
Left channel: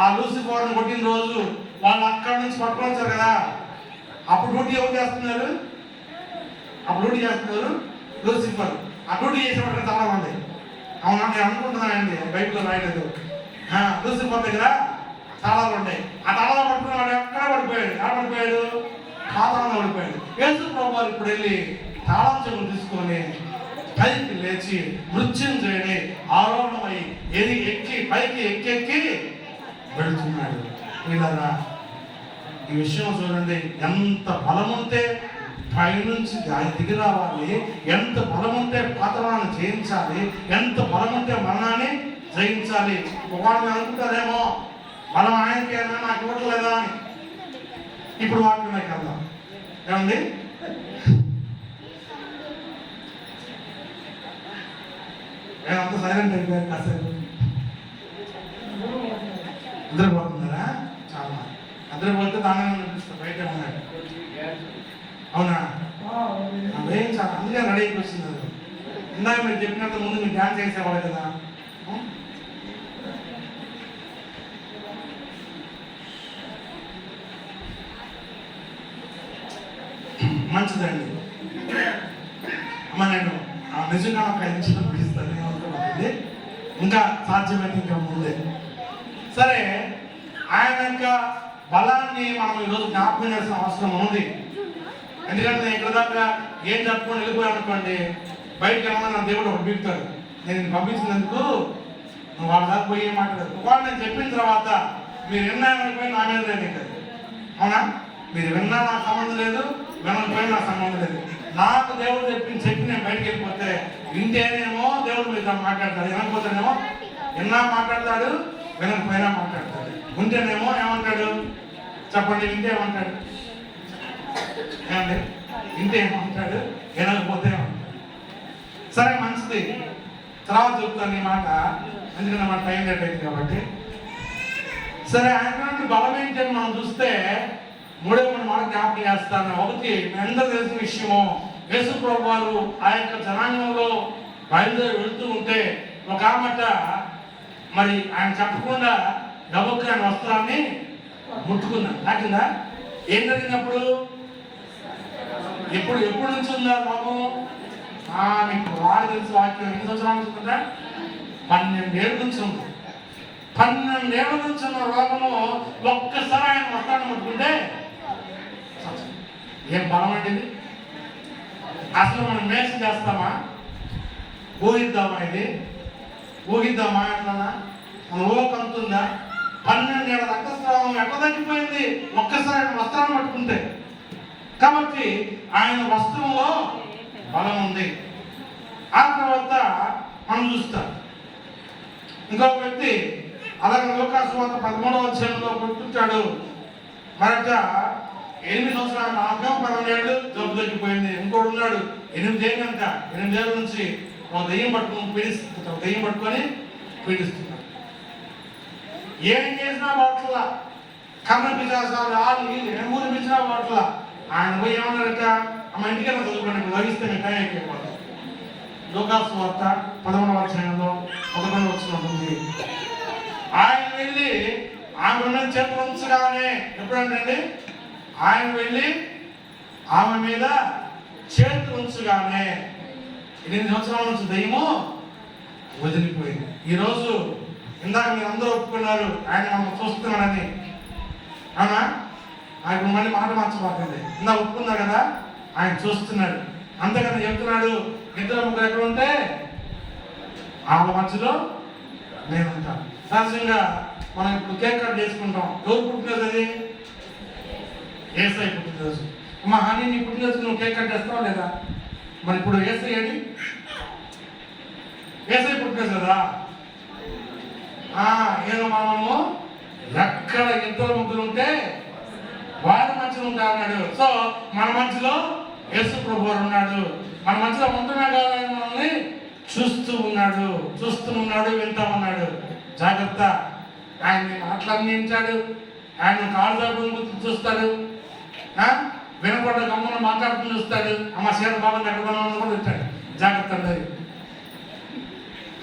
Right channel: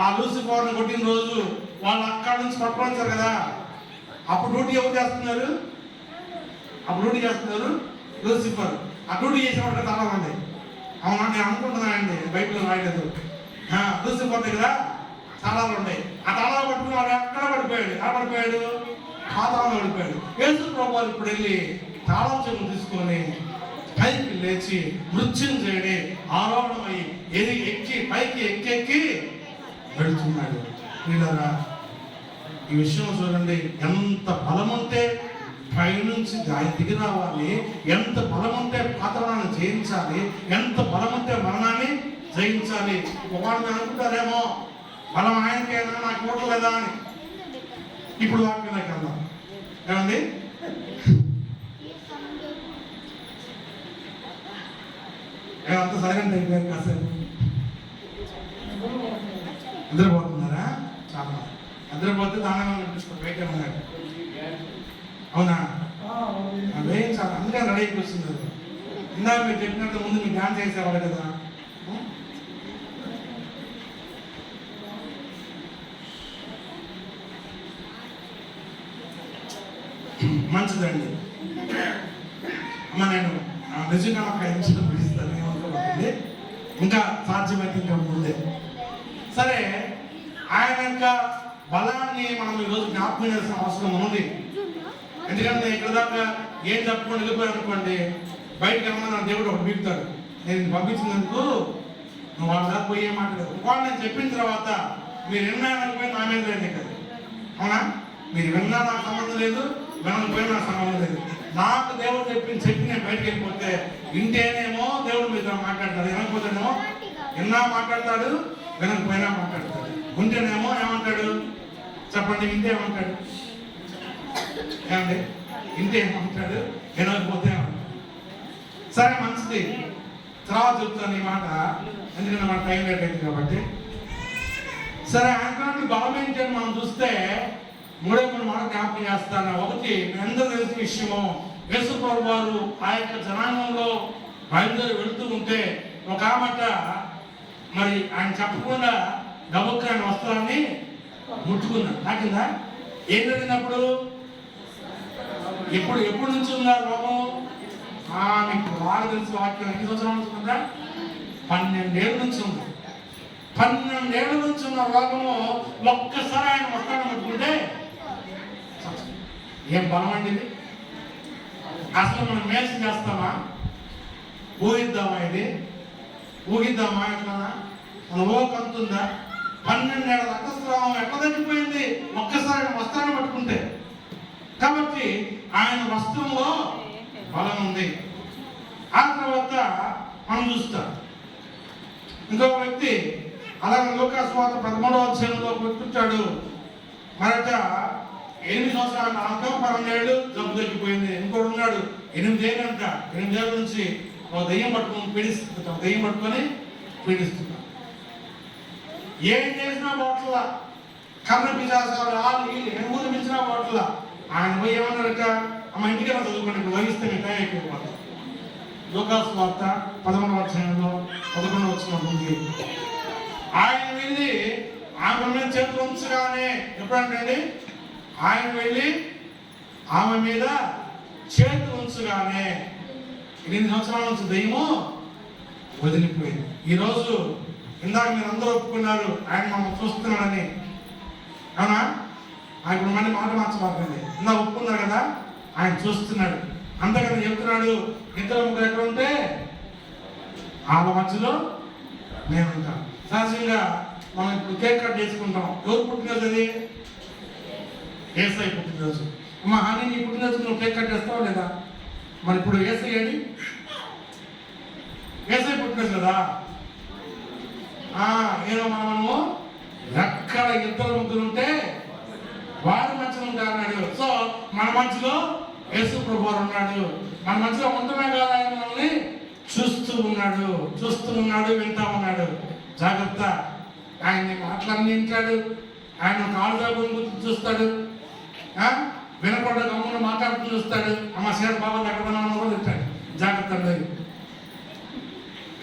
ఆ లూసిఫర్ని కొట్టిన రోజు వాళ్ళు అక్కడి నుంచి పట్టుకొని వచ్చారు కదా, అప్పుడు డ్యూటీ ఎవరు చేస్తున్నారు, అప్పుడు డ్యూటీ చేస్తున్నారు లూసిఫర్. ఆ డ్యూటీ చేసినప్పుడు తాళాలు ఉంది. అవునా, నేను అనుకుంటున్నానండి, బైబిల్లో రాయలేదు. లూసిఫర్ దగ్గర తాళాలు ఉంటాయి. ఆ తాళాలు పట్టుకుని వాడు ఎక్కడ పడిపోయాడు, ఎలా పడిపోయాడు, పాతాళంలో పడిపోయాడు. యేసు ప్రభువు ఇప్పుడు వెళ్ళి తాళం చెవులు తీసుకొని పైకి లేచి మృత్యుంజయుడే ఆరోహణమై ఎక్కి పైకి ఎక్కి వెళుతున్నాడు. వీళ్ళరా, ఈ విషయం చూడండి, ఎంత బలం ఉంటే పైనుంచి దిగి రావాలి, ఎంత బలం ఉంటే పాతాళాన్ని జయించాలి, ఎంత బలం ఉంటే మరణాన్ని జయించాలి. ఒకవేళ అనుకుంటారేమో బలం ఆయనకైనా నాకు ఇవ్వట్లేదా అని. ఇప్పుడు వాక్యంలోకి వెళ్దాం. ఏమండి, ఏమంత సైలెంట్ అయిపోయారు కాసేపు, నిద్రపోతున్నారా? చాలా నిద్రపోతే దాన్ని అనిపిస్తుంది, బయట ఉన్నాడు. అవునా, వేయించాలి, అందుకే రెడీ అయిపోతుంది. ఇందాక మీరు చెప్పినట్టు ముందు మీరు డ్యాన్స్ చేసేవాళ్ళు కదా, మంచిదండి. అమ్మ నేను నిజంగా ఒక 5 నిమిషాలు ముగిస్తాను, ఏమనుకోకండి, ఇంకా సాధ్యమైతే ఇంకా ముందే. సరే, ఆయన యొక్క బలాన్ని మనం ఈరోజు జ్ఞాపకం చేసిన అవసరం ఉంది. ఎందుకంటే నేను ఇక్కడ దాకా ఏం చెప్పుకొని వెళ్ళిపోయాను అనుకోండి, బయటకు ఏమన్నా నా దేవుడు ఒకటి బిగుతాడు, నేను పంపించినందుకు నువ్వు వాళ్ళ దాకా పోయి మాట్లాడదు. ఒకవేళ నేను చెప్పిన తర్వాత మీరు విన్నాననుకోని నా మీద లేదు కదా, అవునా? మీరు విన్నా నాకు సంబంధం లేదు, వినకపోయినా నాకు సంబంధం లేదు. నాకు దేవుడు చెప్పి నేను బయటకు వెళ్ళిపోతే వింటేనేమో దేవుడు మీతో మాట్లాడతాడు, వినకపోతేనేమో విన్నా మాట్లాడతాడు, వినకపోయినా మాట్లాడతాడు. ఉంటేనేమో ఏమంటాడు చెప్పండి, వింటే ఏమంటాడు? ఏమండి, వింటే ఏమంటాడు, వినకపోతే ఏమంటాడు? సరే మంచిది, తర్వాత చెప్తాను ఈ మాట, ఎందుకంటే మన టైం లేట్ అయింది కాబట్టి. సరే, ఆయన బలం ఏంటి అని మనం చూస్తే 3వ మాట జ్ఞాపకం చేస్తాను. ఒకటి, మీ అందరూ తెలిసిన విషయము, యేసు ప్రభు వారు ఆ యొక్క జనాంగంలో బయలుదేరి వెళ్తూ ఉంటే ఒక ఆమెట మరి ఆయన చెప్పకుండా గబుక్క ఆయన వస్త్రాన్ని ముట్టుకున్నాడు. నాకిందా ఏం జరిగినప్పుడు? ఎప్పుడు నుంచి ఉందా రోగం? మీకు వాడు తెలిసి వాక్యం ఎన్ని సంవత్సరాలు ఉంటుందా? 12 ఏళ్ళ నుంచి ఉంది. 12 ఏళ్ళ నుంచి ఉన్న రోగము ఒక్కసారి ఆయన వస్త్రాన్ని ముట్టుకుంటే ఏం బలం అండి ఇది? అసలు మనం మేసి చేస్తామా? ఊహిద్దామా? ఇది ఊహిద్దామా? ఎట్లనా మన ఊహకంతుందా? 12 ఏళ్ళ రక్తస్రావం ఎట్లా తగ్గిపోయింది ఒక్కసారి ఆయన వస్త్రాన్ని పట్టుకుంటే? కాబట్టి ఆయన వస్త్రంలో బలం ఉంది. ఆ తర్వాత మనం చూస్తాం ఇంకొక వ్యక్తి అలాగే లూకాసు వార్త 13వ అధ్యాయంలో పుట్టించాడు. మరొక 8 సంవత్సరాల 12 ఏళ్ళు జబ్బు తగ్గిపోయింది. ఇంకోటి ఉన్నాడు 8 ఏళ్ళంట. 8 ఏళ్ళ నుంచి ఒక దెయ్యం పట్టుకొని పీడిస్తున్నాడు. ఏం చేసినా బాట్లా, కర్ణ పిశాచాలు వాళ్ళు ఎనుమూలు పిలిచినా బాట్లా. ఆయన పోయి ఏమన్నాడట, అమ్మ ఇంటికైనా చదువుకున్నాడు, లభిస్తే మిఠాయి అయిపోయిపోతాం. లూకాసు వార్త 13వ అధ్యాయంలో 11వ వచనం ఉంది. ఆయన వెళ్ళి ఆమె ఉన్న చేతులు ఉంచగానే, ఎప్పుడంటే ఆయన వెళ్ళి ఆమె మీద చేతులు ఉంచగానే 8 సంవత్సరాల నుంచి దయ్యము వదిలిపోయింది. ఈరోజు ఇందాక మీరు అందరూ ఒప్పుకున్నారు ఆయన మనం చూస్తున్నాడని, అవునా? ఆయన మళ్ళీ మాట మార్చబాకండి. ఇందా ఒప్పుకున్నారు కదా, ఆయన చూస్తున్నాడు. అంతేకాని చెప్తున్నాడు, 2 3 ఎక్కడ ఉంటే వాళ్ళ మధ్యలో నేను ఉంటాను. సహజంగా మనం ఇప్పుడు కేక్ కట్ చేసుకుంటాం. ఎవరు పుట్టినరోజు అది? యేసయ్య పుట్టినరోజు. అమ్మ హాని, నీ పుట్టినరోజు నువ్వు కేక్ కట్ చేస్తావా లేదా? మరి ఇప్పుడు యేసయ్య ఏది? యేసయ్య పుట్టినరోజు కదా. ఏదో మనము ఎక్కడ 2 3 ఉంటే వారి మధ్యలో ఉంటారు అన్నాడు. సో మన మధ్యలో యేసు ప్రభువు ఉన్నాడు. మన మధ్యలో ఉంటున్నా కదా, ఆయన మనల్ని చూస్తూ ఉన్నాడు, వింటా ఉన్నాడు. జాగ్రత్త, ఆయన్ని మాటలన్నీ వింటాడు, ఆయన కాళ్ళు దాగుని చూస్తాడు, వినపడ్డ గమ్మున మాట్లాడుతూ చూస్తాడు. అమ్మ సేర బాగా దగ్గర కూడా వింటాడు. జాగ్రత్త అండి.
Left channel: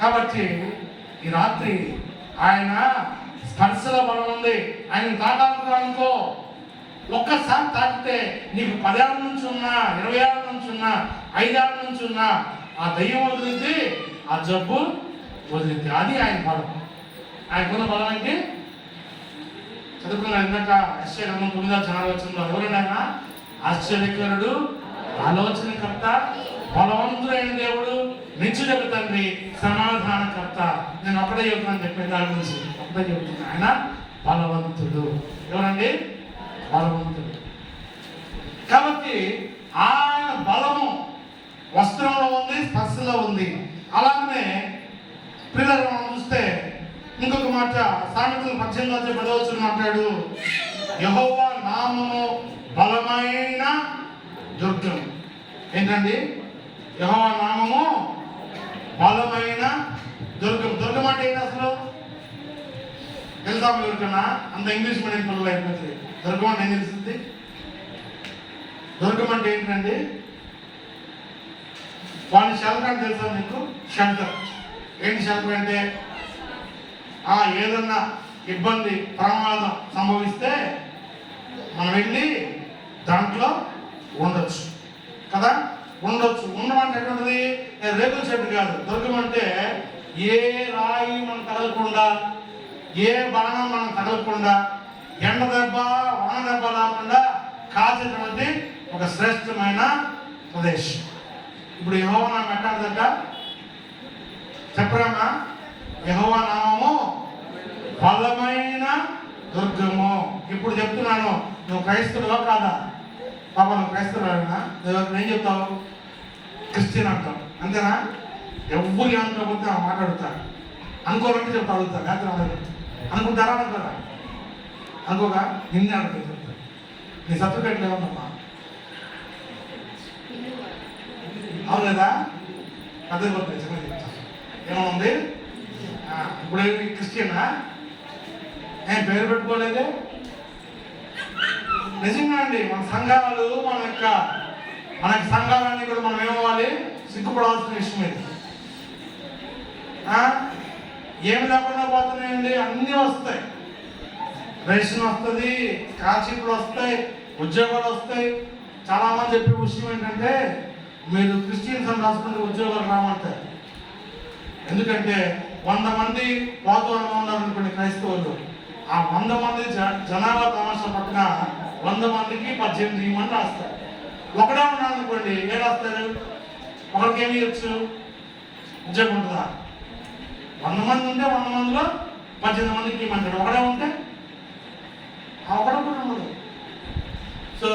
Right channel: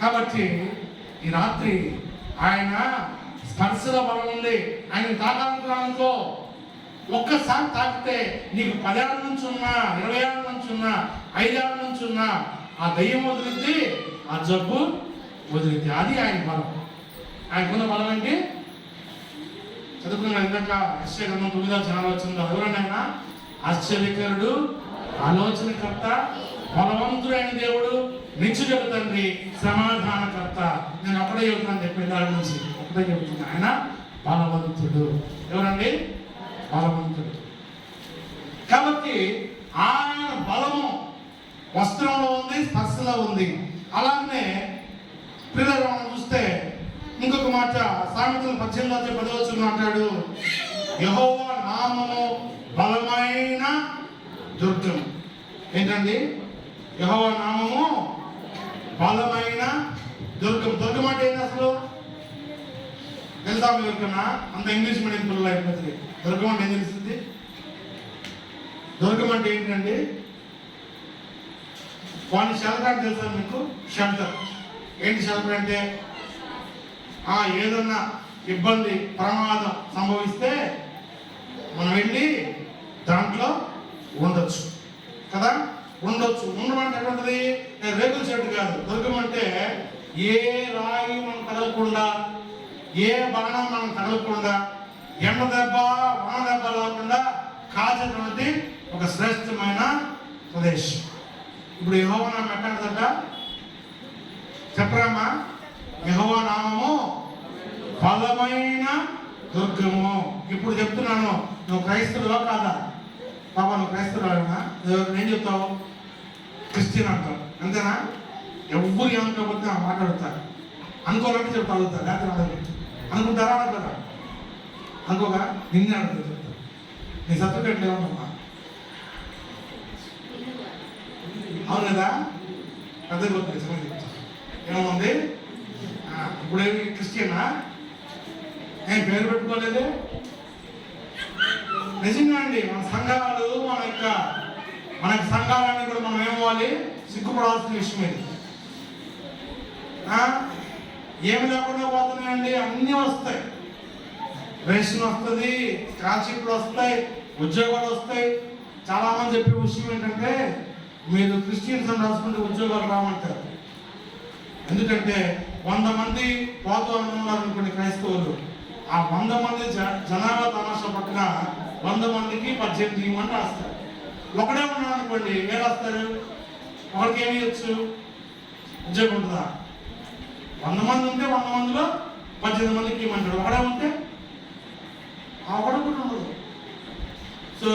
కాబట్టి ఈ రాత్రి ఆయన స్పర్శల బలం ఉంది. ఆయన తాకాలనుకో, ఒక్కసారి తాకితే నీకు 10 ఏళ్ళ నుంచి ఉన్నా, 20 ఏళ్ళ నుంచి ఉన్నా, 5 ఏళ్ళ నుంచి ఉన్నా ఆ దయ్యం వదిలింది, ఆ జబ్బు వదిలింది. అది ఆయన బలం. ఆయనకున్న బలం ఏంటి? చదువుకున్న ఇందాక యెషయా గ్రంథం 9వ అధ్యాయం వచ్చింది. ఎవరైనా ఆశ్చర్యకరుడు, ఆలోచనకర్త, బలవంతుడైన దేవుడు, నిత్యుడకు తండ్రి, సమాధానకర్త. నేను ఒకటే చెప్తున్నాను, చెప్పిన దాని నుంచి ఒకటే చెప్తున్నాను. ఆయన బలవంతుడు. ఎవరండి? బలవంతుడు. కాబట్టి ఆయన బలము వస్త్రంలో ఉంది, స్పర్శలో ఉంది. అలానే పిల్లలు మనం చూస్తే ఇంకొక మాట, సామెతలు 18వ అధ్యాయం 10వ వచనం అంటాడు, యెహోవా నామము బలమైన దుర్గం. ఏంటండి? యెహోవా నామము బలమైన దుర్గం. దుర్గం అంటే ఏంటి అసలు? తెలుసా ఎవరికన్నా? అంత ఇంగ్లీష్ మీడియం పిల్లలు అయిపోతుంది. దుర్గం అంటే ఏం తెలుస్తుంది? దుర్గం అంటే ఏంటండి? వాళ్ళని షెల్టర్ అంటే తెలుసా నీకు? షెల్టర్ ఏంటి? షెల్టర్ అంటే ఏదన్నా ఇబ్బంది, ప్రమాదం సంభవిస్తే మనం వెళ్ళి దాంట్లో ఉండొచ్చు. కదా, ఉండొచ్చు. ఉండమంటే ఎక్కడ ఉన్నది? రేకుల చెట్టు కాదు. దుర్గమంటే ఏ రాయి మనం తగలకుండా, ఏ బాణం మనం తగలకుండా, ఎండ దెబ్బ వాన దెబ్బ రాకుండా కాచేటువంటి ఒక శ్రేష్టమైన ప్రదేశం. ఇప్పుడు యెహోవా నామం ఎట్లాంటిదంట చెప్పరామా? యెహోవా నామము బలమైన దుర్గము. ఇప్పుడు చెప్తున్నాను, నువ్వు క్రైస్తవుడా కాదా? పాప నువ్వు క్రైస్తవుడా? ఏం చెప్తావు? క్రిస్టియన్ అంటావు, అంతేనా? ఎవరు ఏమనుకోకపోతే మాట్లాడుతారు. అనుకోవాలంటే చెప్తా అడుగుతారు, లేకపోతే అడగదు. అనుకుంటారా అనుకోరా? అనుకోగా నిన్నే అడుగుతారు, చెప్తారు. నీ సర్టిఫికేట్లు ఏమన్నా? అవును లేదా? అదే ఏమవుంది? ఇప్పుడు క్రిస్టియనా? ఏం పేరు పెట్టుకోలేదే? నిజంగా అండి, మన సంఘాలు మన సంఘాలన్నీ కూడా మనం ఏమవ్వాలి? సిగ్గుపడాల్సిన విషయం ఇది. ఏమి లేకుండా పోతున్నాయండి, అన్నీ వస్తాయి. రేషన్ వస్తుంది, స్కాలర్షిప్లు వస్తాయి, ఉద్యోగాలు వస్తాయి. చాలా మంది చెప్పే విషయం ఏంటంటే, మీరు క్రిస్టియన్స్ అని రాసుకుంటే ఉద్యోగాలు రామంటారు. ఎందుకంటే 100 మంది పోతూ ఉన్నారనుకోండి క్రైస్తవులు, ఆ 100 మంది జనాభా తమాషా పక్కన 100 మందికి 18 మంది రాస్తారు. ఒకడే ఉన్నాడు అనుకోండి, ఏం రాస్తారు? ఒకరికి ఏమి ఇవ్వచ్చు? ఉద్యోగం ఉంటుందా? 100 మంది ఉంటే 100 మందిలో 18 మందికి ఇవ్వమంటాడు. ఒకడే ఉంటే ఆ ఒకడే కూడా ఉండదు. సో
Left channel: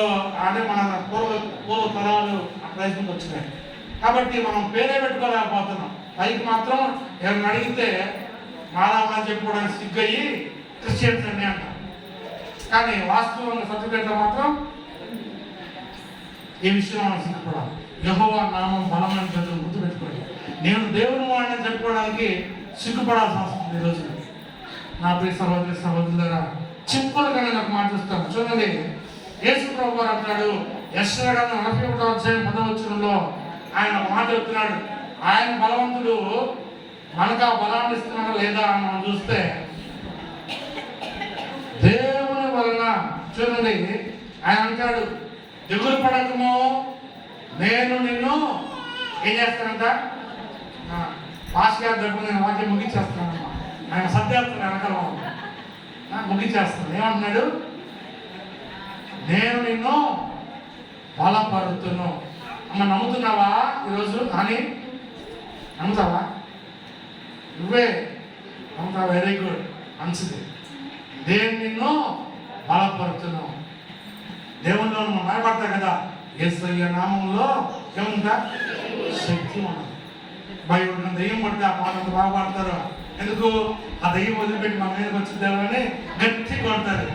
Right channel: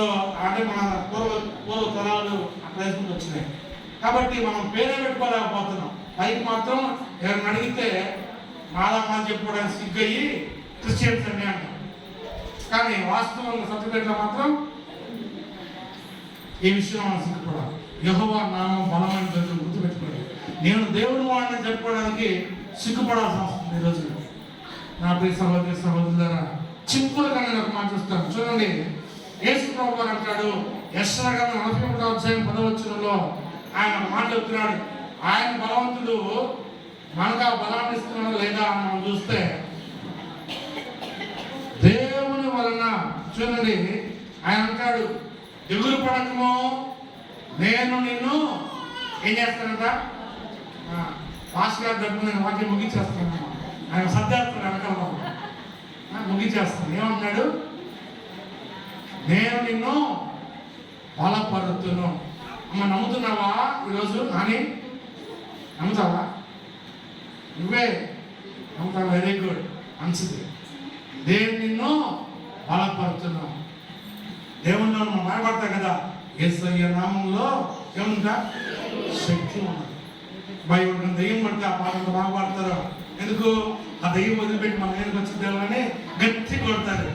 అంటే మన పూర్వ తరాలు ఆ ప్రయత్నం వచ్చినాయి కాబట్టి మనం పేరే పెట్టుకోలేకపోతున్నాం. పైకి మాత్రం ఎవరిని అడిగితే మాదామని చెప్పుకోవడానికి సిగ్గయ్యి క్రిస్టియన్స్ అని అంటాం. కానీ వాస్తవంగా సర్టిఫికేట్లో మాత్రం ఈ విషయం మనం సిగ్గుపడాలి. యెహోవా నామం బలమైన జరుగుతుంది, గుర్తుపెట్టుకోండి. నేను దేవుని వాడిని చెప్పుకోవడానికి సిగ్గుపడాల్సి వస్తుంది ఈరోజు. నా ప్రియ సహోదరి సహోదరులారా, సింపుల్గా నేను ఒక మాట చూస్తాను చూడండి. యేసు ప్రభువు అంటాడు, యెషయా 41వ అధ్యాయం 10వ వచనంలో ఆయన ఒక మాట చెప్తున్నాడు. ఆయన బలవంతుడు, మనకు ఆ బలాన్ని ఇస్తున్నాడు లేదా అని మనం చూస్తే దేవుని వలన చూడండి. ఆయన అంటాడు, దిగులు పడకము, నేను నిన్ను ఏం చేస్తానంట? పాస్ గారి దగ్గర నేను వాక్యం ముగించేస్తాను. ఆయన సర్దేస్తాను వెనకాల ముగించేస్తాను. ఏమంటున్నాడు? నేను నిన్ను బలపరుతును. అమ్మ నమ్ముతున్నావా ఈరోజు? అని నమ్ముతావా? నువ్వే నమ్ముతావా? వెరీ గుడ్, మంచిది. నేను నిన్ను బలపరుతును. దేవుల్లో మనం భయపడతాయి కదా, యేసయ్య నామంలో ఏముందా? శక్తి ఉన్నది. భయపడిన దెయ్యం పడితే ఆ పాటలు బాగా పాడతారు. ఎందుకు? ఆ దెయ్యం వదిలిపెట్టి మా మీదకి వచ్చిందేమని గట్టి కొడతారు.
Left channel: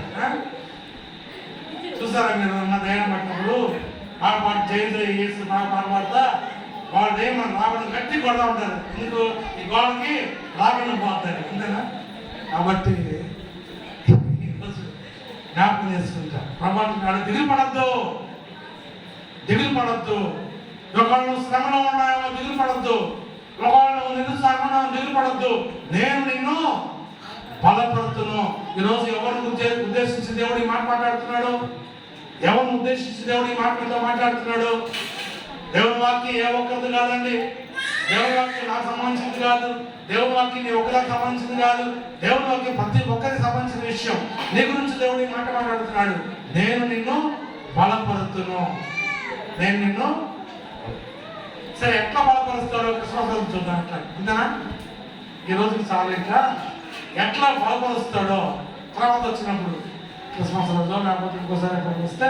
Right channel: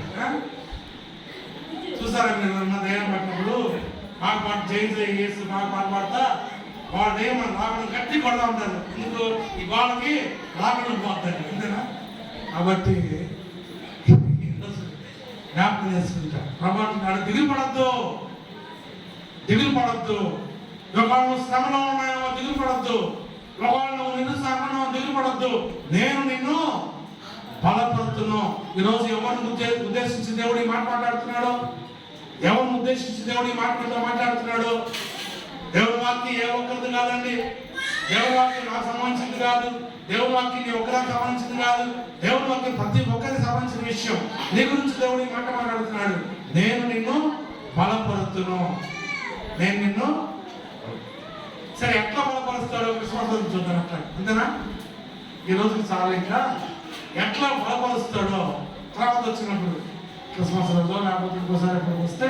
చూసారా మీరు? నా దెయ్యం పట్టినప్పుడు బాగా పాట చేసి బాగా పాట పాడతా వాడు దెయ్యం మన రావడం గట్టి కొడతా ఉంటారు. ఎందుకు? ఈ గోడకి రావడం పోతారు, అంతేనా? కాబట్టి జ్ఞాపకం చేసుకుంటా ప్రభావం దిగులు పడద్దు, దిగులు పడద్దు. ఒకళ్ళు శ్రమలో ఉన్నాయో దిగులు పడద్దు, ఒకళ్ళు నిరుత్సాహంలో దిగులు పడద్దు. నేను నిన్ను బలపడుతును. ఈరోజు ఎవరిని ఉద్దేశించి దేవుడు ఈ మాట మాట్లాడుతున్నాడు? ఎవరిని ఉద్దేశించి దేవుడు ఈ మాటలతో మాట్లాడుతున్నాడు? దేవుని వాక్యం ఏ ఒక్కరిది కాదండి. దేవుని వాక్యం నాకు సంబంధించింది కాదు. దేవుని వాక్యం నీ ఒకరికి సంబంధించింది కాదు. దేవుని వాక్యం ప్రతి ఒక్కరికి సంబంధించిన విషయం. నీ గురించి దేవుడు ఈ మాట మాట్లాడుతున్నాడు. నేను నిన్ను బలపరుతును, నేను నిన్ను. సరే, ఎట్లా బలపరుస్తారో క్రిస్మస్ రోజు చూద్దాం. అట్లా అంతేనా? ఈ రోజుకి చాలా ఇంకా ఎట్లా బలపరుస్తాడో తర్వాత వచ్చినప్పుడు క్రిస్మస్ రోజు లేకపోతే ఇంకోసారి ఎప్పుడు వస్తే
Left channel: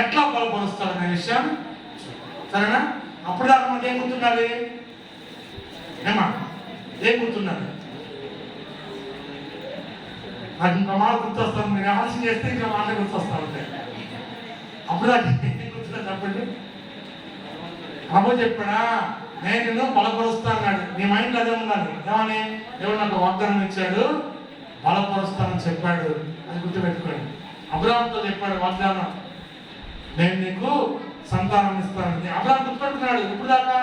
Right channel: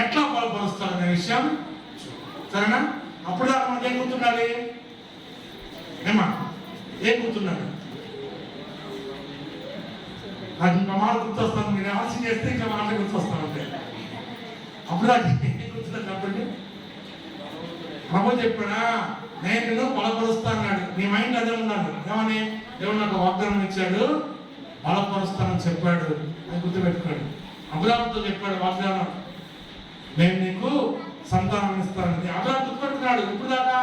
ఎట్లా బలపరుస్తాడు అనే విషయాన్ని, సరేనా? అప్పుడు దాకా మనకి ఏం గుర్తుండాలి? ఏమా ఏం గుర్తున్నాడు? నాకు ఇంకా మాట గుర్తొస్తాను. మీరు ఆలోచన చేస్తే ఇంకా మాట గుర్తొస్తా ఉంటాయి. అప్పుడు దాకా ఏం గుర్తుంటుంది చెప్పండి. ప్రభు చెప్పాడా? నేను నిన్ను బలపరుస్తా అన్నాడు. నీ మైండ్ అదే ఉన్నాడు. ఏమని? దేవుడు నాకు వాగ్దానం ఇచ్చాడు, బలపరుస్తానని చెప్పాడు. అది గుర్తుపెట్టుకోండి. అబ్రాహాముతో చెప్పాడు వాగ్దానం, నేను నీకు సంతానం ఇస్తానని. అబ్రాహాము గుర్తుపెట్టుకున్నాడు. ఇప్పుడు దాకా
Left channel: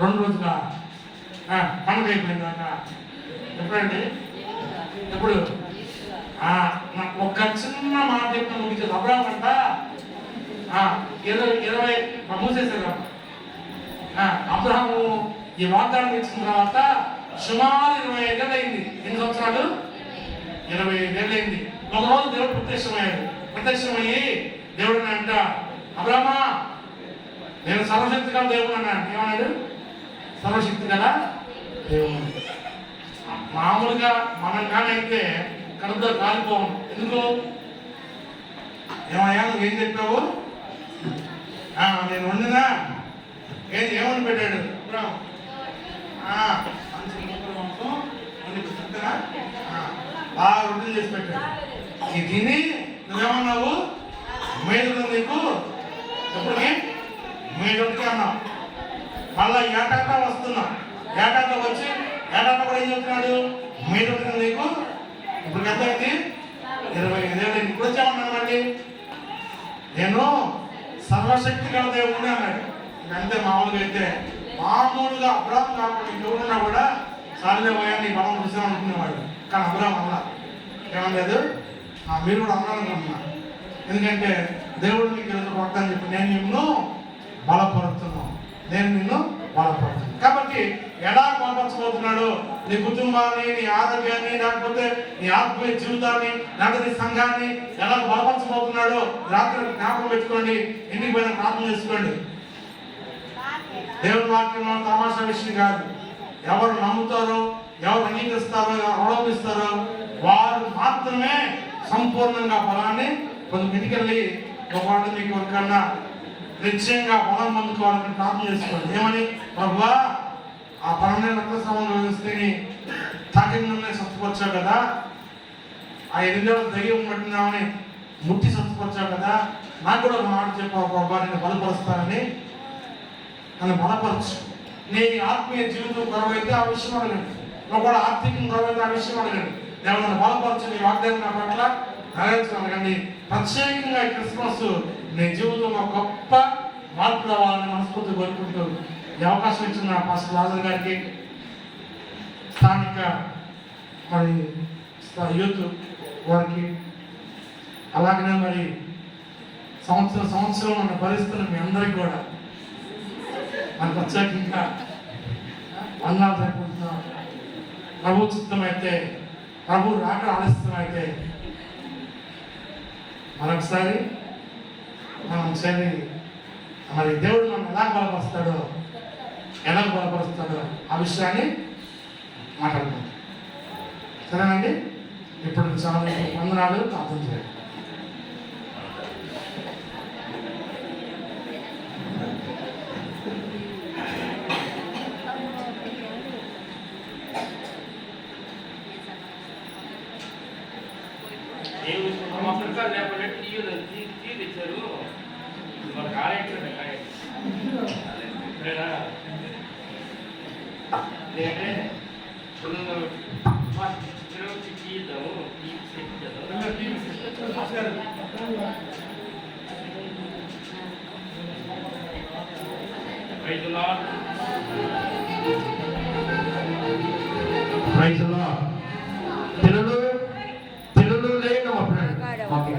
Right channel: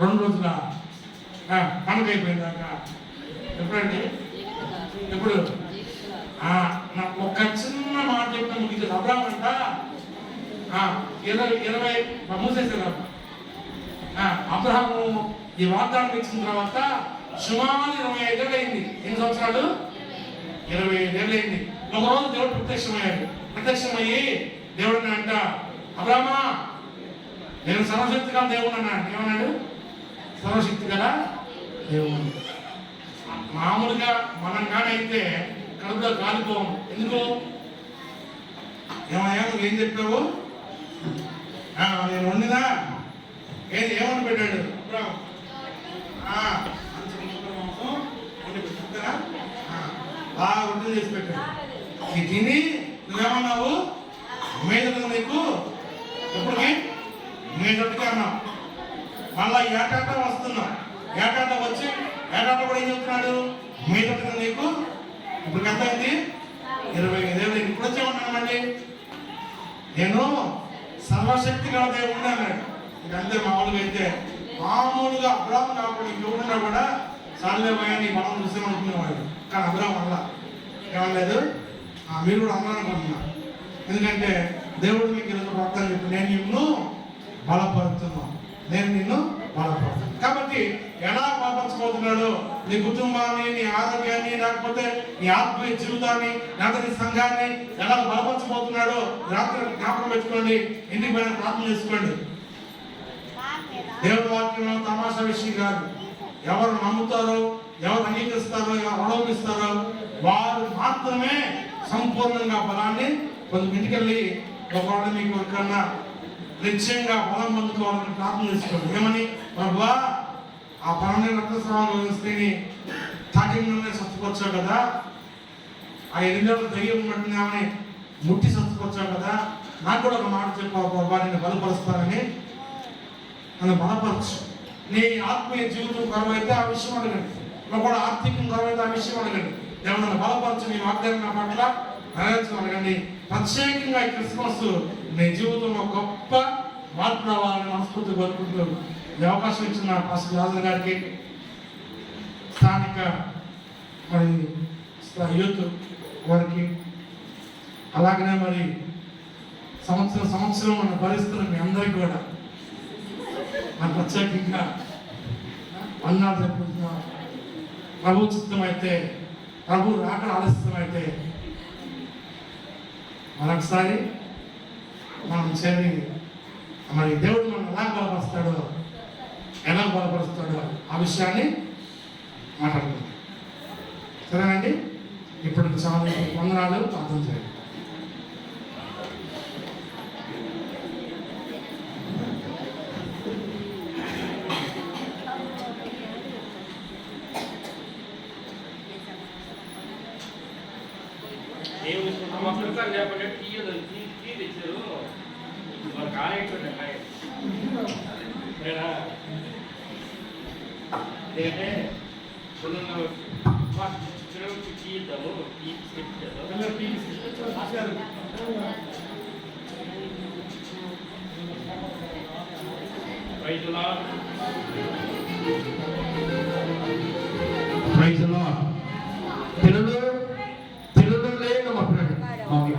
2 రోజుల పండుగ అయిపోయిందాక. ఎప్పుడండి? ఎప్పుడు? ఒక చిన్న మాట చెప్పిన ముగించేది. అబ్రాహాము అంట 20 మూసేశారు. అబ్రహాము ఈ వాగ్దానం ఇచ్చిన తర్వాత సుమారు 25 ఏళ్ళు అయింది. ఎన్ని సంవత్సరాలు? 25 ఏళ్ళు అయింది. ఒకరోజు దేవుడు ప్రత్యక్షమయ్యి దేవుడు అంట, అబ్రహమా నేను సర్వశక్తి గల దేవుడు అన్నాడు. ఏమన్నాడు? సర్వశక్తి గల దేవుడు. మామూలుగా మనం కానైతే కడుపులో కాలిపోం. ఎందుకు? ఏమయ్యా నువ్వేం చెప్పావు? నేను వండినా ఏమని పెట్టాడు అబ్రహం? మాంసం వండి పెట్టారా? బాగా రొట్టెలు చేసి పెట్టాడు. ఇది తిని నువ్వేమన్నావు? మీద నీకు ఎప్పటికి మీదొట్టుగా అన్నావు. మళ్ళా ఏటాట వస్తున్నావు. ఏటాట వచ్చి ఏటాట కూడా ఏం చెప్తున్నాడు? మీదొట్టుగా నీకు ఇప్పుడు ఎంత అయింది? 25 ఏళ్ళు. ఇప్పుడు వచ్చామన్నానండి నేను సర్వశక్తి గల దేవుడిని అన్నాడు. ఇంకంతే మామూలుగా అయితే మామూలుగా అబ్రాహం కాకుండా ఇంకెవరైనా కూడా సార్లే పోయాన్ని బలం చూసామనుకునేవాడు. కానీ అబ్రాహం అలా ఏమలేదు. మీరు కూడా అన్నారనుకుంటున్నా. ఎందుకంటే దేవుడు మీకు ఈరోజు వాగ్దానం చెప్పి నేను నిన్ను బలపరుస్తున్నాను. కాబట్టి ఎలా బలపరచబోతున్నాడు? నీ కుటుంబాన్ని, నీ ఆరోగ్యాన్ని, లేకపోతే నీ ఆత్మీయ జీవితాన్ని, లేకపోతే నీ సంఘాన్ని ఎలా బలపరచబోతున్నాడు? రాత్రి జ్ఞాపకం పెట్టుకోండి. ఇంటికి పైన ప్రార్థన చేసుకోండి. దేవుడి వాక్యం తమాషా విషయం కాదు. ఎవరు నమ్ముతారో, ఎవరు అంగీకరిస్తారో, ఎవరు అవలంబిస్తారో వారు మాత్రమే సంపూర్ణంగా బలాన్ని ఇంటికెళ్ళి ఒకవేళ మీకు ఎవరికన్నా నిశ్చయంగా బలం పొందుకోవాలని ప్రార్థన చేసుకోండి. ఏమని? ప్రభువా ఆ పరమైన రక్తస్రావంలో స్త్రీని తాకిందనే స్వచ్ఛపరిచావు కదా, ఆ 8 ఏళ్ళ దయ్యం ఉన్నట్టున్నామని ముట్టి స్వచ్ఛపరిచావు కదా, నాకు కూడా ఒక మాట చెప్పావు ప్రభా, నేను బలపరుస్తానని. నన్ను బలపరచు. నీ ఆత్మీయ జీవితం కొరవైతే ఆ విషయం అడగండి. నువ్వు కూడా ఆర్థికం కొరవైతే ఆ విషయం అడగండి. నేను నన్ను బలపరచు, నీ వాగ్దానం నా పట్ల నెరవేర్చగలగండి. ప్రత్యేకంగా ఈ క్రిస్మస్ నీ జీవితంలో గొప్ప మార్పు రావాలని మనస్ఫూర్తి కోరుకుంటూ ఈ అవకాశం ఇచ్చిన పాస్టర్ రాజు గారికి, స్థానిక మరి యూత్ వారికి, అలాగనే మరి సంవత్సరం మన పరిస్థితులు మీ అందరికీ కూడా మన ప్రత్యేకంగా అన్నాలు జరుపుకుంటున్నాం. ప్రభు చిత్తమైతే, ప్రభు రాక ఆలస్యమైతే మరొకసారి మనం చేరి మరి దేవుడు మనం ఎలా బలపరుస్తాడో ఆ విషయాన్ని మాట్లాడుకుందాం. సరేనండి? ఇప్పుడు చాలా వందనాలు. ప్రార్థన చేయండి. మా పిల్లకాయలు లేకపోతే టీ తెచ్చారు. మాకు కాలేట్లేదు కాయ. సరేనా? ఎందుకంటే పిల్లలకి టీ ఇద్దాము. టీ బిస్కెట్ చేద్దాం. తెలుగులో లేదు మా ఫ్రెండ్. మాకు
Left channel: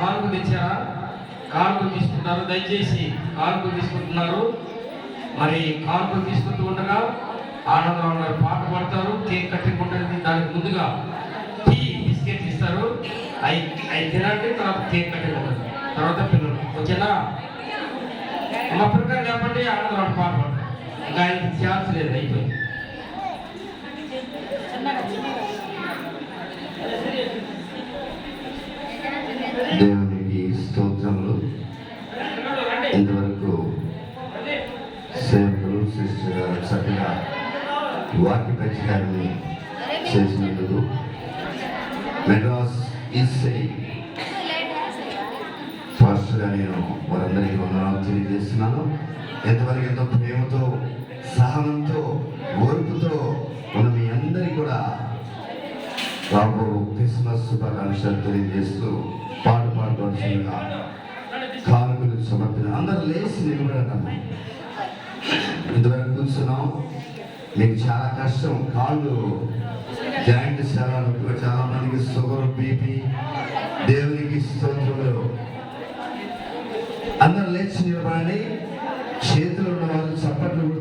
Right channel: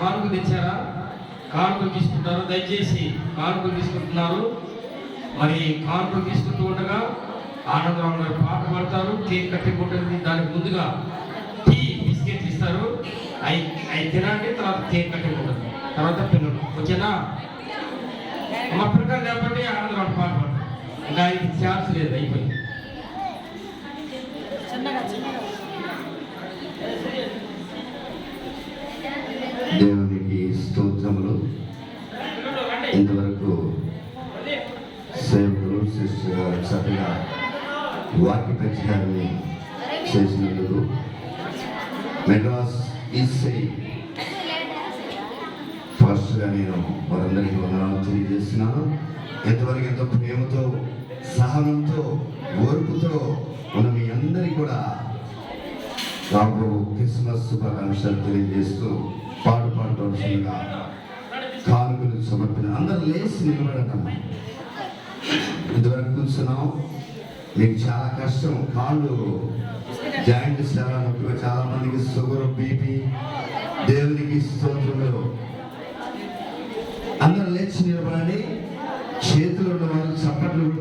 కారుకు తెచ్చారా? కారుకు తీసుకుంటారు. దయచేసి కారుకు తీసుకుంటున్నారు. మరి కారుకు తీసుకుంటూ ఉండగా ఆనందరావు గారు పాట పాడతారు. కేక్ కట్టుకుంటుంది. దానికి ముందుగా టీ బిస్కెట్ ఇస్తారు. అవి తినండి. తర్వాత కేక్ కట్టుకుంటారు. తర్వాత పిల్లలు వచ్చేనా? మా పిల్లలు కాబట్టి ఆనందరావు పాట పాడతారు. ఇంకా ఆయనకి ఛాన్స్ లేదు. అయిపోయింది. దేవునికి స్తోత్రములు. ఇంతవరకు సేవకులు సిస్టర్ గారు చక్కగా వాక్య ప్రచారాన్ని చేసినందుకు మెడ్రాస్ ఈసీ ఫస్ట్గా నేను వారందరికీ వందనాలు తెలియజేస్తున్నాను. ఎంతవరకు ఎంతో ప్రేమతో, సహనంతో, ఓర్పుతో ఉన్న మీ అందరికీ కూడా రాబో క్రిస్మస్ శుభాకాంక్షలు తెలియజేస్తూ పాడుపడాల్సిందిగా కానుకలు సమర్పణ. అందరూ లేచి నిలబడటమ్మా. ఇంతవరకు కూర్చున్నాం. మీకు చాలా కష్టం. కాళ్ళు జాయింట్ సేవలు చాలా మందికి షుగర్, బీపీ. దేవునికి స్తోత్రములు. అందరూ లేచి నిలబడండి.